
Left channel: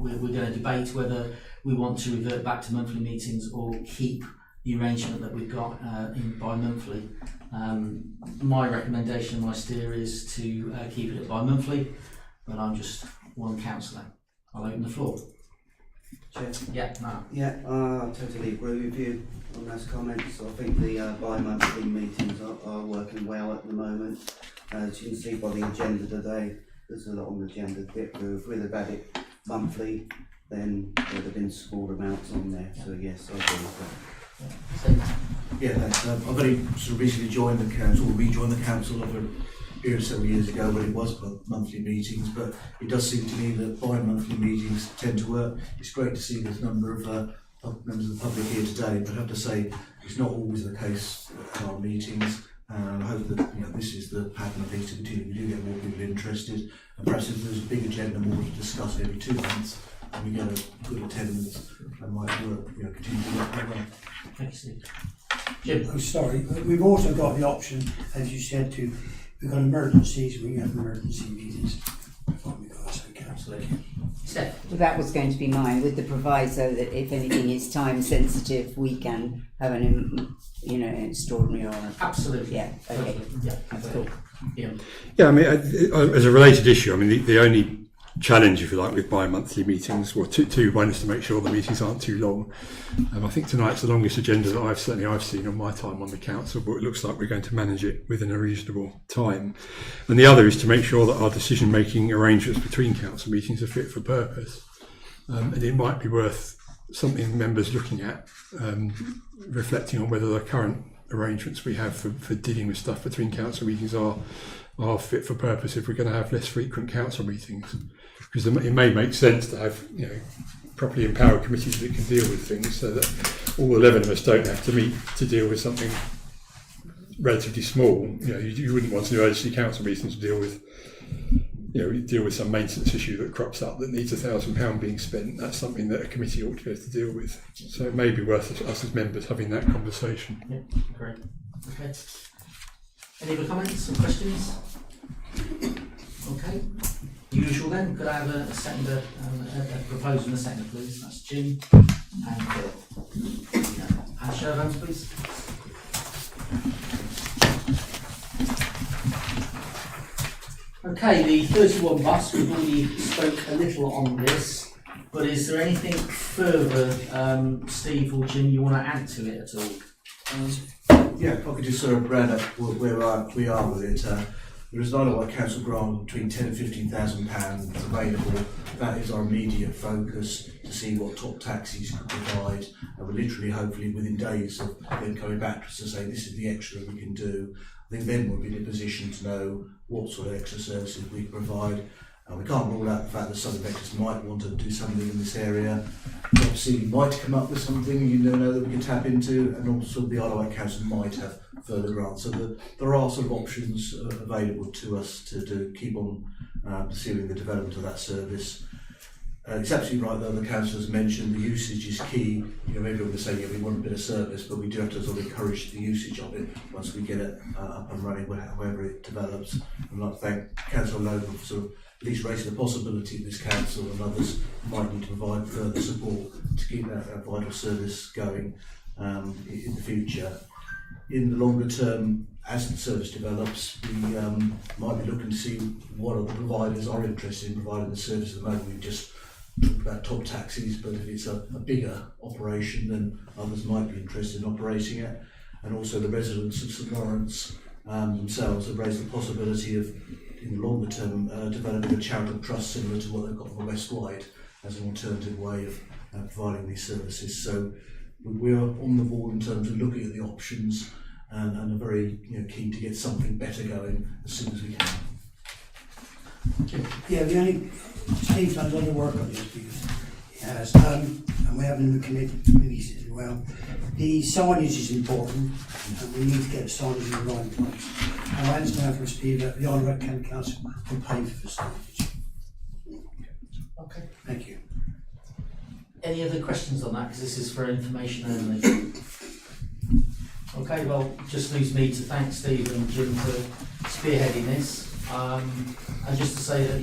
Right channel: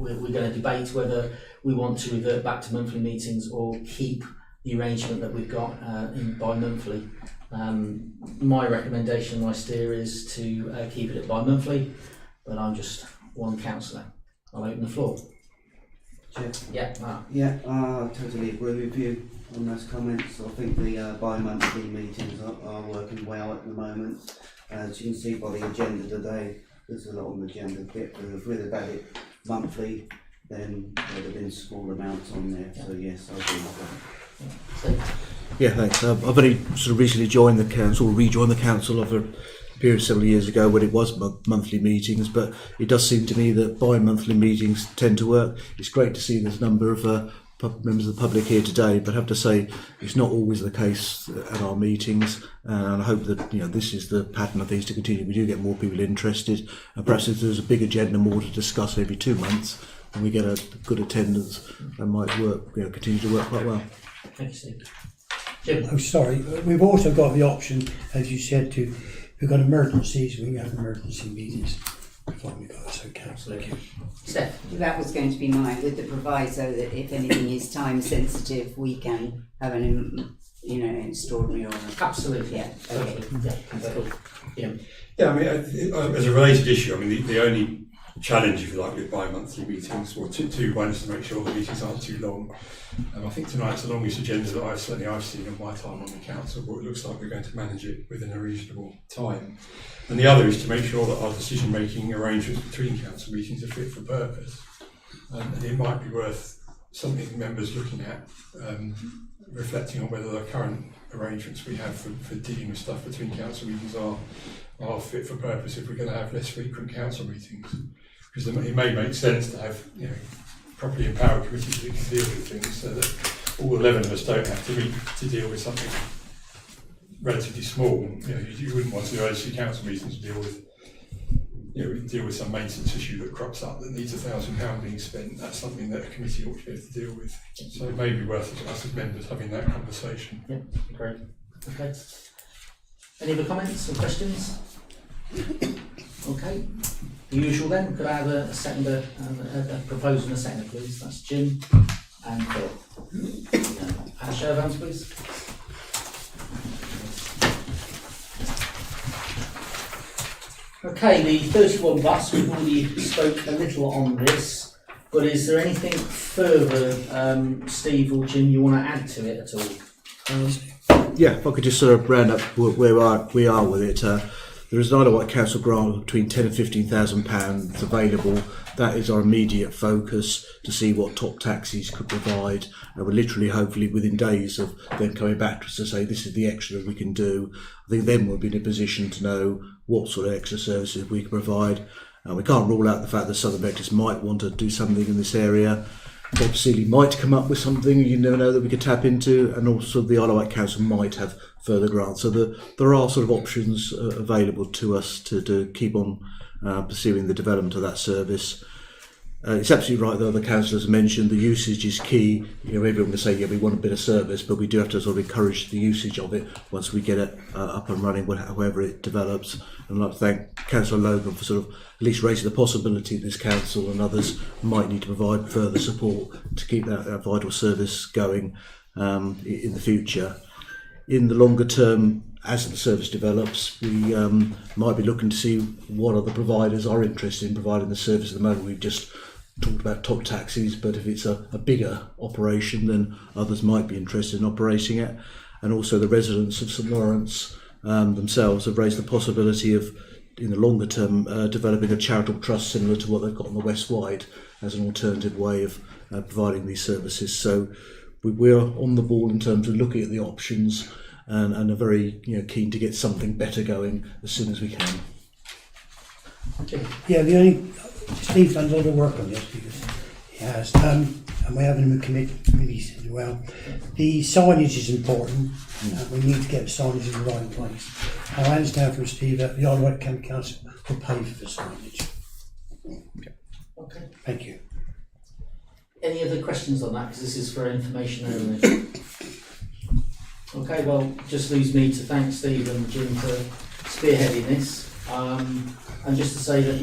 we're going to debate whether we want to revert back to monthly meetings or keep the arrangement that we've got in bi-monthly. My recommendation, my steer is to keep it at bi-monthly, but I'm just one councillor. I'll open the floor. Chair. Yeah, Mark. Yeah, I totally agree with you on those comments. I think the bi-monthly meetings are working well at the moment. As you can see by the agenda today, there's a lot on the agenda to get through. If we'd have had it monthly, then there'd have been small amounts on there. So yes, I agree with that. Yeah, thanks. I've only sort of recently joined the council, rejoined the council over a period several years ago when it was monthly meetings, but it does seem to me that bi-monthly meetings tend to work. It's great to see there's a number of members of the public here today, but I have to say it's not always the case at our meetings, and I hope that this is the pattern of things to continue. We do get more people interested, and perhaps if there's a big agenda, more to discuss every 2 months, and we get a good attendance, that might work, continue to work quite well. Thank you, Steve. Jim. I'm sorry, we've also got the option, as you said, we've got emergencies, we can have emergency meetings. Absolutely. Steph. That was going to be mine, with the proviso that if anything is time sensitive, we can have an extraordinary or Absolutely. Yeah. Okay. Yeah, that's cool. Yeah. Yeah, I mean, as a related issue, I mean, the only challenge, if you like, with bi-monthly meetings, well, one is to make sure the meetings aren't too long. I think tonight's the longest agenda that I've seen on my time on the council, but it looks like we're going to manage it within a reasonable time. And the other is to make sure that our decision-making arrangements between council meetings are fit for purpose. And it might be worth something members looking at, reflecting on whether the current arrangements we have for dealing with stuff between council meetings are fit for purpose if we're going to have less frequent council meetings. Because it may make sense to have properly empowered committees that can deal with things, so that all 11 of us don't have to meet to deal with something relatively small. You wouldn't want to do urgency council meetings to deal with some maintenance issue that crops up that needs £1,000 being spent. That's something that a committee ought to be able to deal with. So it may be worth us as members having that conversation. Yeah, great. Okay. Any other comments or questions? Okay. The usual then. Could I have a seconder, a proposal and a seconder, please? That's Jim and Phil. And show of hands, please. Okay, the 31 bus, we've already spoke a little on this, but is there anything further, Steve or Jim, you want to add to it at all? Yeah, if I could just sort of round up where we are with it. There is an Isle of Wight Council grant of between £10,000 and £15,000 available. That is our immediate focus, to see what top taxis could provide. And we're literally, hopefully, within days of them coming back to us to say this is the extra we can do. I think then we'll be in a position to know what sort of extra services we can provide. We can't rule out the fact that Southern Vectors might want to do something in this area. Bob Seeley might come up with something, you never know, that we could tap into, and also the Isle of Wight Council might have further grants. So there are sort of options available to us to keep on pursuing the development of that service. It's absolutely right, though, the councillors mentioned the usage is key. Everyone will say, yeah, we want a bit of service, but we do have to sort of encourage the usage of it once we get it up and running, however it develops. And I'd like to thank Councillor Logan for sort of at least raising the possibility this council and others might need to provide further support to keep that vital service going in the future. In the longer term, as the service develops, we might be looking to see what other providers are interested in providing the service. At the moment, we've just talked about top taxis, but if it's a bigger operation, then others might be interested in operating it. And also the residents of St Lawrence themselves have raised the possibility of, in the longer term, developing a charitable trust similar to what they've got on the West Wide as an alternative way of providing these services. So we're on the ball in terms of looking at the options and are very keen to get something better going as soon as we can. Yeah, Steve's done a lot of work on this because he has, and we're having the committees as well. The signage is important, we need to get the signage in the right place. And I understand from Steve that the Isle of Wight County Council will pay for the signage. Okay. Thank you. Any other questions on that? Because this is for information only. Okay, well, just leaves me to thank Steve and Jim for spearheading this. And just to say that,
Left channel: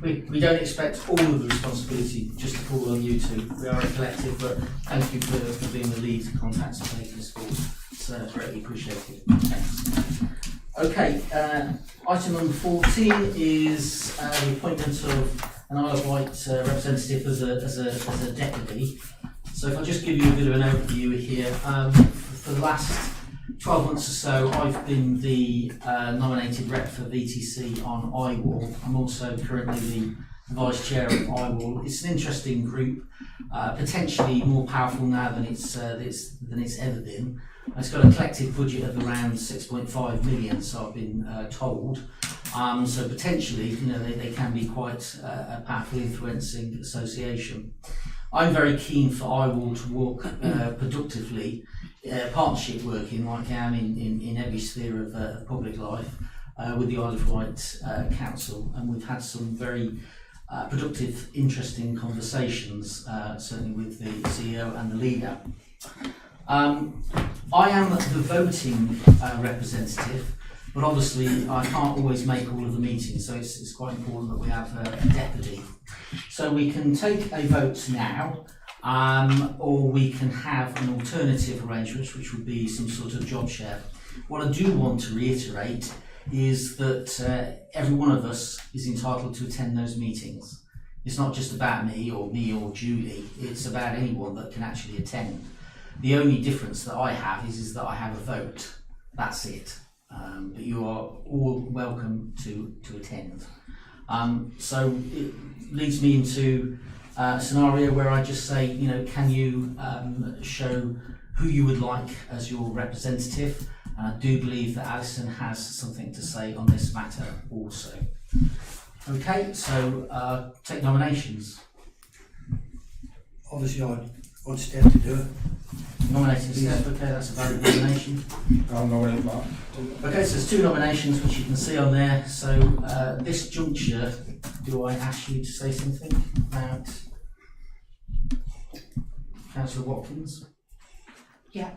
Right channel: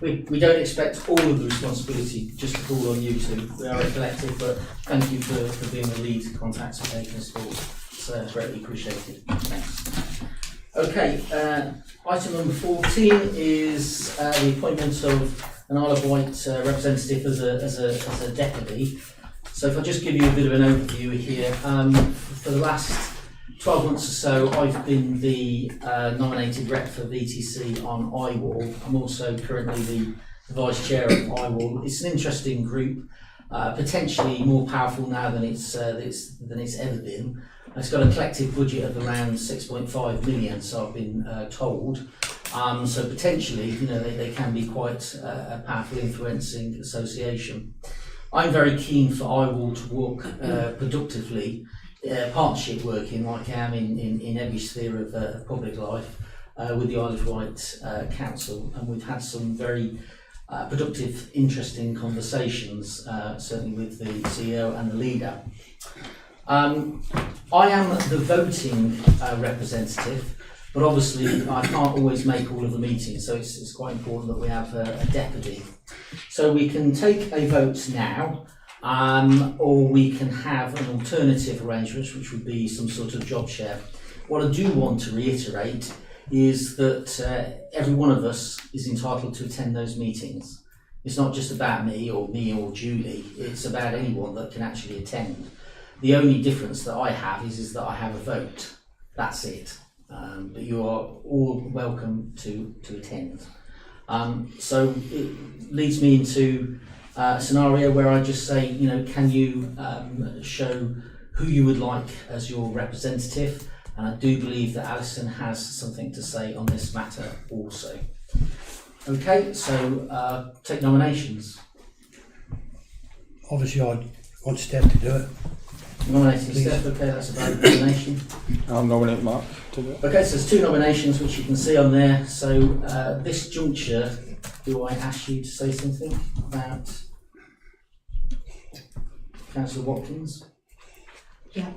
we don't expect all of the responsibility just to fall on you two. We are a collective, but thank you for being the lead contact and taking us forward. It's greatly appreciated. Thanks. Okay, item number 14 is the appointment of an Isle of Wight representative as a deputy. So if I just give you a bit of an overview here, for the last 12 months or so, I've been the nominated rep for VTC on IWAL. I'm also currently the vice chair of IWAL. It's an interesting group, potentially more powerful now than it's ever been. It's got a collective budget of around 6.5 million, so I've been told. So potentially, they can be quite a powerful influencing association. I'm very keen for IWAL to work productively, partnership working like I am in every sphere of public life with the Isle of Wight Council, and we've had some very productive, interesting conversations, certainly with the CEO and the leader. I am the voting representative, but obviously I can't always make all of the meetings, so it's quite important that we have a deputy. So we can take a vote now, or we can have an alternative arrangement, which would be some sort of job share. What I do want to reiterate is that every one of us is entitled to attend those meetings. It's not just about me or Julie, it's about anyone that can actually attend. The only difference that I have is that I have a vote. That's it. But you are all welcome to attend. So it leads me into a scenario where I just say, can you show who you would like as your representative? And I do believe that Alison has something to say on this matter also. Okay, so take nominations. Obviously, I want Steph to do it. Nominating Steph, okay, that's a valid nomination. I'll nominate Mark to do it. Okay, so there's 2 nominations which you can see on there. So this juncture, do I ask you to say something about Councillor Watkins? Yeah.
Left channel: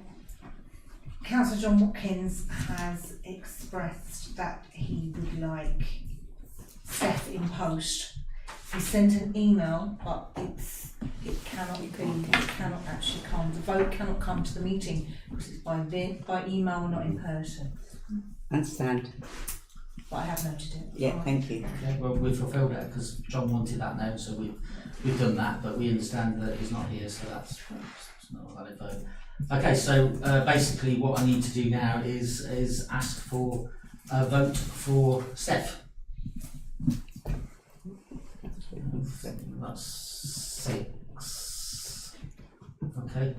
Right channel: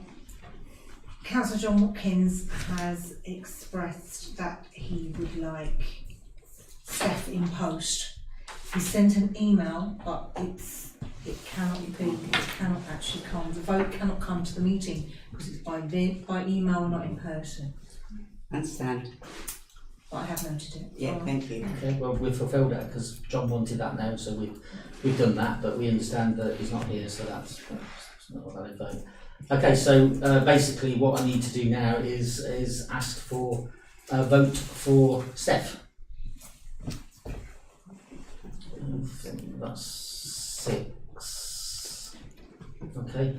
Councillor John Watkins has expressed that he would like Steph in post. He sent an email, but it cannot actually come. The vote cannot come to the meeting because it's by email, not in person. Understand. But I have noted it. Yeah, thank you. Okay, well we've fulfilled that because John wanted that now, so we've done that, but we understand that he's not here, so that's not a valid vote. Okay, so basically what I need to do now is ask for a vote for Steph. That's 6. Okay,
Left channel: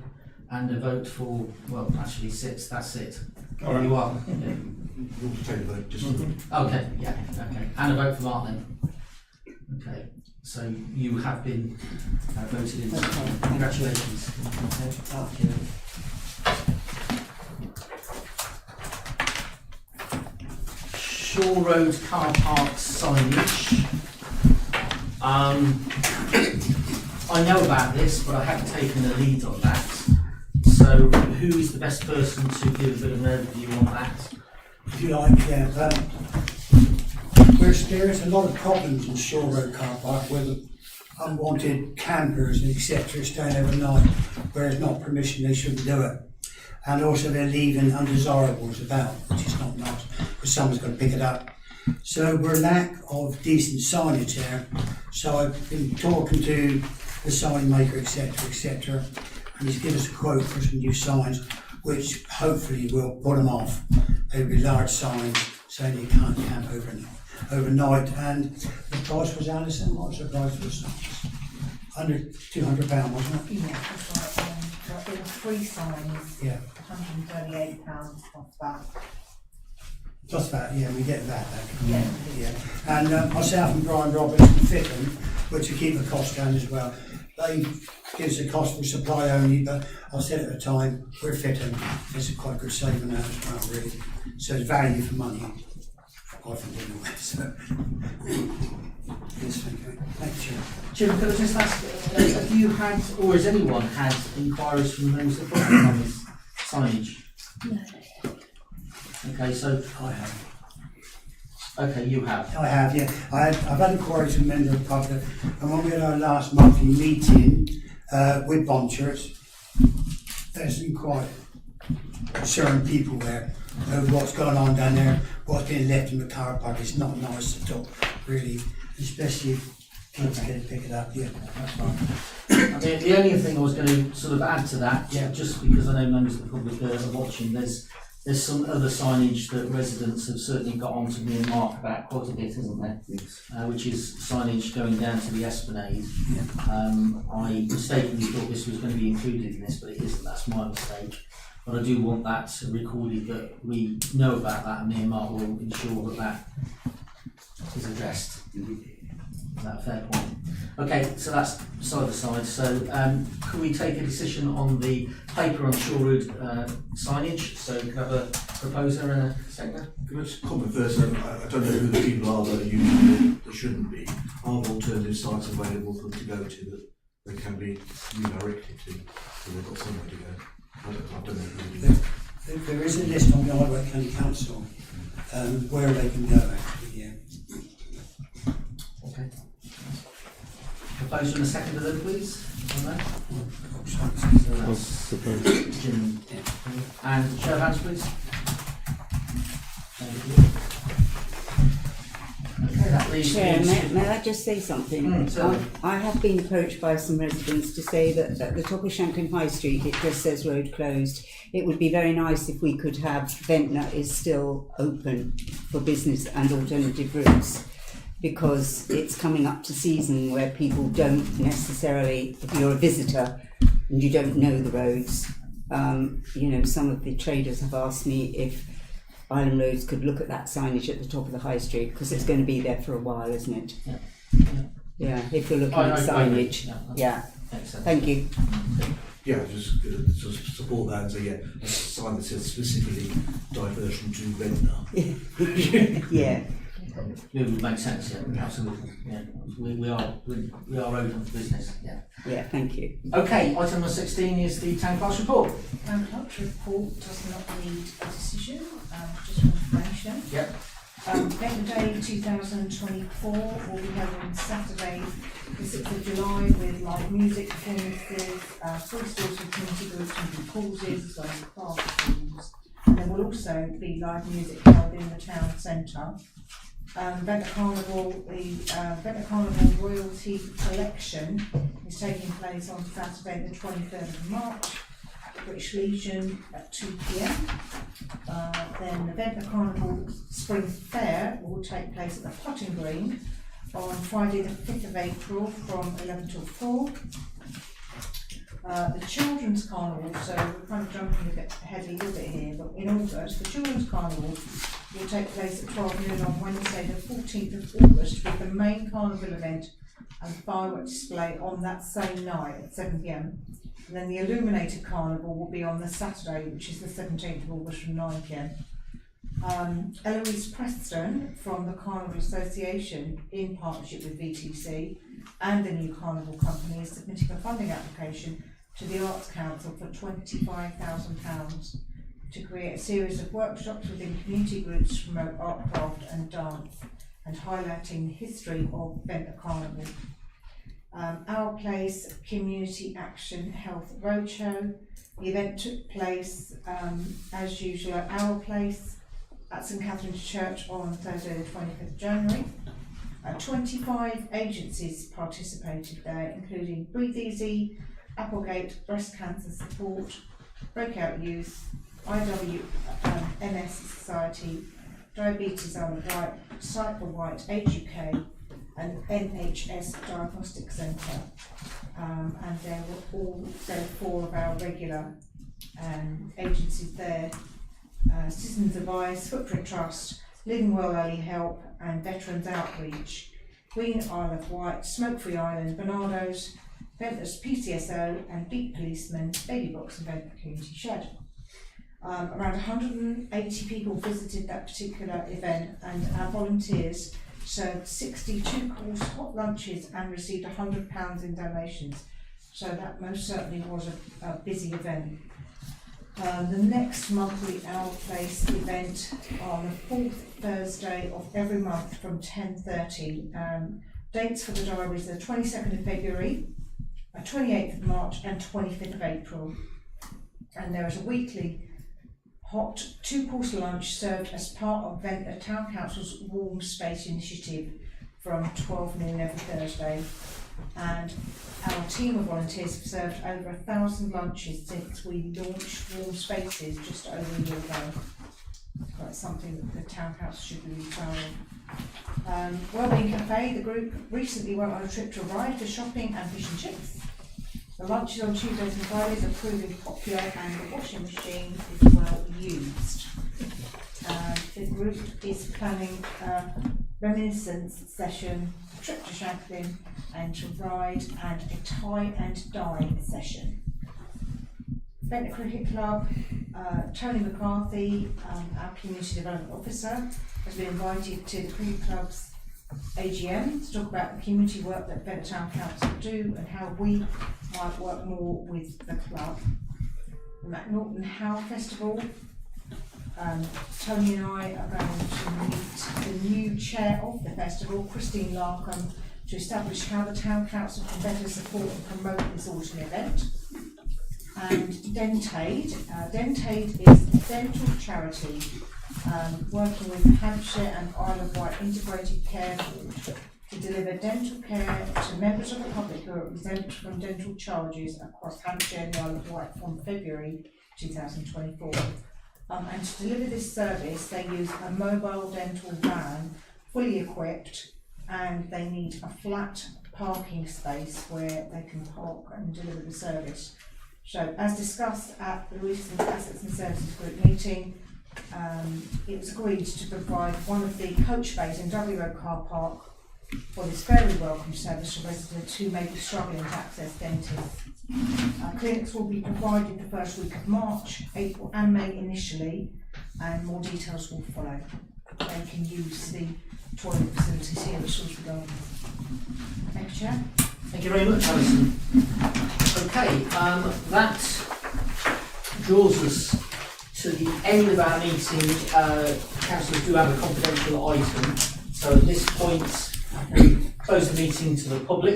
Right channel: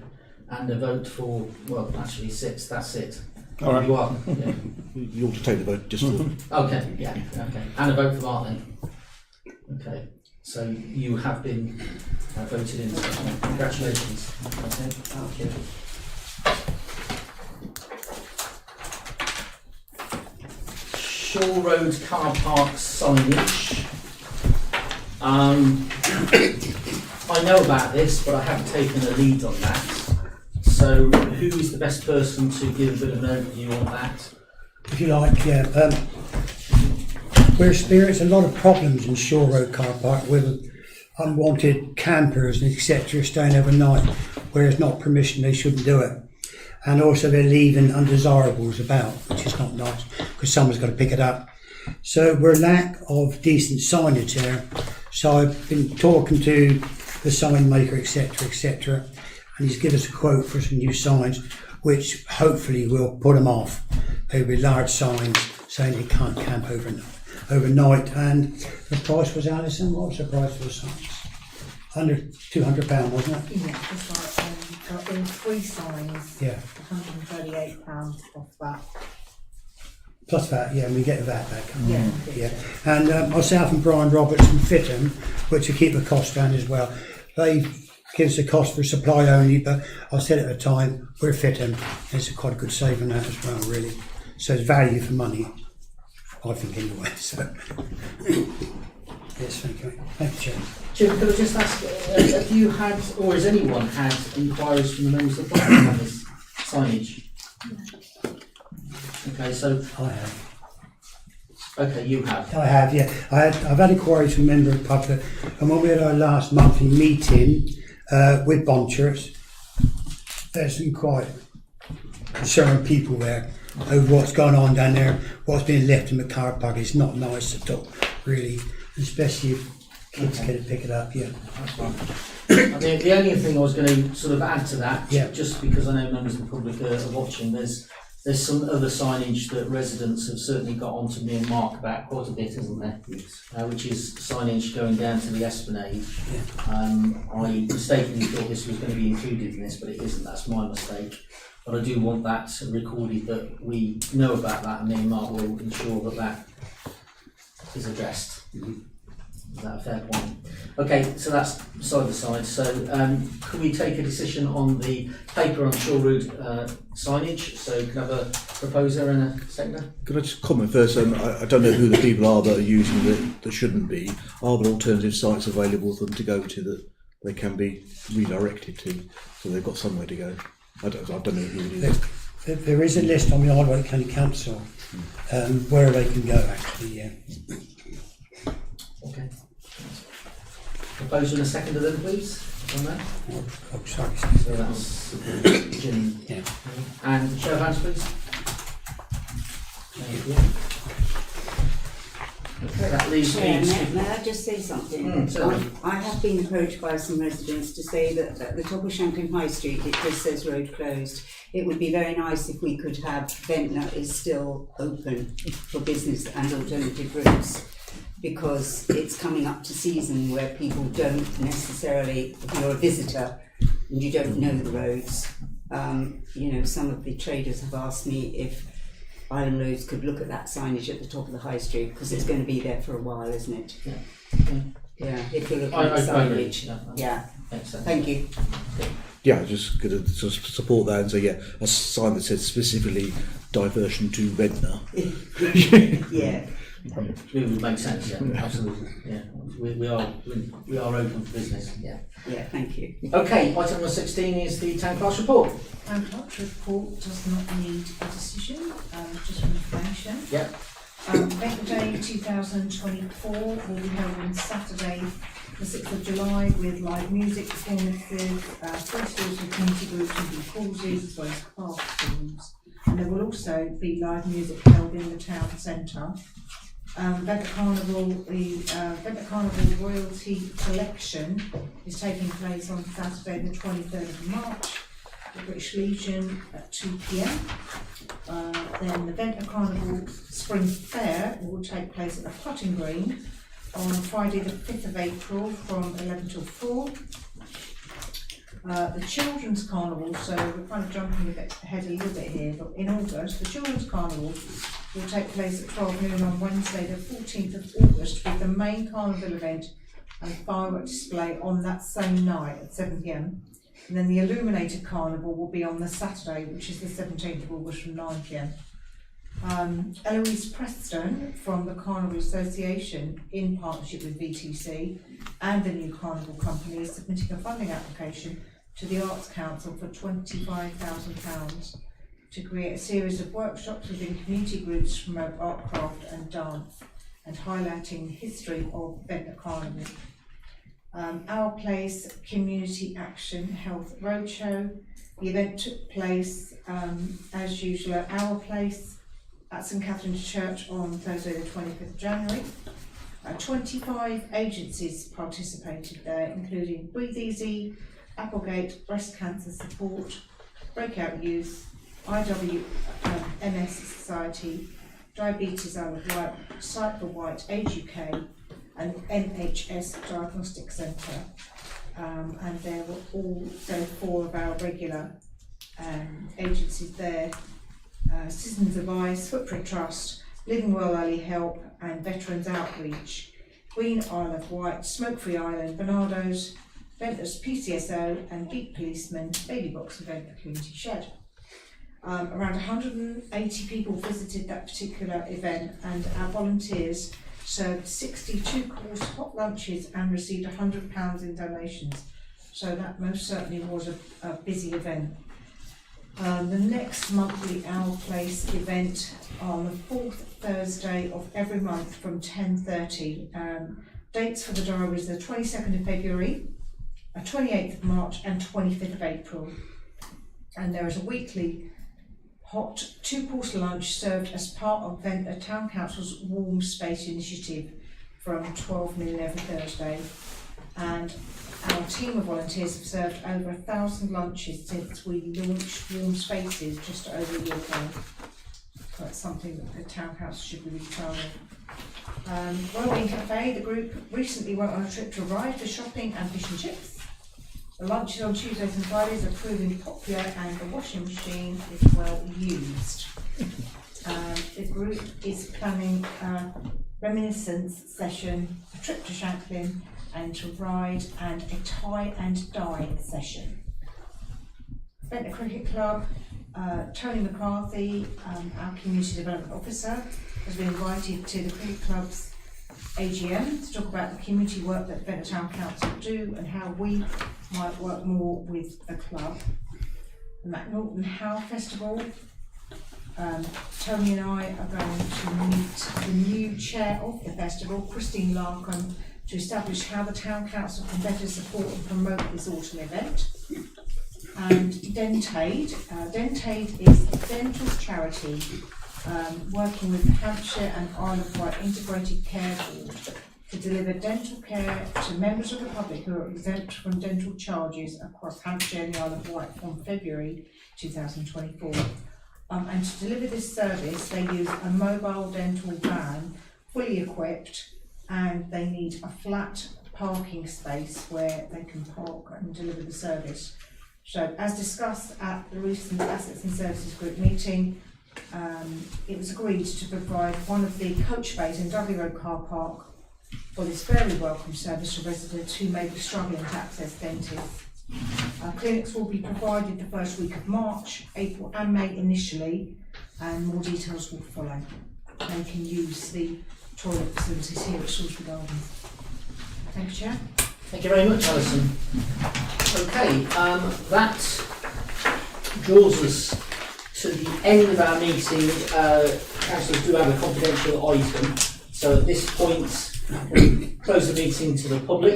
and a vote for, well, actually 6. That's it. All right. You are. Yeah. You ought to take the vote just for Okay. Yeah. Okay. And a vote for Martin. Okay. So you have been voted in. Congratulations. Okay. Thank you. Shore Road car park signage. I know about this, but I haven't taken a lead on that. So, who is the best person to give a bit of an overview on that? If you like, yeah. We're experiencing a lot of problems in Shore Road car park with unwanted campers and etc. staying overnight where it's not permission, they shouldn't do it. And also they're leaving undesirables about, which is not nice because someone's got to pick it up. So we're lack of decent signage there. So I've been talking to the sign maker, etc., and he's given us a quote for some new signs, which hopefully will put them off. They'll be large signs saying you can't camp overnight. And the price was, Alison, what's the price for the signs? Under £200, wasn't it? Yeah, it's like in 3 signs. Yeah. £138 off that. Plus that, yeah, we get that back. Yeah. Yeah. And myself and Brian Robertson fit them, which will keep the cost down as well. They give us a cost for supply only, but I said at the time, we're fitting. It's quite a good saving that as well, really. So it's value for money, I think, anyway. So, yes, thank you. Thank you, Chair. Jim, could I just ask, have you had, or has anyone had inquiries from the members of the public on this signage? No. Okay, so I have. Okay, you have. I have, yeah. I've had inquiries from members of the public, and when we had our last monthly meeting with Bonchers, there's some quite concerned people there over what's going on down there, what's being left in the car park. It's not nice at all, really, especially if kids can pick it up, yeah. That's fine. The only thing I was going to sort of add to that, just because I know members of the public are watching, there's some other signage that residents have certainly got on to me and Mark about quite a bit, isn't there? Yes. Which is signage going down to the Esplanade. I mistakenly thought this was going to be included in this, but it isn't. That's my mistake. But I do want that recorded that we know about that, and me and Mark will ensure that that is addressed. Is that a fair point? Okay, so that's side by side. So can we take a decision on the paper on Shore Road signage? So can I have a proposer and a seconder? Can I just comment first? I don't know who the people are that are using it that shouldn't be. Are there alternative sites available for them to go to that they can be redirected to, so they've got somewhere to go? I don't know who it is. There is a list on the Highway County Council where they can go, actually, yeah. Okay. Proposer and a seconder then, please, on that. So that's Jim. And the show of hands, please. Thank you. Okay, that leaves Chair, me. may I just say something? I have been approached by some residents to say that at the top of Shanklin High Street it just says road closed. It would be very nice if we could have Ventnor is still open for business and alternative routes, because it's coming up to season where people don't necessarily, if you're a visitor and you don't know the roads, you know, some of the traders have asked me if Island Roads could look at that signage at the top of the high street, because it's going to be there for a while, isn't it? Yeah, if you're looking at signage. Thank you. Yeah, just going to sort of support that and say, yeah, a sign that says specifically diversion to Ventnor. Yeah. It would make sense, yeah, absolutely. Yeah, we are open for business. Yeah. Yeah, thank you. Okay, item number 16 is the town clerk's report. Town clerk's report does not need a decision, just for information. Yep. Ventnor Day 2024 will be held on Saturday, the 6th of July, with live music performances, free stalls for community groups and good causes, as well as craft schemes. And there will also be live music held in the town centre. Ventnor Carnival, the Ventnor Carnival Royalty Collection is taking place on Saturday the 23rd of March, the British Legion at 2 p.m. Then the Ventnor Carnival Spring Fair will take place at the Putting Green on Friday the 5th of April from 11 till 4. The Children's Carnival, so we're kind of jumping a bit ahead a little bit here, but in August, the Children's Carnival will take place at 12 noon on Wednesday the 14th of August, with the main carnival event and fireworks display on that same night at 7 p.m. And then the Illuminated Carnival will be on the Saturday, which is the 17th of August from 9 p.m. Eloise Preston from the Carnival Association, in partnership with VTC and the new Carnival Company, is submitting a funding application to the Arts Council for £25,000 to create a series of workshops within community groups to promote art, craft and dance, and highlighting the history of Ventnor Carnival. Our Place Community Action Health Roadshow. The event took place as usual at Our Place at St Catherine's Church on Thursday the 25th of January. 25 agencies participated there, including Breathe Easy, Applegate, Breast Cancer Support, Breakout Youth, IWMS Society, Diabetes Isle of Wight, Sight for White, Age UK, and NHS Diagnostic Centre. And there were 4 of our regular agencies there: Citizens Advice, Footprint Trust, Living Well Early Help, and Veterans Outreach, Queen Isle of Wight, Smoke Free Island, Bernardo's, Ventnor's PCSO, and Beat Policeman, Baby Box and Ventnor Community Shed. Around 180 people visited that particular event, and our volunteers served 62 course hot lunches and received £100 in donations. So that most certainly was a busy event. The next monthly Our Place event on the 4th Thursday of every month from 10:30. Dates for the diaries are the 22nd of February, 28th of March and 25th of April. And there is a weekly hot 2-course lunch served as part of Ventnor Town Council's Warm Space Initiative from 12 noon every Thursday. And our team of volunteers have served over 1,000 lunches since we launched Warm Spaces just over a year ago. That's something that the Town Council should be really proud of. Wellbeing Cafe, the group recently went on a trip to Ryde for shopping and fish and chips. The lunches on Tuesdays and Fridays are proving popular and the washing machine is well used. The group is planning a reminiscence session, a trip to Shanklin and to Ryde, and a tie and dye session. Ventnor Cricket Club, Tony McCarthy, our Community Development Officer, has been invited to the Cricket Club's AGM to talk about the community work that Ventnor Town Council do and how we might work more with the club. The McNaughton Howe Festival, Tony and I are going to meet the new chair of the festival, Christine Larkham, to establish how the Town Council can better support and promote this autumn event. And Dentaid. Dentaid is a dental charity working with Hampshire and Isle of Wight Integrated Care Board to deliver dental care to members of the public who are exempt from dental charges across Hampshire and the Isle of Wight from February 2024. And to deliver this service, they use a mobile dental van, fully equipped, and they need a flat parking space where they can park and deliver the service. So, as discussed at the recent Assets and Services Group meeting, it was agreed to provide one of the coach bays in Dudley Road car park for this very welcome service to residents who may be struggling to access dentists. Clinics will be provided the first week of March, April and May initially, and more details will follow. They can use the toilet facilities here at Salisbury Gardens. Thank you, Chair. Thank you very much, Alison. Okay, that draws us to the end of our meeting. Councillors do have a confidential item, so at this point, we close the meeting to the public.